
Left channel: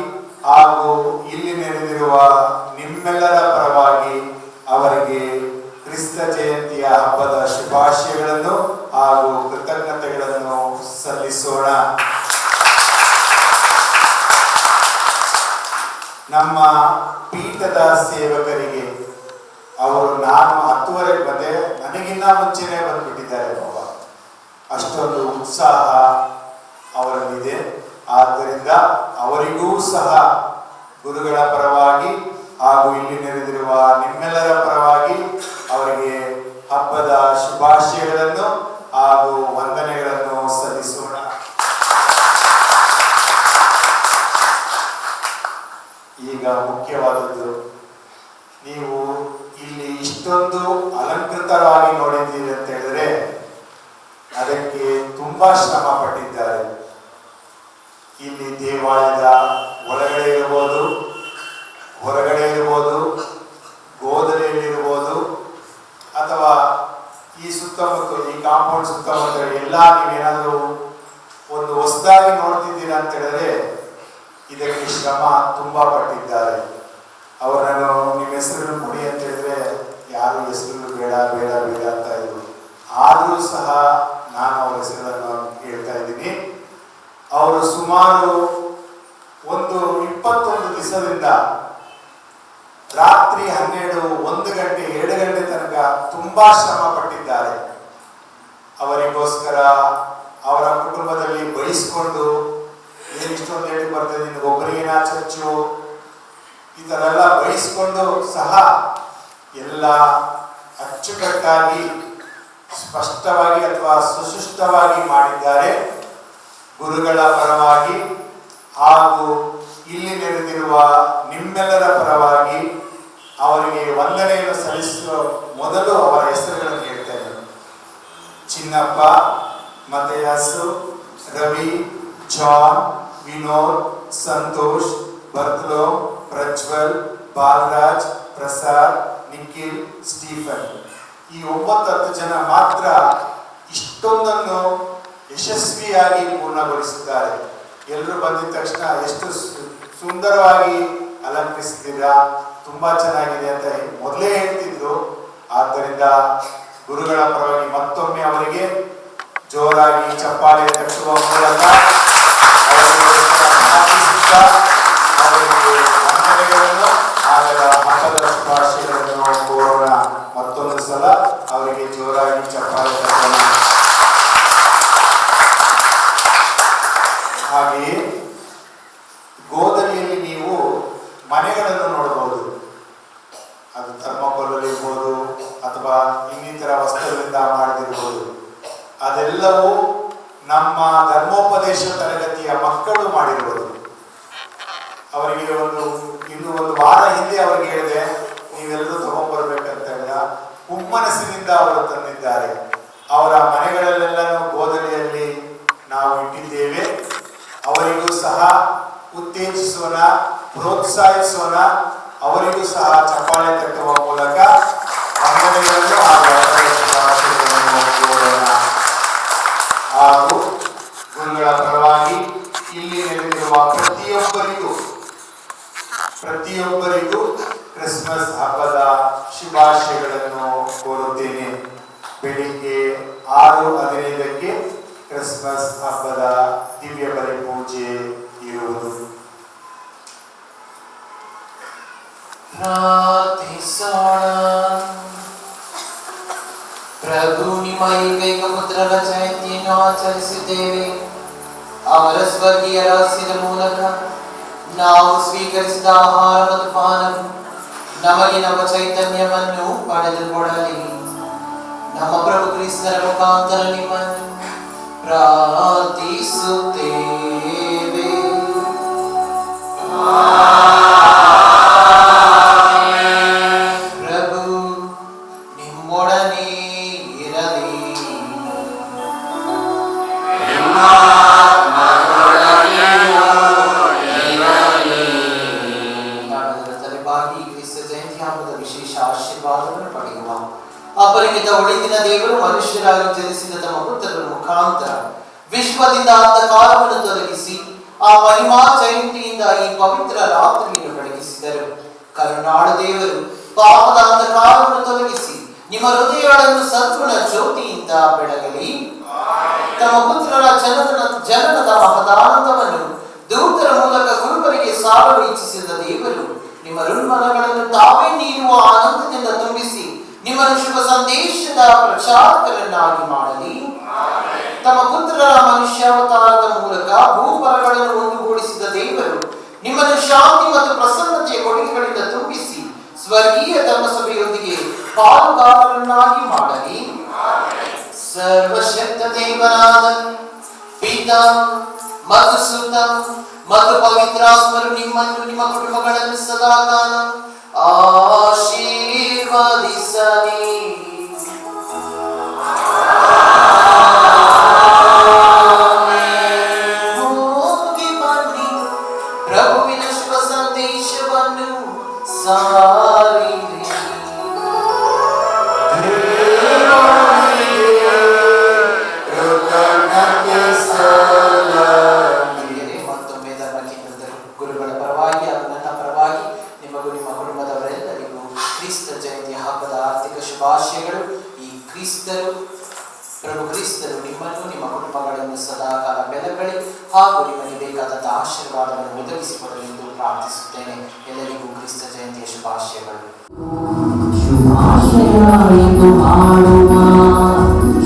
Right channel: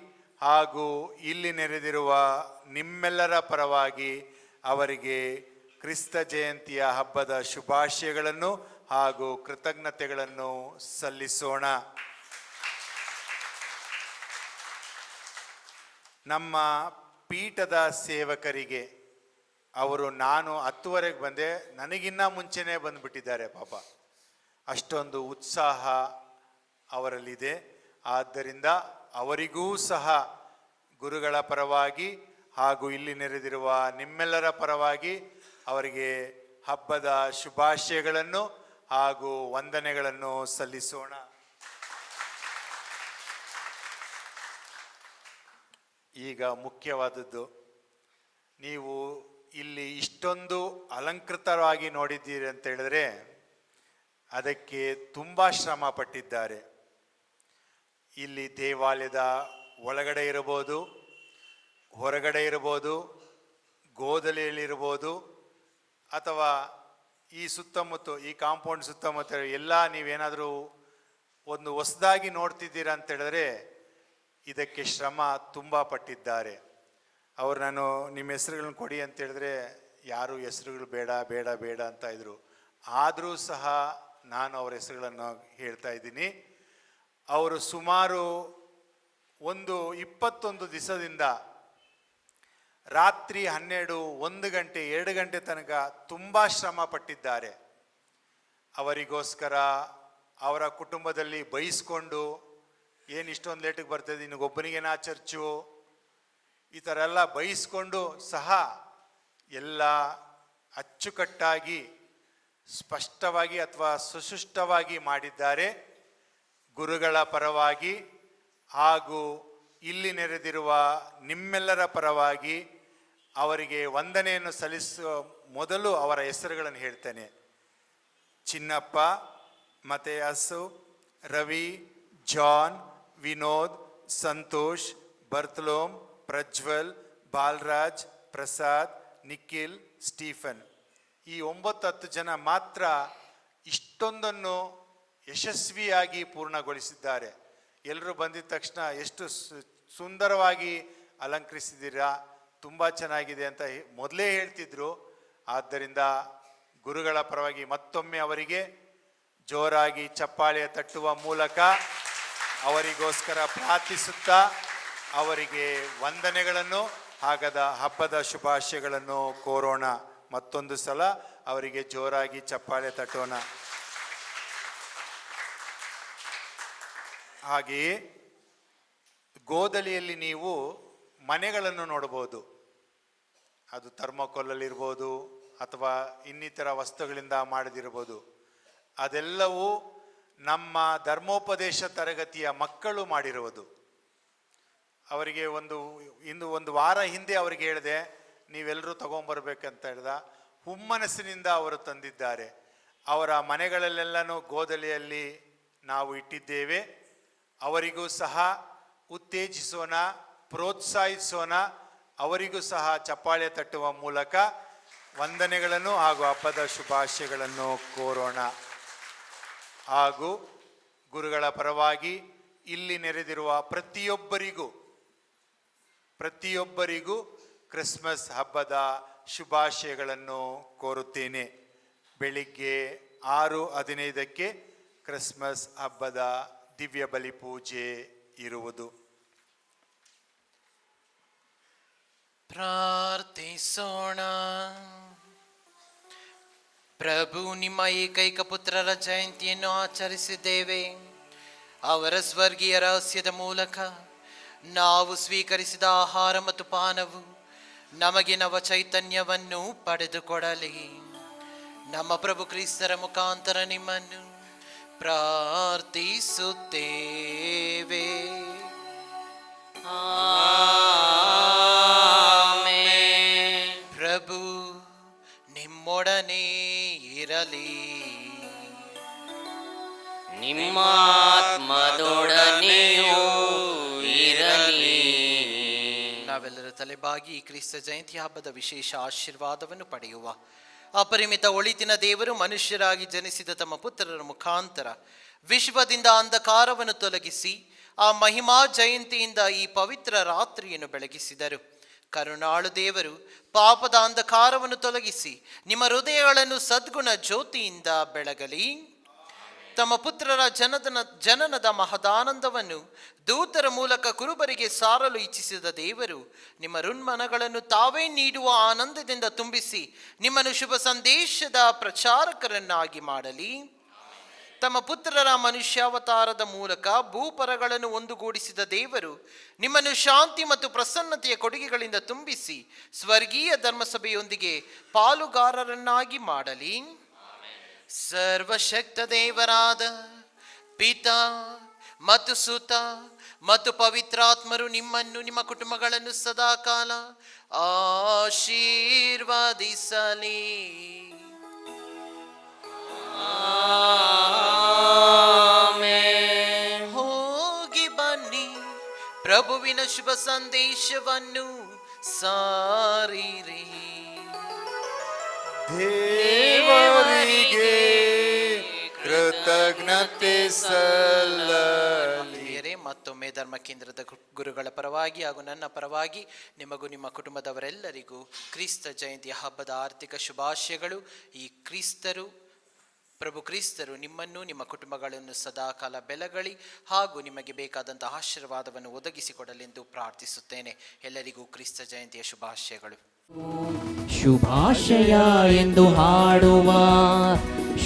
ಹಾಗೂ ಇಲ್ಲಿ ನೆರೆದಿರುವ ನಿಮ್ಮೆಲ್ಲರ ಪರವಾಗಿ ಅವರಿಗೆ ಕ್ರಿಸ್ತ ಜಯಂತಿಯ ಹಬ್ಬದ ಶುಭಾಶಯಗಳನ್ನು ಹಾಗೂ ಕೃತಜ್ಞತೆಗಳನ್ನು ಸಲ್ಲಿಸೋಣ. ನಮ್ಮ ಪೀಠದ ಸೇವಕರಿಗೆ ಅವರು ನಾನು 10:30 ಬಂದೆ, ನನಗಿನ್ನ ಮುಂಚೆನೆ ಬಂದ್ಬಿಟ್ಟಿದ್ದಾರೆ ಬಾಬಾ. ಅಷ್ಟೊಂದು ಉತ್ಸಾಹ ಅವರಲ್ಲಿದೆ. ಆದ್ದರಿಂದ ಅವರಿಗೂ ಸಹ ಗುರುಗಳ ಪರವಾಗಿ ಹಾಗೂ ಇಲ್ಲಿ ನೆರೆದಿರುವ ನಿಮ್ಮೆಲ್ಲರ ಪರವಾಗಿ ಅವರಿಗೆ ಹಬ್ಬದ ಶುಭಾಶಯಗಳನ್ನು ಹಾಗೂ ವಂದನೆಗಳನ್ನು ಸಲ್ಲಿಸೋಣ. ಈಗ ಮುಖ್ಯವಾದದ್ದು, ನೀವು ಇಲ್ಲಿ ಇಷ್ಟೊಂದು ಅಲಂಕೃತವಾಗಿ ನೋಡಿದ್ದೀರಿ ಅಂತ ಹೇಳಿದ್ರೆ ಅದಕ್ಕೆ ತುಂಬಾ ಶ್ರಮ ಪಟ್ಟಿದ್ದಾರೆ. ಇಲ್ಲಿ ದೇವಾಲಯದ ಒಳಗಡೆ ಇರಬಹುದು, ಹೊರಗಡೆ ಇರಬಹುದು, ಗೋದಲಿಯಲ್ಲಿರ್ಬೋದು ಅಥವಾ ಈ ಸುತ್ತಮುತ್ತ ಈ ಕಾಂಪೌಂಡ್ ಸುತ್ತಮುತ್ತ ಎಲ್ಲ ನೀವೇನಾದರೂ ಒಂದು ಹೊಸದಾಗಿ ನೋಡ್ತಿದ್ದೀರಾ ಅಂತ ಹೇಳಿದ್ರೆ ಇದಕ್ಕೆ ಶ್ರಮ ತುಂಬಾ ಪಟ್ಟಿದ್ದಾರೆ. ಅವರನ್ನು ನಿಮ್ಮ ಹೆಸರನ್ನು ಕೊಡಿ ಅಂತ ಹೇಳಿದ್ರೆ ಯಾರು ಹೆಸರನ್ನು ಬೇಡ ಬೇಡ ಬೇಡ ಅಂತ ಇದ್ರು. ಆದರೂ ಸಹ ನಾನು ಅವರ ಹೆಸರನ್ನು ಹೇಳ್ತಾ ಇದ್ದೀನಿ. ಅವರು ಸುಮಾರು ಒಂದು 21 ದಿವಸದಿಂದ ರಾತ್ರಿ 12, 1 ಗಂಟೆ, 2 ಗಂಟೆ ತನಕ ತುಂಬಾ ಶ್ರಮ ಪಟ್ಟಿದ್ದಾರೆ. ಅವರಿಗೋಸ್ಕರ ಅವರ ಕುಟುಂಬದಲ್ಲಿ ಬಯಸ್ಕೊಂಡು ಏನು ಇಷ್ಟೊಂದು ಹೇಳಿ ಬರ್ತದೆ, ಒಬ್ಬರಿಗೇನ ಚರ್ಚು ಈ ತರ ಎಲ್ಲ ಬಯಸ್ಕೊಂಡು ಸಹ ಎಲ್ಲ ಅಚ್ಚುಕಟ್ಟಾಗಿ ಸ್ಪಷ್ಟವಾಗಿ ಅಥವಾ ಸುಶಿಷ್ಟವಾಗಿ ಮಾಡಿದ್ದಾರೆ. ಗುರುಗಳ ಪರವಾಗಿ ಹಾಗೂ ಇಲ್ಲಿ ನೆರೆದಿರುವ ನಿಮ್ಮೆಲ್ಲರ ಪರವಾಗಿ ಅವರಿಗೆ ವಂದನೆಯನ್ನು ಸಲ್ಲಿಸುವ ಮೊದಲು ಅವರ ಹೆಸರುಗಳನ್ನು ಹೇಳ್ತೇನೆ. Chinnappa, Mathayasu, Ravi, John, Vinod, Santosh, Barthlo, Prajwal, Balraj, Prasad, Nikhil, Stephen. ಈ 9-10 ಜನ ಮಾತ್ರ ಇಷ್ಟೊಂದನ್ನು ಯಶಸ್ವಿಯಾಗಿ ಪೂರ್ಣಗೊಳಿಸಿದ್ದಾರೆ. ಎಲ್ಲರೂ ಬಂದಿದ ತಕ್ಷಣ ಎಷ್ಟು ಸುಂದರವಾಗಿ ಅಲಂಕರಿಸಿದ್ದೀರಾ, ತುಂಬಾ ಚೆನ್ನಾಗಿದೆ ಅಂತ ಮೊದಲೇ ಹೇಳ್ತಿದ್ರು. ಆದ್ದರಿಂದ ಗುರುಗಳ ಪರವಾಗಿ ಮತ್ತೊಮ್ಮೆ ಅವರಿಗೆ ಜೋರಾಗಿ ಚಪ್ಪಾಳೆ ತಟ್ಟುವ ಮೂಲಕ ಅವರಿಗೆ ವಂದನೆಗಳನ್ನು ಆಗದ ಹಬ್ಬದ ಶುಭಾಶಯಗಳನ್ನು ಕೋರೋಣ. ಮತ್ತೊಂದು ಸಲ ಅವರಿಗೆ ಜೋರಾಗಿ ಚಪ್ಪಾಳೆ ತಟ್ಟೋಣ. ಹಾಗೆಯೇ ಗೋದಲಿಯಲ್ಲಿ ನೀವು ಮನೆಗಳನ್ನು ನೋಡಬಹುದು. ಅದು ಥರ್ಮೋಕೋಲ್ ಇರ್ಬೋದು ಅಥವಾ ಇನ್ನಿತರ ವಸ್ತುಗಳಿಂದ ಮಾಡಿದಿರ್ಬೋದು. ಅದೆಲ್ಲವೂ ನಮ್ಮ ಧರ್ಮೋಪದೇಶ ತರಗತಿಯ ಮಕ್ಕಳು ಮಾಡಿರ್ಬೋದು. ಅವರಿಗೆ ಇನ್ನು ಒಂದು ವಾರ ಹಿಂದೆ ಅವರಿಗೆ ಹೇಳಿದೆ, ನೀವೆಲ್ಲರೂ ತಗೊಂಡ್ಬರ್ಬೇಕಂತೆಲ್ಲ ಹುಮ್ಮನಸ್ಸಿನಿಂದ ಅವರು ತಂದಿದ್ದಾರೆ. ಅವರ ಮನೆಗಳಲ್ಲೆಲ್ಲನೂ ಗೋದಲಿಯಲ್ಲಿ ನಾವು ಇಟ್ಟಿದ್ದೇವೆ. ಅವರಿಗೂ ಸಹ ಉತ್ತೇಜಿಸೋಣ, ಪ್ರೋತ್ಸಾಹಿಸೋಣ. ಅವರಿಗೂ ಸಹ ಚಪ್ಪಾಳೆ ತಟ್ಟುವ ಮೂಲಕ ವಂದನೆಗಳನ್ನು ಹಾಗೂ ಗುರುಗಳ ಪರವಾಗಿ ಇಲ್ಲಿ ನೆರೆದಿರುವ ಪ್ರತಿಯೊಬ್ಬರಿಗೂ ಕ್ರಿಸ್ಮಸ್ ಹಬ್ಬದ ಶುಭಾಶಯಗಳನ್ನು ಕೋರುತ್ತೇನೆ. ಬೆಳಿಗ್ಗೆ 6:15 ಆಚರಿಸಿದ್ದೇವೆ. ಅವರ ಸ್ವರ್ಗೀಯ ರಹಸ್ಯದ ಮೂಲಕ ನಾವು ಸ್ವೀಕರಿಸಿದ ಆಹಾರ ಮತ್ತು ಪಾನವು ನಮಗೆ ನಮ್ಮ ಚೈತನ್ಯವನ್ನು ಪಡೆದುಕೊಡಲಿ. ನಮ್ಮ ಪ್ರಭು ಕ್ರಿಸ್ತರ ಮುಖಾಂತರ ನಿಮ್ಮನ್ನು ಪ್ರಾರ್ಥಿಸುತ್ತೇವೆ. ಪ್ರಭು ನಿಮ್ಮೊಡನೆ ಇರಲಿ. ತಲೆಬಾಗಿ ಕ್ರಿಸ್ತ ಜಯಂತಿ ಹಬ್ಬದ ವಿಶೇಷ ಆಶೀರ್ವಾದವನ್ನು ಪಡೆಯುವ ಅಪರಿಮಿತ ಒಳಿತಿನ ದೇವರು ಮನುಷ್ಯರಾಗಿ ಜನಿಸಿದ ತಮ್ಮ ಪುತ್ರರ ಮುಖಾಂತರ ವಿಶ್ವದಿಂದ ಅಂಧಕಾರವನ್ನು ತೊಲಗಿಸಿ ಆ ಮಹಿಮಾ ಜಯಂತಿಯಿಂದ ಈ ಪವಿತ್ರ ರಾತ್ರಿಯನ್ನು ಬೆಳಗಿಸಿದರು. ಕರುಣಾಳ ದೇವರು ಪಾಪದ ಅಂಧಕಾರವನ್ನು ತೊಲಗಿಸಿ ನಿಮ್ಮ ಹೃದಯಗಳನ್ನು ಸದ್ಗುಣ ಜ್ಯೋತಿಯಿಂದ ಬೆಳಗಲಿ. ತಮ್ಮ ಪುತ್ರರ ಜನನದ ಮಹದಾನಂದವನ್ನು ದೂತರ ಮೂಲಕ ಕುರುಬರಿಗೆ ಸಾರಲು ಇಚ್ಛಿಸಿದ ದೇವರು ನಿಮ್ಮ ಋಣ್ಮನಗಳನ್ನು ತಾವೇ ನೀಡುವ ಆನಂದದಿಂದ ತುಂಬಿಸಿ ನಿಮ್ಮನ್ನು ಶುಭ ಸಂದೇಶದ ಪ್ರಚಾರಕರನ್ನಾಗಿ ಮಾಡಲಿ. ತಮ್ಮ ಪುತ್ರರ ಮನುಷ್ಯಾವತಾರದ ಮೂಲಕ ಭೂಪರಗಳನ್ನು ಒಂದುಗೂಡಿಸಿದ ದೇವರು ನಿಮ್ಮನ್ನು ಶಾಂತಿ ಮತ್ತು ಪ್ರಸನ್ನತೆಯ ಕೊಡುಗೆಗಳಿಂದ ತುಂಬಿಸಿ ಸ್ವರ್ಗೀಯ ಧರ್ಮಸಭೆಯೊಂದಿಗೆ ಪಾಲುಗಾರರನ್ನಾಗಿ ಮಾಡಲಿ. ಸರ್ವಶಕ್ತ ದೇವರಾದ ಪಿತಾ ಮತ್ತು ಸುತ ಮತ್ತು ಪವಿತ್ರಾತ್ಮರು ನಿಮ್ಮನ್ನು ನಿಮ್ಮ ಕುಟುಂಬಗಳನ್ನು ಸದಾಕಾಲ ಆಶೀರ್ವದಿಸಲಿ. ಹೋಗಿ ಬನ್ನಿ, ಪ್ರಭುವಿನ ಶುಭ ಸಂದೇಶವನ್ನು ಸಾರಿರಿ. ಮತ್ತೊಮ್ಮೆ ಧರ್ಮ ಕೇಂದ್ರದ ಗುರುಗಳ ಪರವಾಗಿ ಹಾಗೂ ನನ್ನ ಪರವಾಗಿ ನಿಮಗೂ ನಿಮ್ಮ ಕುಟುಂಬದವರೆಲ್ಲರಿಗೂ ಕ್ರಿಸ್ತ ಜಯಂತಿಯ ಹಬ್ಬದ ಆರ್ಥಿಕ ಶುಭಾಶಯಗಳು. ಈ ಪ್ರಭು ಕ್ರಿಸ್ತರು ನಿಮ್ಮನ್ನು ನಿಮ್ಮ ಕುಟುಂಬಗಳನ್ನು ಸದಾಕಾಲ ಬೆಳಗಲಿ ಹಾಗೂ ನಿಮಗೆ ಬೇಕಾದ ಆಶೀರ್ವಾದವನ್ನು ಒದಗಿಸಿಕೊಡಲೆಂದು ಪ್ರಾರ್ಥಿಸುತ್ತೇನೆ. ಎಲ್ಲರಿಗೂ ಕ್ರಿಸ್ತ ಜಯಂತಿಯ ಶುಭಾಶಯಗಳು. ಶುಭಾಶಯ ಎಂದು ಹಾಡುವ,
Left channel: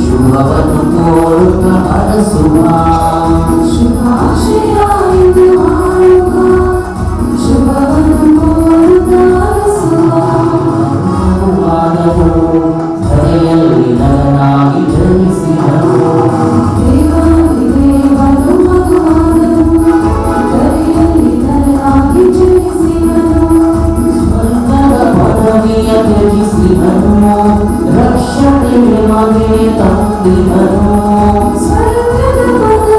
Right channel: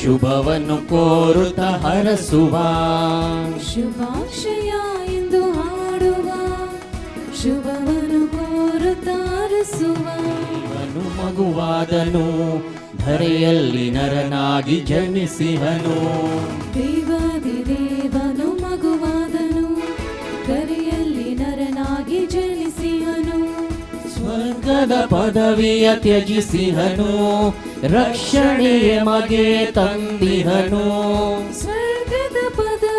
ಶುಭವನ್ನು ಕೋರುತ್ತ ಹರಸುವ. ಶುಭಾಶಯ ಎಂದು ಹಾಡುವ, ಶುಭವನ್ನು ಕೋರುತ್ತ ಹರಸುವ. ವಾದವು ಧರೆಯಲ್ಲಿ ನರನಾಗಿ ಜನ್ಮಿಸಿದನು. ದೇವನು ಮಗುವಾದನು, ಧರೆಯಲ್ಲಿ ನರನಾಗಿ ಜನಿಸಿದನು. ಸ್ವರ್ಗದ ಪದವಿಯ ತ್ಯಜಿಸಿದನು, ರಕ್ಷಣೆ ನಮಗೆ ತಂದಿದನು. ಸ್ವರ್ಗದ ಪದವಿಯ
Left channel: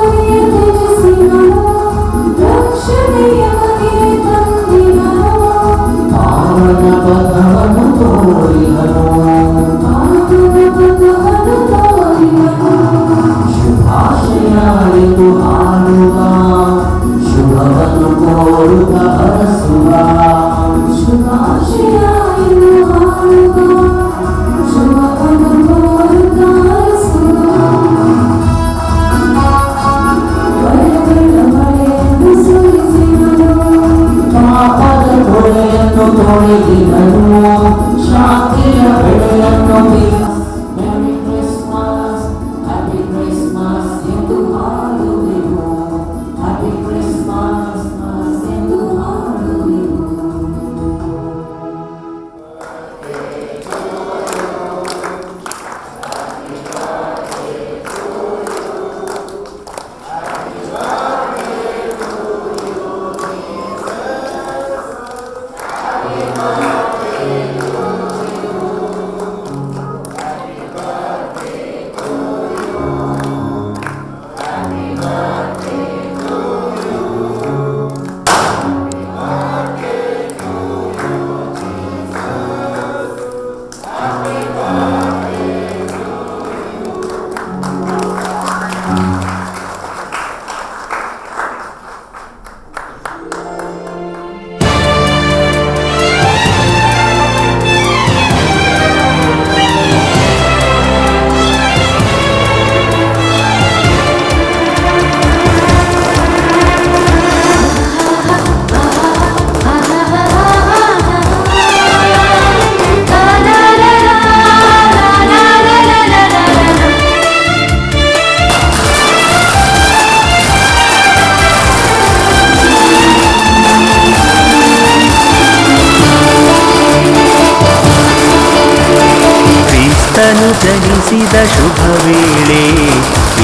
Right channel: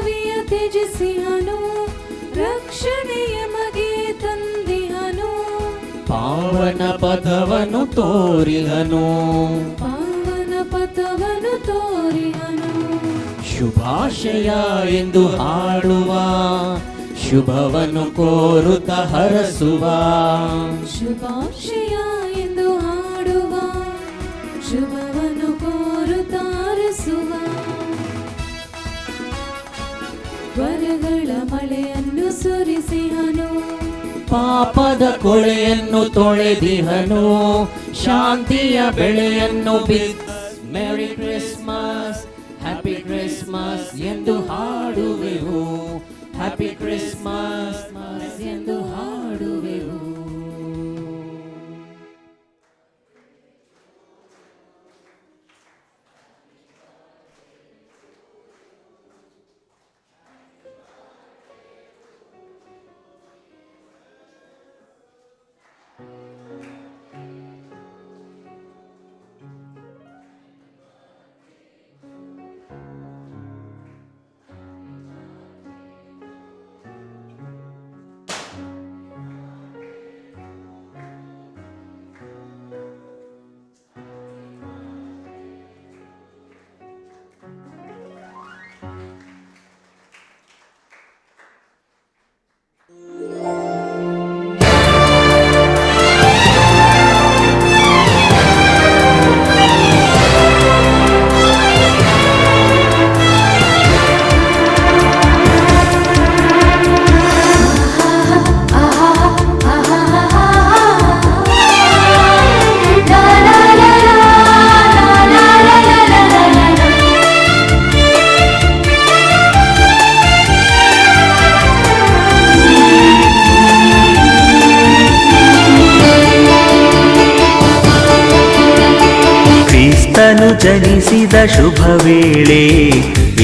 ಜನಿಸಿದ ಶುಭ ವೇಳೆ,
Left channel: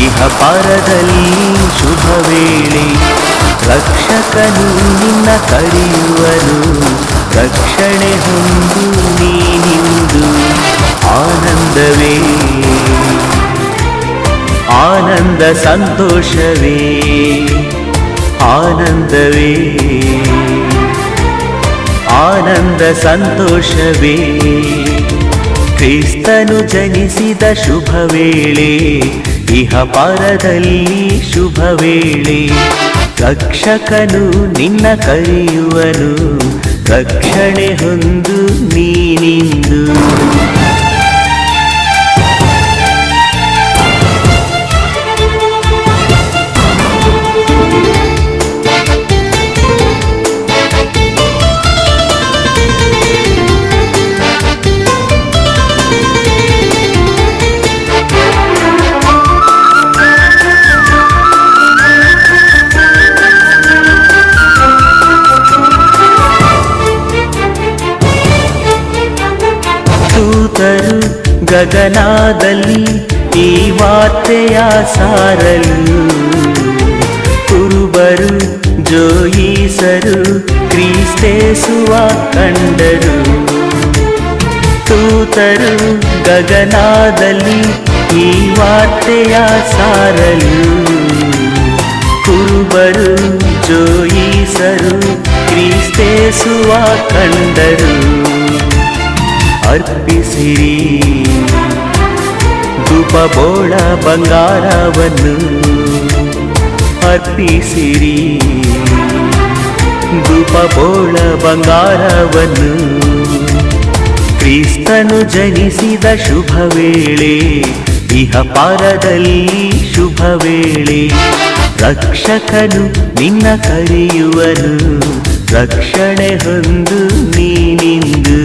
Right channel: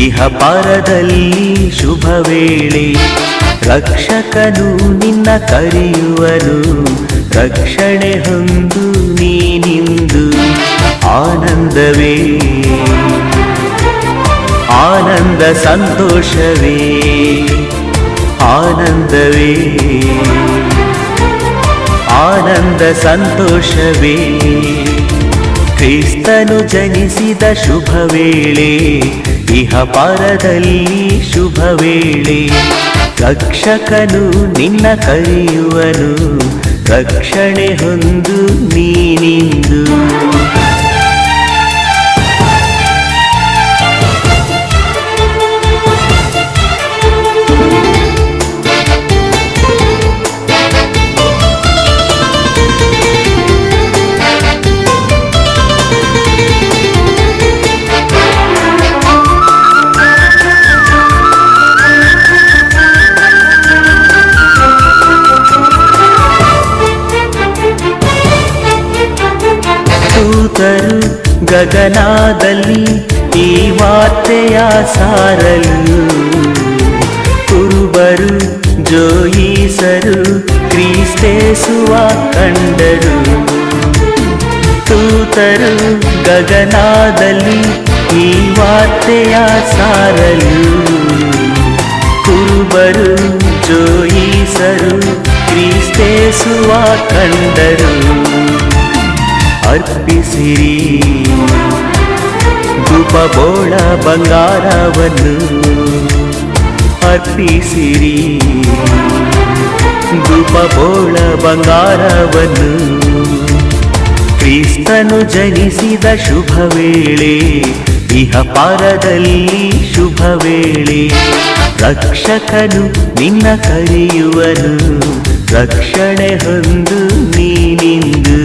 ಇಹ ಪರದಲ್ಲಿ ಶುಭ ವೇಳೆ. ರಕ್ಷಕನು ನಿನ್ನ ಕರೆಯುವನು, ರಕ್ಷಣೆ ಹೊಂದು ನೀನಿಂದು. ಆನಂದವೇ ಆನಂದ, ಸಂತೋಷವೇ ಆನಂದವೇ ಆನಂದ, ಸಂತೋಷವೇ. ಕ್ರಿಸ್ತನು ಜನಿಸಿದ ಶುಭ ವೇಳೆ, ಇಹ ಪರದಲ್ಲಿ ಶುಭ ವೇಳೆ. ರಕ್ಷಕನು ನಿನ್ನ ಕರೆಯುವನು, ರಕ್ಷಣೆ ಹೊಂದು ನೀನಿಂದು. ದೂತರು ಗಗನದಲ್ಲಿ ಈ ವಾರ್ತೆಯ ಸಾರಲು, ಕುರುಬರು ಜೋಯಿಸರು ಕ್ರಿಸ್ತೇಸುವ ಕಂಡರು. ದೂತರು ಗಗನದಲ್ಲಿ ಈ ವಾರ್ತೆಯ ಸಾರಲು, ಕುರುಬರು ಜೋಯಿಸರು ಕ್ರಿಸ್ತೇಸುವ ಕಂಡರು. ಅರ್ಪಿಸಿರಿ ಧೂಪ ಬೋಳ ಬಂಗಾರವನ್ನು, ಅರ್ಪಿಸಿರಿ ಧೂಪ ಬೋಳ ಬಂಗಾರವನ್ನು. ಕ್ರಿಸ್ತನು ಜನಿಸಿದ ಶುಭ ವೇಳೆ, ಇಹ ಪರದಲ್ಲಿ ಶುಭ ವೇಳೆ. ರಕ್ಷಕನು ನಿನ್ನ ಕರೆಯುವನು, ರಕ್ಷಣೆ ಹೊಂದು ನೀನಿಂದು.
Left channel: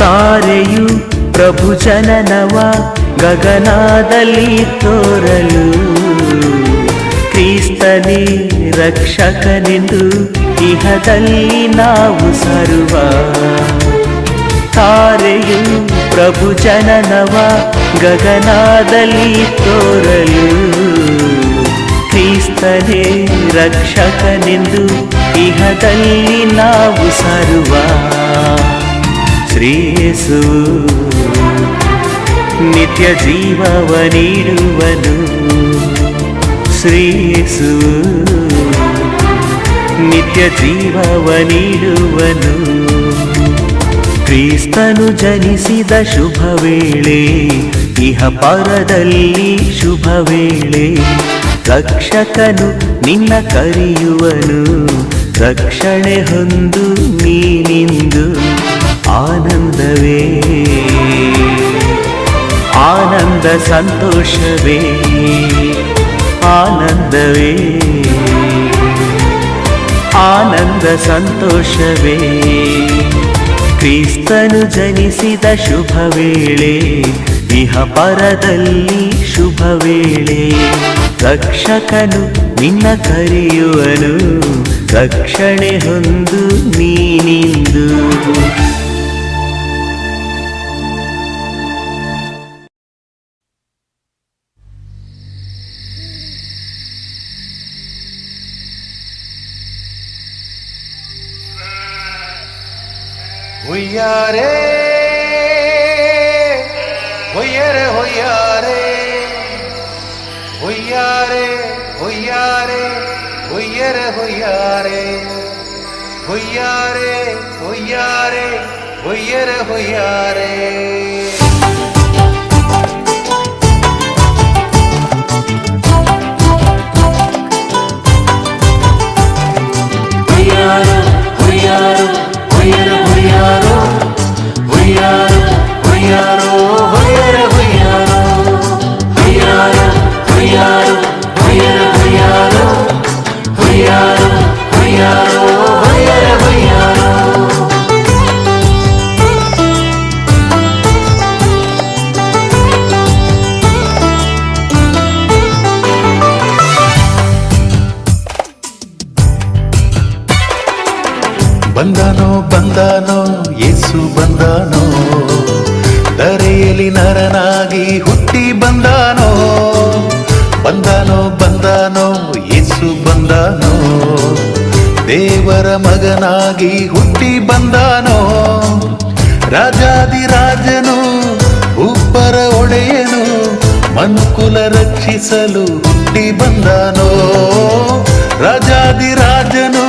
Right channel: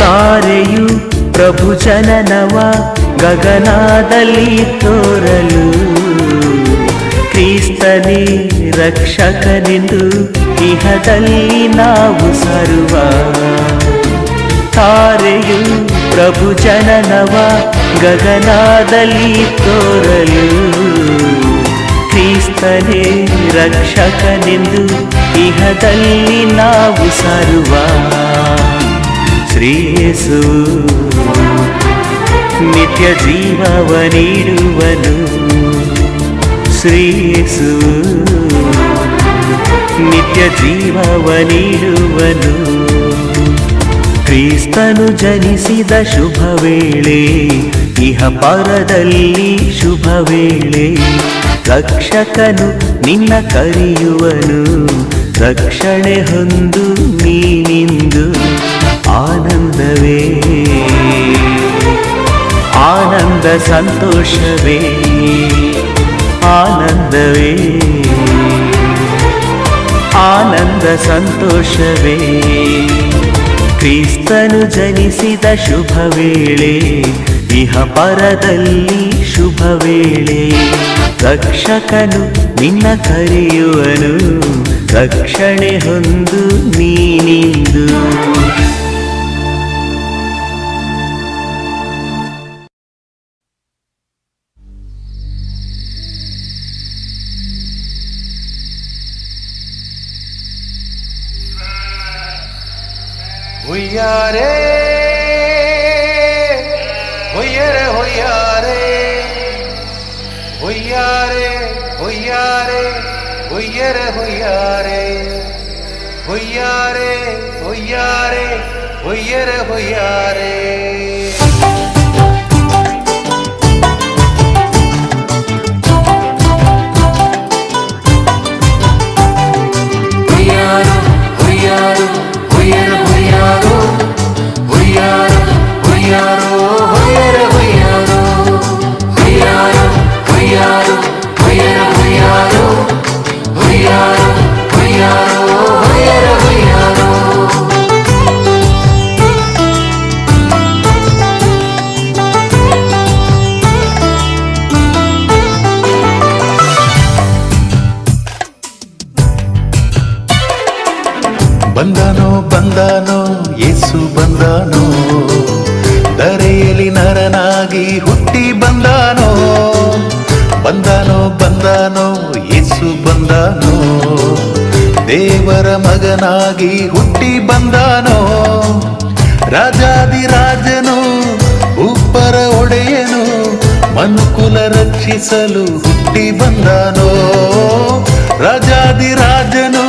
ತಾರೆಯು ಪ್ರಭು ಜನನವ ಗಗನದಲ್ಲಿ ತೋರಲು, ಕ್ರಿಸ್ತನೇ ರಕ್ಷಕನೆಂದು ಇಹದಲ್ಲಿ ನಾವು ಸಾರುವ. ತಾರೆಯು ಪ್ರಭು ಜನನವ ಗಗನದಲ್ಲಿ ತೋರಲು, ಕ್ರಿಸ್ತನೇ ರಕ್ಷಕನೆಂದು ಇಹದಲ್ಲಿ ನಾವು ಸಾರುವ. ಶ್ರೀಯೇಸು ನಿತ್ಯ ಜೀವವ ನೀಡುವನು, ಶ್ರೀಯೇಸು ನಿತ್ಯ ಜೀವವ ನೀಡುವನು. ಕ್ರಿಸ್ತನು ಜನಿಸಿದ ಶುಭ ವೇಳೆ, ಇಹ ಪರದಲ್ಲಿ ಶುಭ ವೇಳೆ. ರಕ್ಷಕನು ನಿನ್ನ ಕರೆಯುವನು, ರಕ್ಷಣೆ ಹೊಂದು ನೀನಿಂದು. ಆನಂದವೇ ಆನಂದ, ಸಂತೋಷವೇ ಆನಂದವೇ ಆನಂದ, ಸಂತೋಷವೇ. ಕ್ರಿಸ್ತನು ಜನಿಸಿದ ಶುಭ ವೇಳೆ, ಇಹ ಪರದಲ್ಲಿ ಶುಭ ವೇಳೆ. ರಕ್ಷಕನು ನಿನ್ನ ಕರೆಯುವನು, ರಕ್ಷಣೆ ಹೊಂದು ನೀನಿಂದು. ಹೊಯ್ಯಾರೆ ಹೊಯ್ಯರೆ ಹೊಯ್ಯಾರೆ ಹೊಯ್ಯಾರೆ ಹೊಯ್ಯಾರೆ ಹೊಯ್ಯರೆ ಹೊಯ್ಯಾರೆ ಹೊಯ್ಯಾರೆ ಹೊಯ್ಯಾರೆ ಹೊಯ್ಯರೆ ಹೊಯ್ಯಾರೆ. ಹೊಯ್ಯಾರು ಹೊಯ್ಯಾರು ಹೊಯ್ಯರೆ ಬಂದನೋ ಬಂದನೋ ಯೇಸು ಬಂದನೋ, ಧರೆಯಲ್ಲಿ ನರನಾಗಿ ಹುಟ್ಟಿ ಬಂದನೋ. ಬಂದನೋ ಬಂದನೋ ಯೇಸು ಬಂದನೋ, ದೇವರ ಮಗನಾಗಿ ಹುಟ್ಟಿ ಬಂದನೋ. ರಾಜಾದಿರಾಜನು ಉಪ್ಪರ ಒಡೆಯನು, ಮನುಕುಲ ರಕ್ಷಿಸಲು ಹುಟ್ಟಿ ಬಂದನೋ. ರಾಜಾದಿರಾಜನು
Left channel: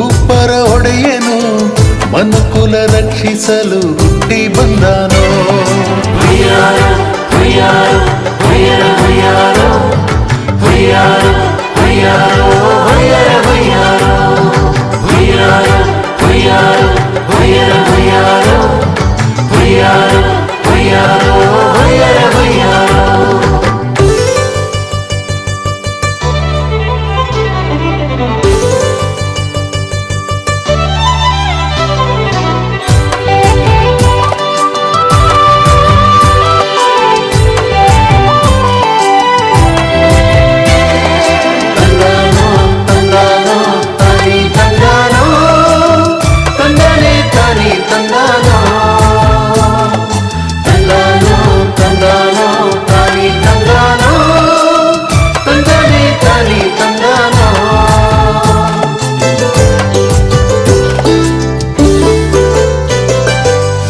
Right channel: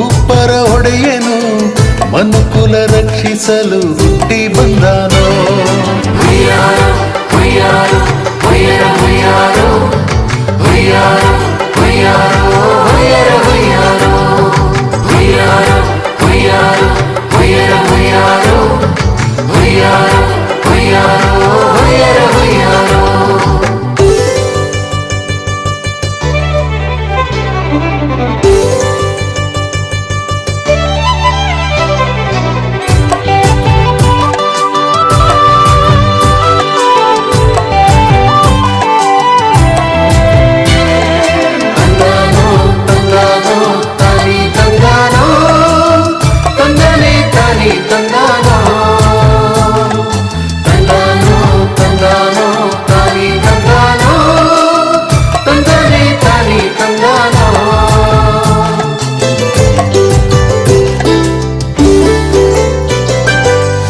ಉಪ್ಪರ ಒಡೆಯನು, ಮನುಕುಲ ರಕ್ಷಿಸಲು ಹುಟ್ಟಿ ಬಂದನೋ. ಹುಯ್ಯಾರೋ ಹುಯ್ಯಾರೋ ಹುಯ್ಯರ ಹುಯ್ಯಾರೋ, ಹುಯ್ಯಾರೋ ಹುಯ್ಯಾರೋ ಹುಯ್ಯರ ಹುಯ್ಯಾರೋ, ಹುಯ್ಯಾರೋ ಹುಯ್ಯಾರೋ ಹುಯ್ಯರ ಹುಯ್ಯಾರೋ, ಹುಯ್ಯಾರೋ ಹುಯ್ಯಾರೋ ಹುಯ್ಯರ ಹುಯ್ಯಾರೋ.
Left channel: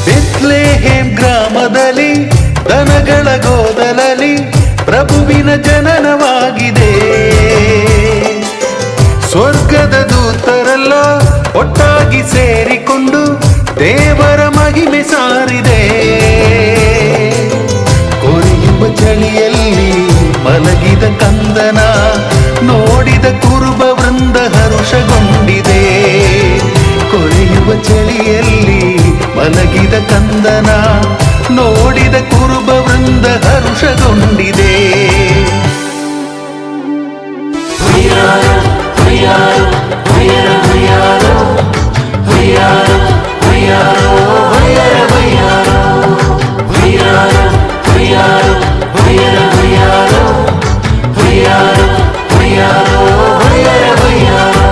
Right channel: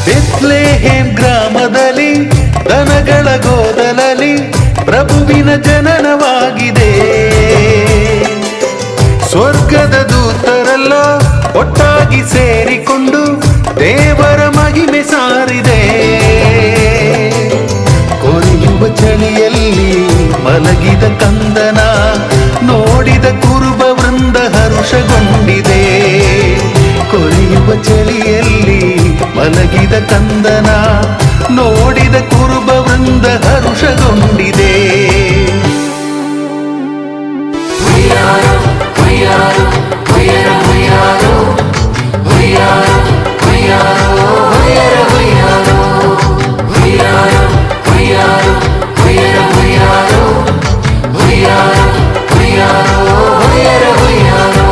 ಬೆತ್ಲೆಹೇಮ್ ಗ್ರಾಮದಲ್ಲಿ ದನಗಳ ಗೋದಲಲ್ಲಿ ಪ್ರಭುವಿನ ಜನನವಾಗಿದೆ. ಸ್ವರ್ಗದ ದೂತರೆಲ್ಲ ಒಟ್ಟಾಗಿ ಸೇರಿಕೊಂಡು ದೇವರ ಮಹಿಮೆ ಸಾರಿದೆ. ಕೊರೆಯುವ ಚಳಿಯಲ್ಲಿ ಮಲಗಿದ ಕಂದನ ನೋಡಿದ ಕುರುಬ ವೃಂದ ಹರುಷಗೊಂಡಿದೆ. ಕೊರೆಯುವ ಚಳಿಯಲ್ಲಿ ಮಲಗಿದ ಕಂದನ ನೋಡಿದ ಕುರುಬ ವೃಂದ ಹರುಷಗೊಂಡಿದೆ. ಹುಯ್ಯಾರೋ ಹುಯ್ಯಾರೋ ಹುಯ್ಯರ ಹುಯ್ಯಾರೋ, ಹುಯ್ಯಾರೋ ಹುಯ್ಯಾರೋ ಹುಯ್ಯರ ಹುಯ್ಯಾರೋ, ಹುಯ್ಯಾರೋ ಹುಯ್ಯಾರೋ ಹುಯ್ಯರ ಹುಯ್ಯಾರೋ, ಹುಯ್ಯಾರೋ ಹುಯ್ಯಾರೋ ಹುಯ್ಯರ ಹುಯ್ಯಾರೋ.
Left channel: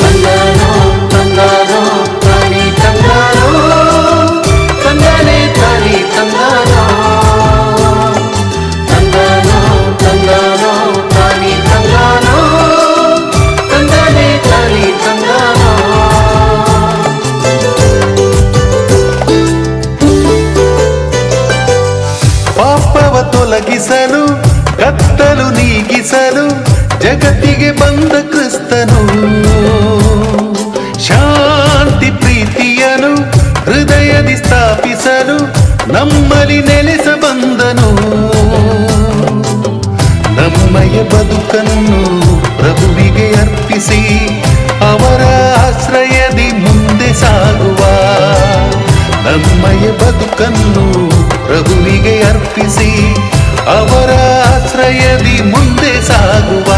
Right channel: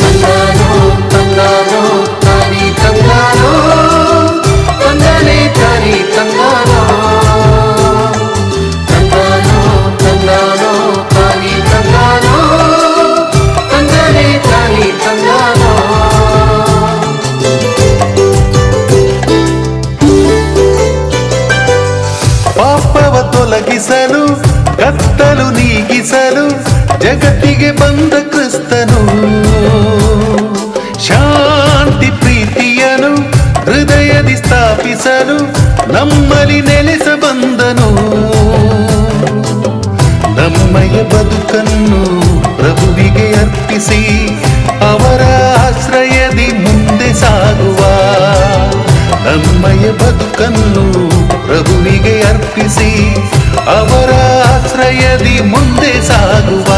ತಂದಾನೋ ತಂದಾನೋ ತಾನಿ ತಂದಾನೋ, ತಂದಾನೆ ತಾನಿ ತಂದಾನೋ, ತಂದಾನೋ ತಂದಾನೋ ತಾನಿ ತಂದಾನೋ, ತಂದಾನೆ ತಾನಿ ತಂದಾನೋ. ಪಾಪವ ತೊಲಗಿಸಲು ಕತ್ತಲು ನೀಗಿಸಲು ಜಗತ್ತಿಗೆ ಬಂದ ಕ್ರಿಸ್ತನು. ಶಾಂತಿ ಪ್ರೀತಿಯನು ಹೃದಯದಿ ಸ್ಥಾಪಿಸಲು ನಮ್ಮಲ್ಲಿ ನೆಲೆಸ ಬಂದನು. ನಮ್ಮಯ ಬದುಕನ್ನು ಪ್ರಭುವಿಗೆ ಅರ್ಪಿಸಿ ಅವರ ಆಶ್ರಯದಿ ಮುಂದೆ ಸಾಗುವ. ನಮ್ಮಯ ಬದುಕನ್ನು ಪ್ರಭುವಿಗೆ ಅರ್ಪಿಸಿ ಅವರ ಆಶ್ರಯದಿ ಮುಂದೆ ಸಾಗುವ.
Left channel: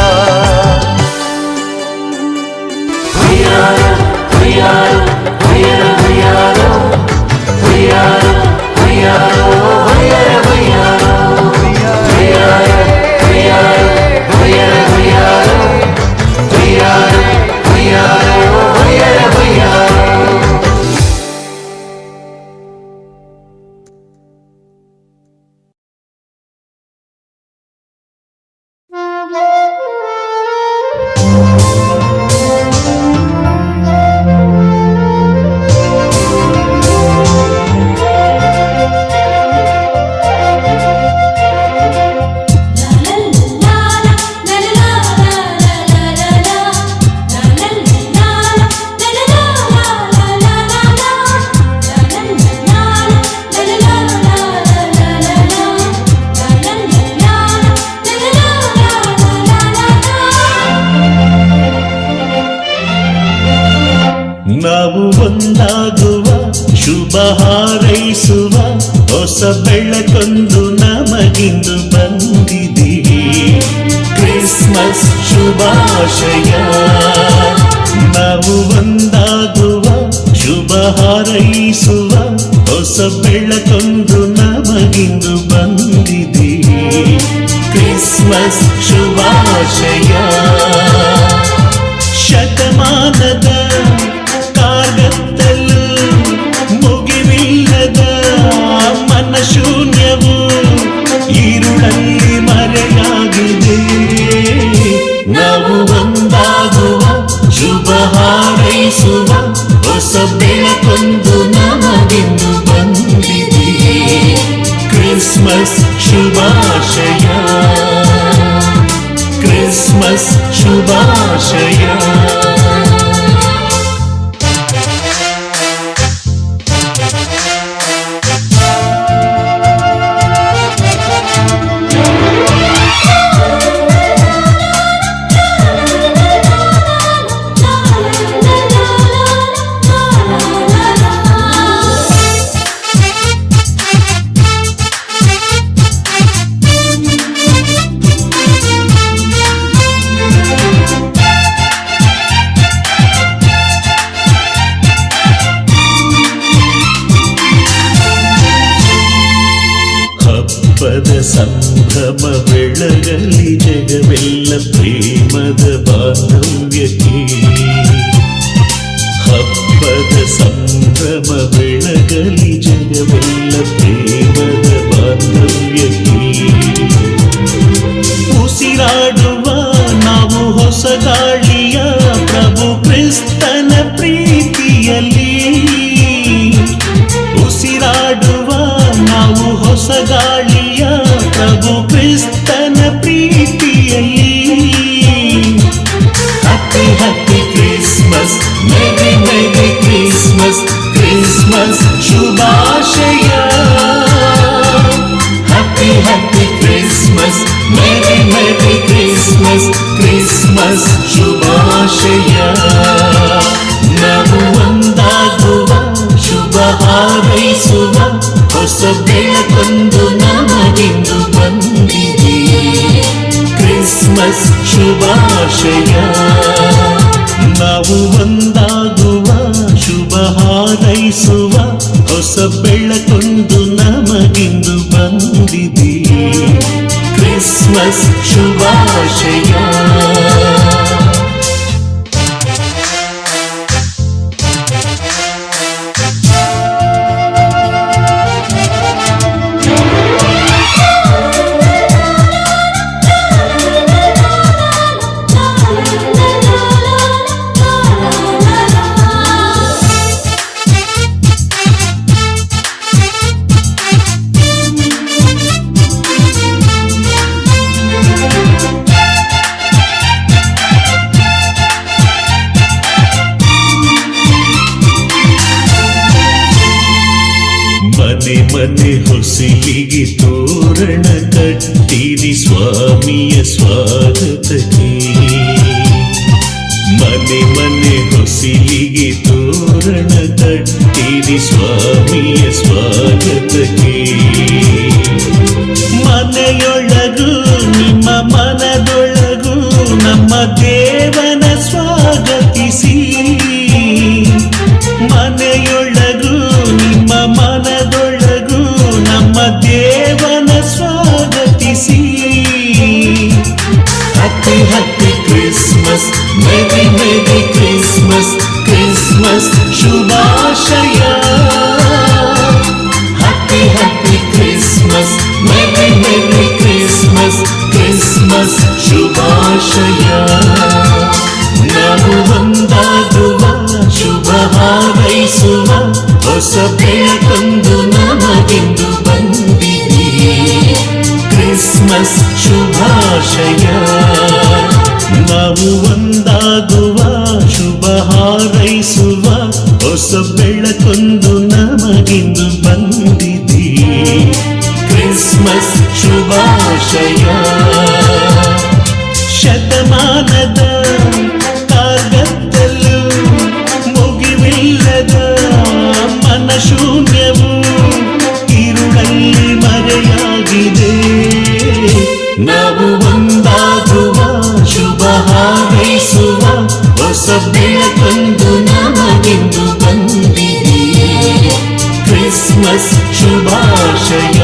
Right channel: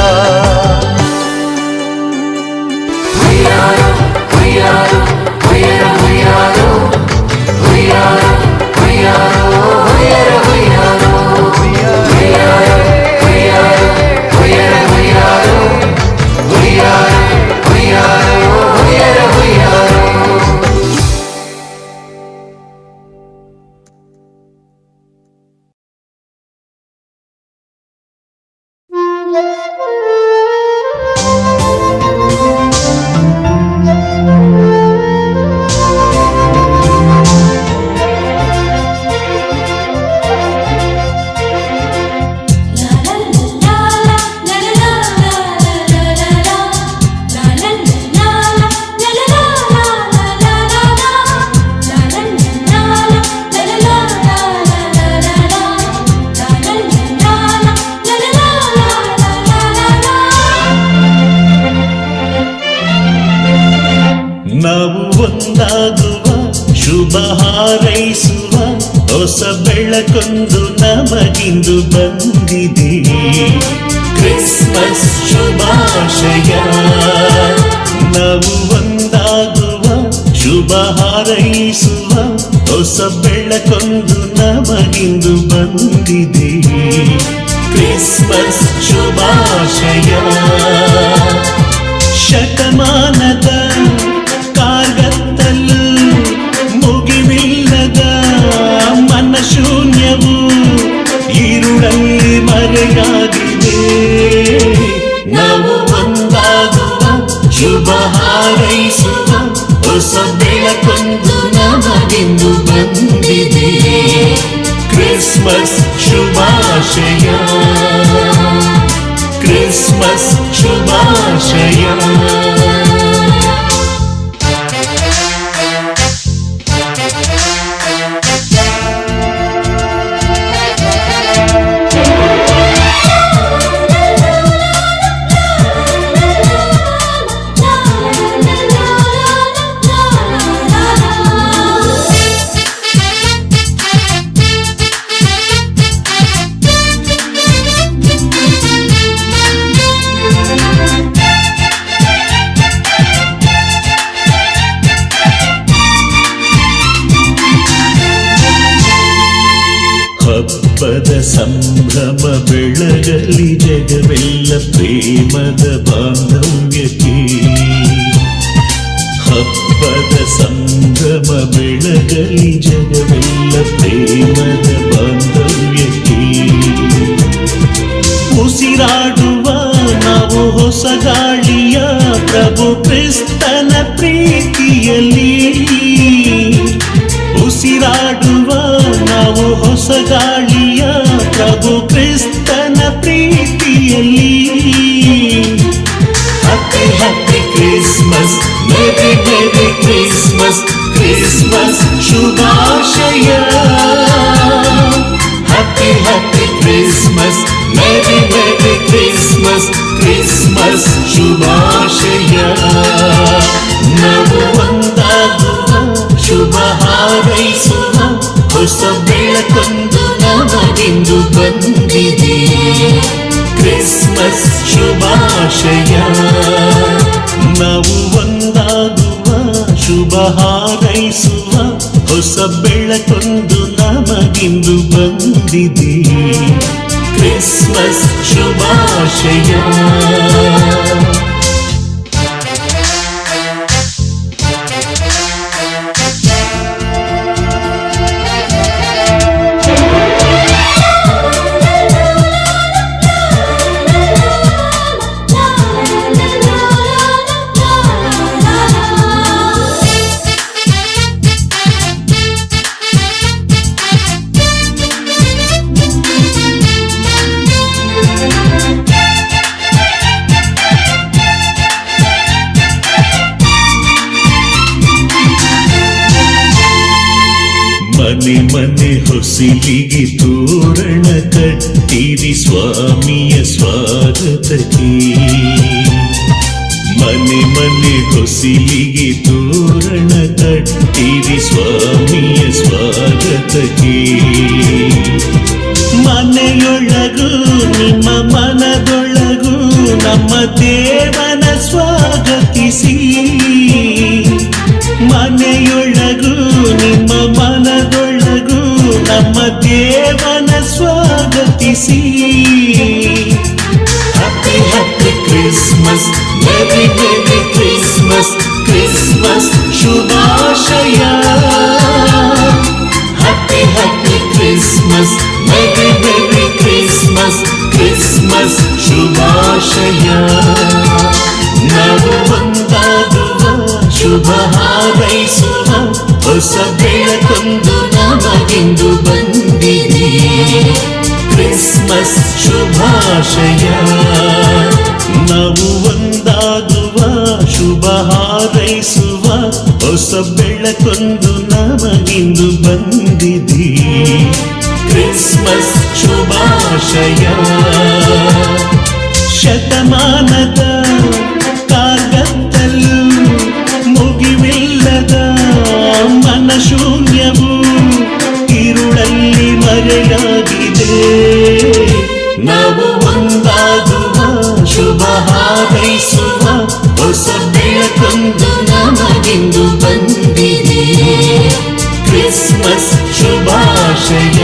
ಹುಯ್ಯಾರೋ ಹುಯ್ಯಾರೋ ಹುಯ್ಯರ ಹುಯ್ಯಾರೋ, ಹುಯ್ಯಾರೋ ಹುಯ್ಯಾರೋ ಹುಯ್ಯರ ಹುಯ್ಯಾರೋ, ಹುಯ್ಯಾರೋ ಹುಯ್ಯಾರೋ ಹುಯ್ಯರ ಹುಯ್ಯಾರೋ, ಹುಯ್ಯಾರೋ ಹುಯ್ಯಾರೋ ಹುಯ್ಯರ ಹುಯ್ಯಾರೋ. ನಾವು ಒಂದಾಗುವ ಶುಭ ಹಾರೈಸುವ ಹೊಸ ಬೆಳಕೊಂದು ನಮಗಿಂದು ಬಂದಿದೆ. ಕ್ರಿಸ್ಮಸ್ ಶುಭಾಶಯ. ನಾವು ಒಂದಾಗುವ ಶುಭ ಹಾರೈಸುವ ಹೊಸ ಬೆಳಕೊಂದು ನಮಗಿಂದು ಬಂದಿದೆ. ಕ್ರಿಸ್ಮಸ್ ಶುಭಾಶಯ. ಶತಮಾನದ ಕಾರ್ಗತ್ತಲು ಮುಗಿವಿಲ್ಲದ ಮನಶೂನ್ಯವು ಈರುಳಲ್ಲಿ ಮರೆಯಾಗಿದೆ. ನಾವು ಒಂದಾಗುವ ಶುಭ ಹಾರೈಸುವ ಹೊಸ ಬೆಳಕೊಂದು ನಮಗಿಂದು ಬಂದಿದೆ. ಕ್ರಿಸ್ಮಸ್ ಶುಭಾಶಯ. ಕ್ರಿಸ್ಮಸ್ ಶುಭಾಶಯ. ಹಬ್ಬದ ಸಂಭ್ರಮ ಬೆಳಗಲಿ ಜಗವೆಲ್ಲ ಪ್ರೇಮದ ಬಾಂಧವ್ಯಕ್ಕೆ. ಹಬ್ಬದ ಸಂಭ್ರಮ ಬೆಳಗಲಿ ಜಗವೆಲ್ಲ ಪ್ರೇಮದ ಬಾಂಧವ್ಯಕ್ಕೆ. ಉಸಿರಾಡುವ ನಾವು ಹೊಸ ಗಾಳಿಯ ಪ್ರಭು ಕ್ರಿಸ್ತನ ಪ್ರೀತಿಯಲ್ಲಿ. ಉಸಿರಾಡುವ ನಾವು ಹೊಸ ಗಾಳಿಯ ಪ್ರಭು ಕ್ರಿಸ್ತನ ಪ್ರೀತಿಯಲ್ಲಿ. Happy happy Christmas, merry merry Christmas, Christmas ಶುಭಾಶಯ. Happy happy Christmas, merry merry Christmas, Christmas ಶುಭಾಶಯ. ನಾವು ಒಂದಾಗುವ ಶುಭ ಹಾರೈಸುವ ಹೊಸ ಬೆಳಕೊಂದು ನಮಗಿಂದು ಬಂದಿದೆ. ಕ್ರಿಸ್ಮಸ್ ಶುಭಾಶಯ. ನಾವು ಒಂದಾಗುವ ಶುಭ ಹಾರೈಸುವ ಹೊಸ ಬೆಳಕೊಂದು ನಮಗಿಂದು ಬಂದಿದೆ. ಕ್ರಿಸ್ಮಸ್ ಶುಭಾಶಯ. ಮನೆ ಮನೆ ಹೊಸಿಲಿಗೆ ತೋರಣ ಕಟ್ಟಿರಿ ಸ್ವಾಮಿಯ ಸ್ವಾಗತಕ್ಕೆ. ಮನೆ ಮನೆ ಹೊಸಿಲಿಗೆ ತೋರಣ ಕಟ್ಟಿರಿ ಸ್ವಾಮಿಯ ಸ್ವಾಗತಕ್ಕೆ. ಮನೆಯೊಳಗೂ ನಿಮ್ಮ ಮನದೊಳಗೂ ನಮ್ಮ ದೇವನ ಸ್ವಾಗತಿಸಿ. ಮನೆಯೊಳಗೂ ನಿಮ್ಮ ಮನದೊಳಗೂ ನಮ್ಮ ದೇವನ ಸ್ವಾಗತಿಸಿ. Happy happy Christmas, merry merry Christmas, Christmas ಶುಭಾಶಯ. Happy happy Christmas, merry merry Christmas, Christmas ಶುಭಾಶಯ. ನಾವು ಒಂದಾಗುವ ಶುಭ ಹಾರೈಸುವ ಹೊಸ ಬೆಳಕೊಂದು ನಮಗಿಂದು ಬಂದಿದೆ. ಕ್ರಿಸ್ಮಸ್ ಶುಭಾಶಯ. ನಾವು ಒಂದಾಗುವ ಶುಭ ಹಾರೈಸುವ ಹೊಸ ಬೆಳಕೊಂದು ನಮಗಿಂದು ಬಂದಿದೆ. ಕ್ರಿಸ್ಮಸ್ ಶುಭಾಶಯ. ಶತಮಾನದ ಕಾರ್ಗತ್ತಲು ಮುಗಿವಿಲ್ಲದ ಮನಶೂನ್ಯವು ಈರುಳಲ್ಲಿ ಮರೆಯಾಗಿದೆ. ನಾವು ಒಂದಾಗುವ ಶುಭ ಹಾರೈಸುವ ಹೊಸ ಬೆಳಕೊಂದು ನಮಗಿಂದು ಬಂದಿದೆ. ಕ್ರಿಸ್ಮಸ್ ಕ್ರಿಸ್ಮಸ್ ಶುಭಾಶಯ,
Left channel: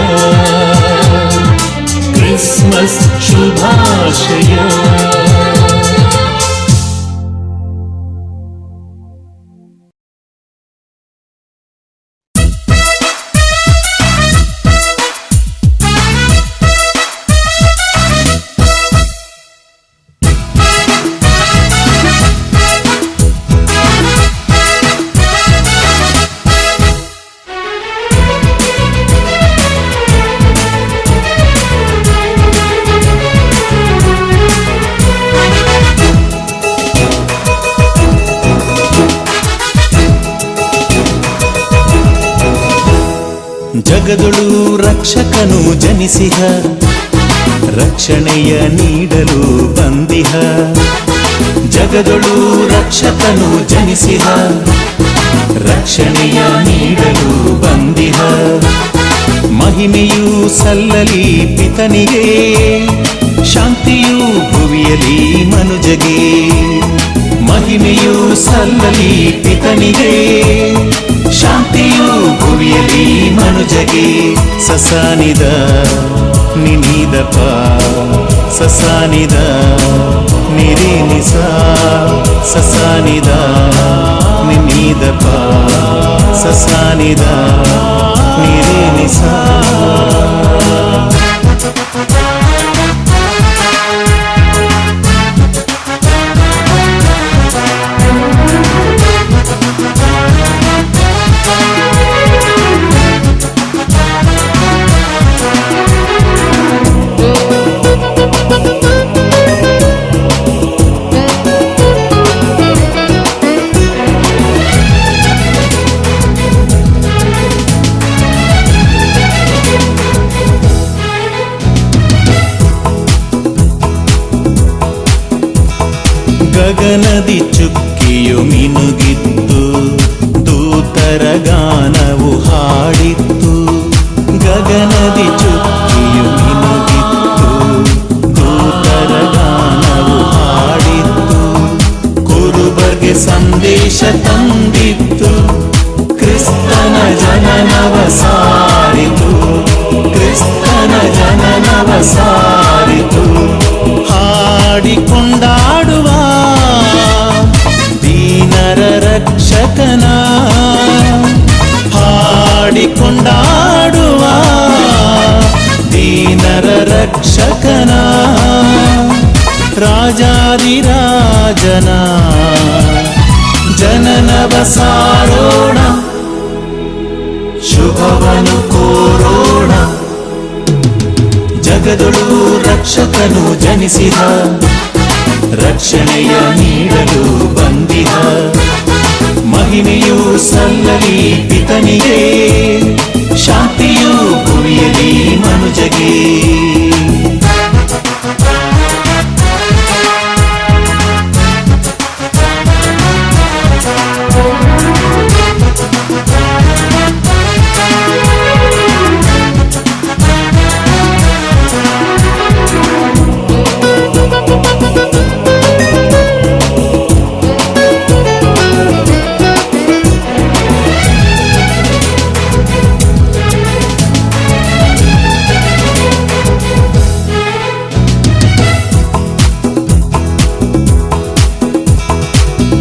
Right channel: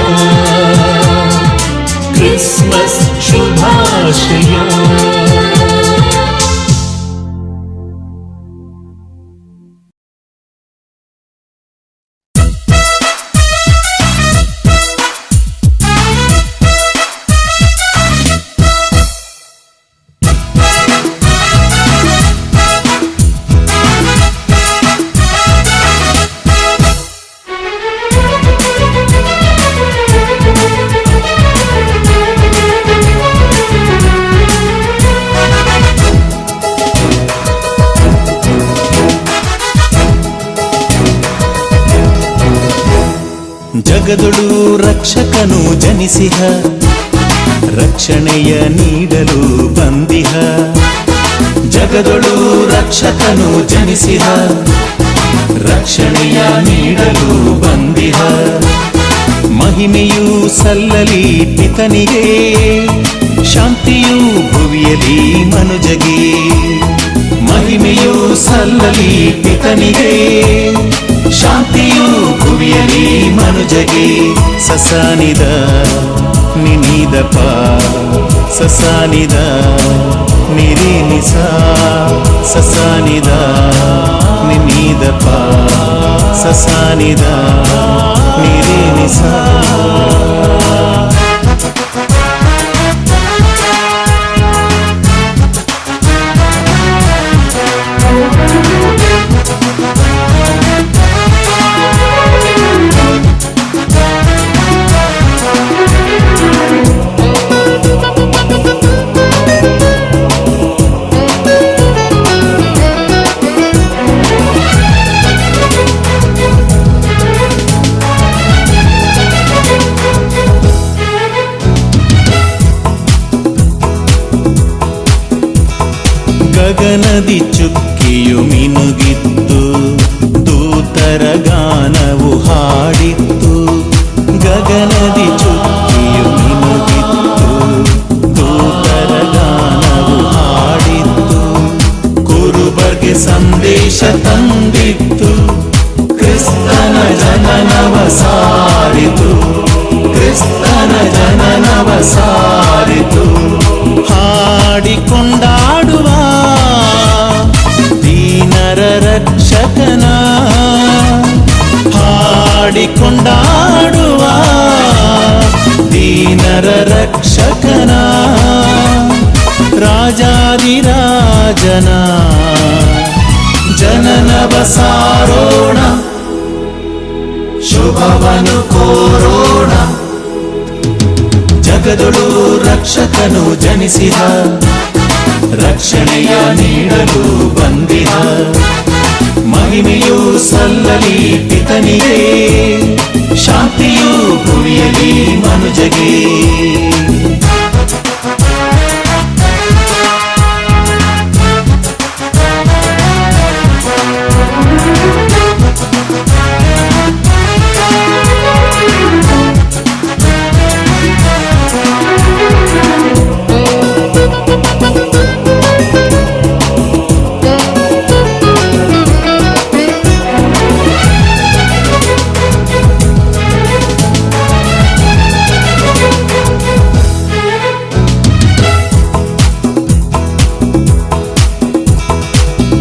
ಕ್ರಿಸ್ಮಸ್ ಶುಭಾಶಯ. ಜಗದೊಳು ರಕ್ಷಕನು ಜನಿಸಿಹ, ರಕ್ಷಣೆಯ ನೀಡಲು ಬಂದಿಹ. ಜಗದೊಳು ರಕ್ಷಕನು ಜನಿಸಿಹ, ರಕ್ಷಣೆಯ ನೀಡಲು ಬಂದಿಹ. ಮಹಿಮೆಯೂ ಸಲ್ಲಲಿ ಪಿತನಿಗೆ, ಶಾಂತಿಯೂ ಭುವಿಯಲಿ ಮನುಜಗೆ. ಮಹಿಮೆಯೂ ಸಲ್ಲಲಿ ಪಿತನಿಗೆ, ಶಾಂತಿಯೂ ಭುವಿಯಲಿ ಮನುಜಗೆ. ಸಸಾನಿದ ನಿನಿದಪ, ಸಸಾನಿದ ನಿರಿನಿಸ, ಸಸಾನಿದ ನಿನಿದಪ, ಸಸಾನಿದ ನಿರಿನಿಸ. ಗಗನದಿ ಚುಕ್ಕಿಯು ಮಿನುಗಿತ್ತು, ದೂತರ ಗಾನವು ಹಾಡಿತ್ತು. ಗಗನದಿ ಚುಕ್ಕಿಯು ಮಿನುಗಿತ್ತು, ದೂತರ ಗಾನವು ಹಾಡಿತ್ತು. ಕುರುಬರ್ಗೆ ಸಂದೇಶ ತಂದಿತ್ತು, ಕ್ರಿಸ್ತನ ಜನನವ ಸಾರಿತು, ಕ್ರಿಸ್ತನ ಜನನವ ಸಾರಿತು. ಹಾಡಿಕೊಂಡಾಡುವ ದೀನರ ರಕ್ಷಕನ, ಹಾಡಿಕೊಂಡಾಡುವ ದೀನರ ರಕ್ಷಕನ. ರಾಜಾದಿರಾಜನ ಜನನವ ಸಾರೋಣ, ಶುಭವನು ಕೋರೋಣ. ಜಗದೊಳು ರಕ್ಷಕನು ಜನಿಸಿದ, ರಕ್ಷಣೆಯ ನೀಡಲು ಬಂದಿದ. ಮಹಿಮೆಯೂ ಸಲ್ಲಲಿ ಪಿತನಿಗೆ, ಶಾಂತಿಯೂ ಭುವಿಯಲಿ ಮನುಜಗೆ.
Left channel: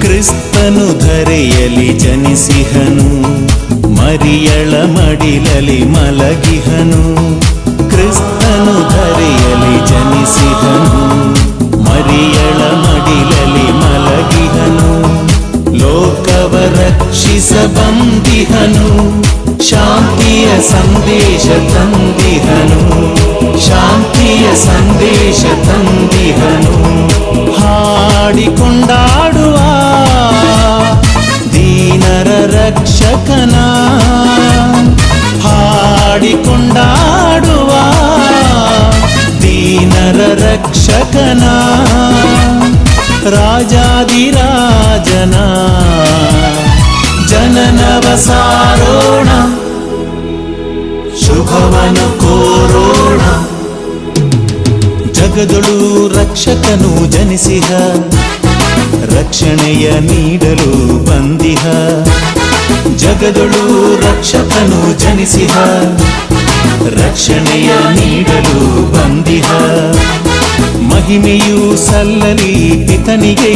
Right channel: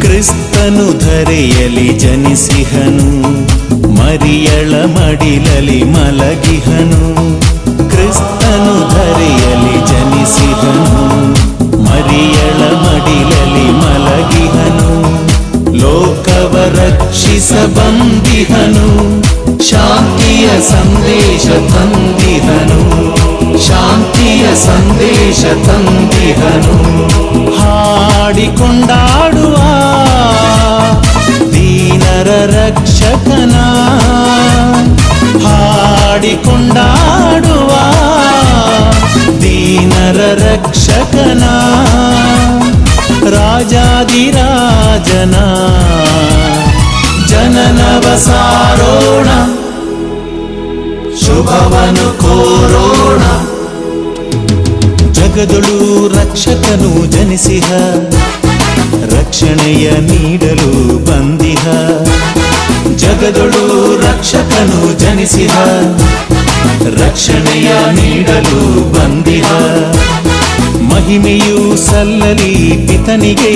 ಕ್ರಿಸ್ತನು ಧರೆಯಲಿ ಜನಿಸಿಹನು, ಮರಿಯಳ ಮಡಿಲಲಿ ಮಲಗಿಹನು. ಕ್ರಿಸ್ತನು ಧರೆಯಲಿ ಜನಿಸಿಹನು, ಮರಿಯಳ ಮಡಿಲಲಿ ಮಲಗಿಹನು. ಲೋಕವ ರಕ್ಷಿಸ ಬಂದಿಹನು, ಶಾಂತಿಯ ಸಂದೇಶ ತಂದಿಹನು, ಶಾಂತಿಯ ಸಂದೇಶ ತಂದಿಹನು. ಹಾಡಿಕೊಂಡಾಡುವ ದೀನರ ರಕ್ಷಕನ, ಹಾಡಿಕೊಂಡಾಡುವ ದೀನರ ರಕ್ಷಕನ. ರಾಜಾದಿರಾಜನ ಜನನವ ಸಾರೋಣ, ಶುಭವನು ಕೋರೋಣ. ಜಗದೊಳು ರಕ್ಷಕನು ಜನಿಸಿಹ, ರಕ್ಷಣೆಯ ನೀಡಲು ಬಂದಿಹ. ಜಗದೊಳು ರಕ್ಷಕನು ಜನಿಸಿಹ ರಕ್ಷಣೆಯ ನೀಡಲು ಬಂದಿಹ ಮಹಿಮೆಯು ಸಲ್ಲಲಿ ಪಿತನಿಗೆ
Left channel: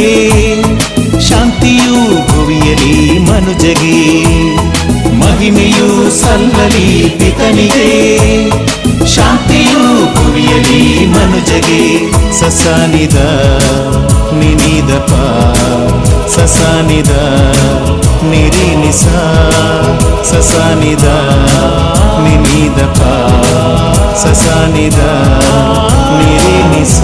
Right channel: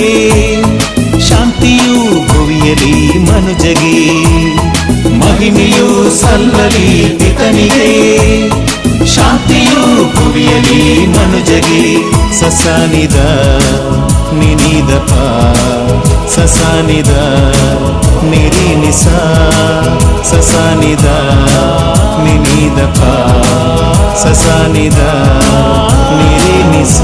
ಶಾಂತಿಯು ಭುವಿಯಲಿ ಮನುಜಗೆ ಮಹಿಮೆಯು ಸಲ್ಲಲಿ ಪಿತನಿಗೆ ಶಾಂತಿಯು ಭುವಿಯಲಿ ಮನುಜಗೆ ಸಸಾನಿದ ನಿನಿದಪ ಸಸಾನಿದ ನಿರಿನಿಸ ಸಸಾನಿದ ನಿನಿದಪ ಸಸಾನಿದ ನಿರಿನಿಸ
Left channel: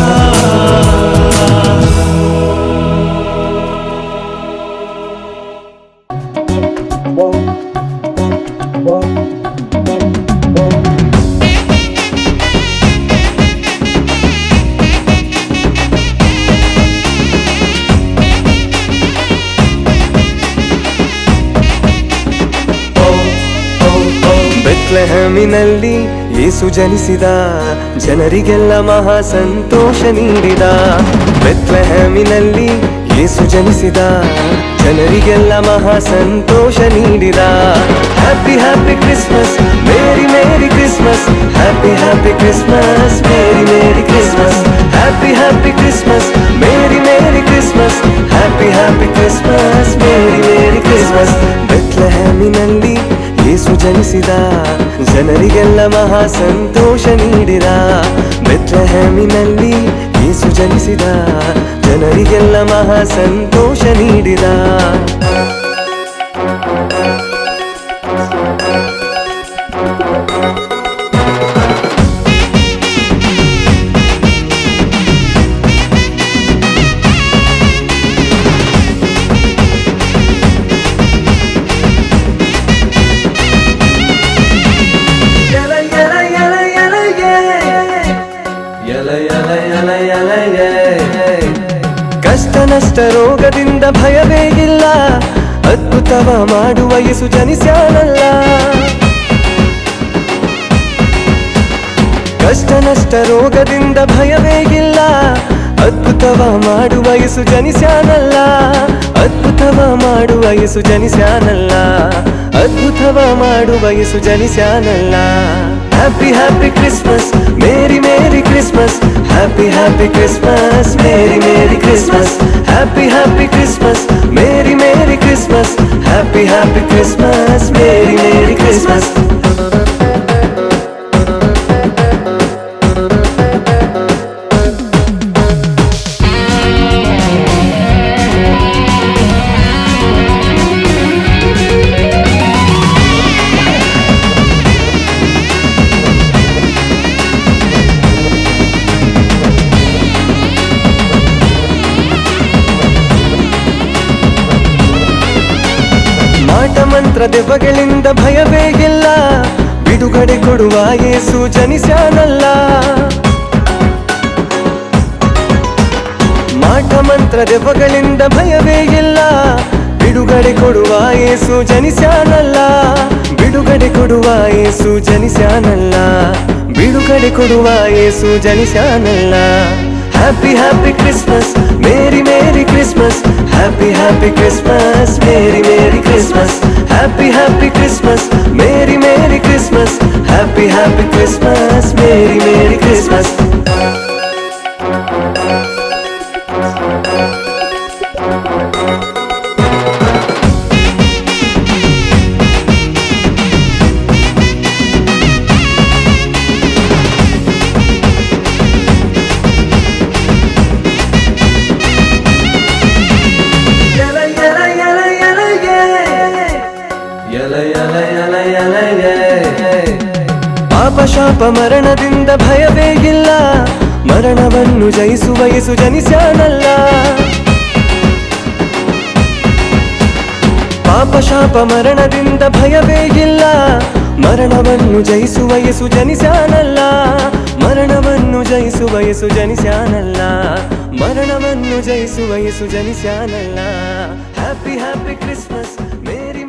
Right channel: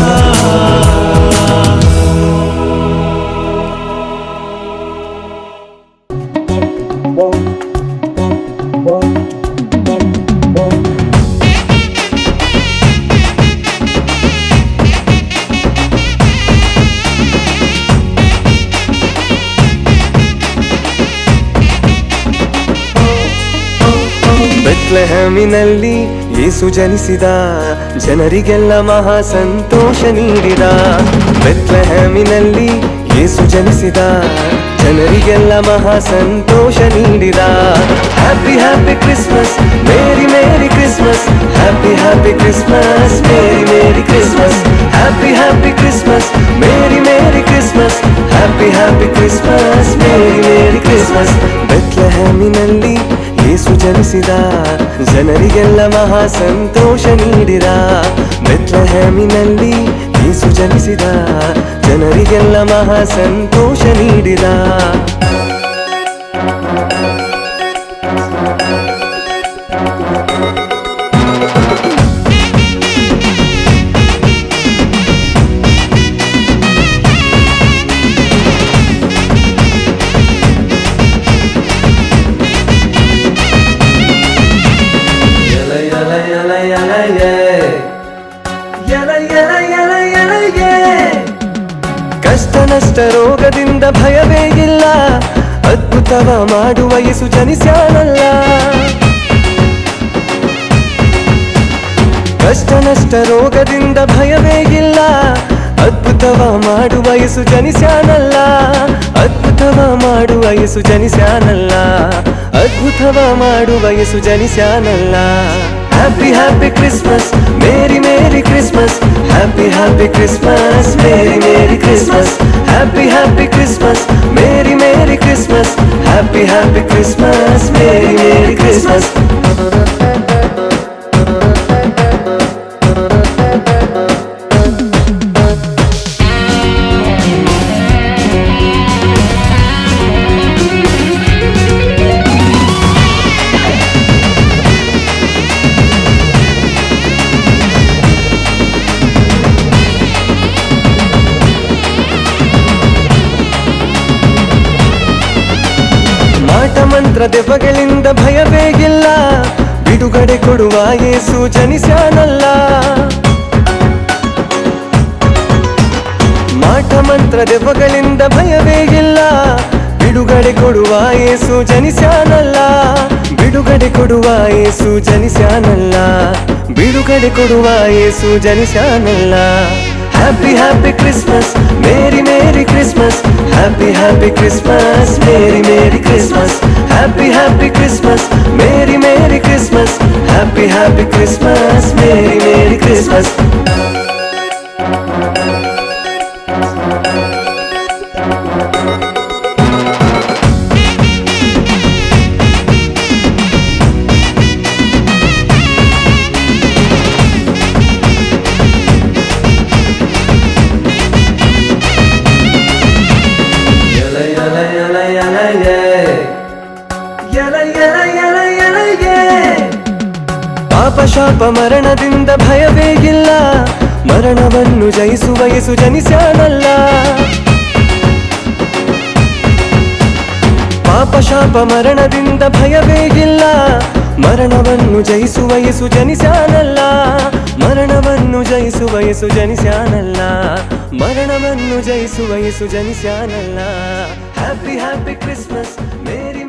ಬೆತ್ಲೆಹೇಮಿನಲ್ಲಿ ಯೇಸು ಜನಿಸಿದ ಜನರಿಗೆಲ್ಲ ಮಹಾ ಸಂತೋಷ ನೀಡಿದ ಬೆತ್ಲೆಹೇಮಿನಲ್ಲಿ ಯೇಸು ಜನಿಸಿದ ಜನರಿಗೆಲ್ಲ ಮಹಾ ಸಂತೋಷ ನೀಡಿದ happy happy Christmas merry merry Christmas happy happy Christmas merry merry Christmas happy happy Christmas merry merry Christmas happy happy Christmas merry merry Christmas ಬೆತ್ಲೆಹೇಮಿನಲ್ಲಿ ಯೇಸು ಜನಿಸಿದ ಜನರಿಗೆಲ್ಲ ಮಹಾ ಸಂತೋಷ ನೀಡಿದ ಬೆತ್ಲೆಹೇಮಿನಲ್ಲಿ ಯೇಸು ಜನಿಸಿದ ಜನರಿಗೆಲ್ಲ ಮಹಾ ಸಂತೋಷ ನೀಡಿದ ಕಷ್ಟ ನಷ್ಟ ರೋಗದಿಂದ ಭಯವೇ ಇಲ್ಲ ಅದ್ಭುತವ ಮಾಡುವ ಯೇಸು ಜನಿಸ್ಯಾನಲ್ಲ ಕಷ್ಟ ನಷ್ಟ ರೋಗದಿಂದ ಭಯವೇ ಇಲ್ಲ ಅದ್ಭುತವ ಮಾಡುವ ಯೇಸು ಜನಿಸ್ಯಾನಲ್ಲ ಅದ್ಭುತವ ಮಾಡುವ ಯೇಸು ಜನಿಸ್ಯಾನಲ್ಲ ಅದ್ಭುತವ ಮಾಡುವ ಯೇಸು ಜನಿಸ್ಯಾನಲ್ಲ happy happy Christmas merry merry Christmas happy happy Christmas merry merry Christmas happy happy Christmas merry merry Christmas happy happy Christmas merry merry Christmas ಮಾಟ ಮಂತ್ರ ದೆವ್ವಗಳಿಂದ ಭಯವೇ ಇಲ್ಲ ಬಿಡುಗಡೆ ಕೊಡುವ ಯೇಸು ಜನಿಸ್ಯಾನಲ್ಲ ಮಾಟ ಮಂತ್ರ ದೆವ್ವಗಳಿಂದ ಭಯವೇ ಇಲ್ಲ ಬಿಡುಗಡೆ ಕೊಡುವ ಯೇಸು ಜನಿಸ್ಯಾನಲ್ಲ ಬಿಡುಗಡೆ ಕೊಡುವ ಯೇಸು ಜನಿಸ್ಯಾನಲ್ಲ ಬಿಡುಗಡೆ ಕೊಡುವ ಯೇಸು ಜನಿಸ್ಯಾನಲ್ಲ happy happy Christmas merry merry Christmas happy happy Christmas merry merry Christmas happy happy Christmas merry merry Christmas happy happy Christmas merry merry Christmas ಪಾಪ ಶಾಪ ಮರಣದಿಂದ ಭಯವೇ ಇಲ್ಲ ಮರಣವನ್ನು ಜಯಿಸುವ ಯೇಸು ಜನಿಸ್ಯಾನಲ್ಲ ಪಾಪ ಶಾಪ ಮರಣದಿಂದ ಭಯವೇ ಇಲ್ಲ ಮರಣವನ್ನು ಜಯಿಸುವ ಯೇಸು ಜನಿಸ್ಯಾನಲ್ಲ ಮರಣವನ್ನು ಜಯಿಸುವ ಯೇಸು ಜನಿಸ್ಯಾನಲ್ಲ ಮರಣವನ್ನು ಜಯಿಸುವ ಯೇಸು ಜನಿಸ್ಯಾನಲ್ಲ ಹ್ಯಾಪಿ ಹ್ಯಾಪಿ ಕ್ರಿಸ್ಮಸ್ ಮೇರಿ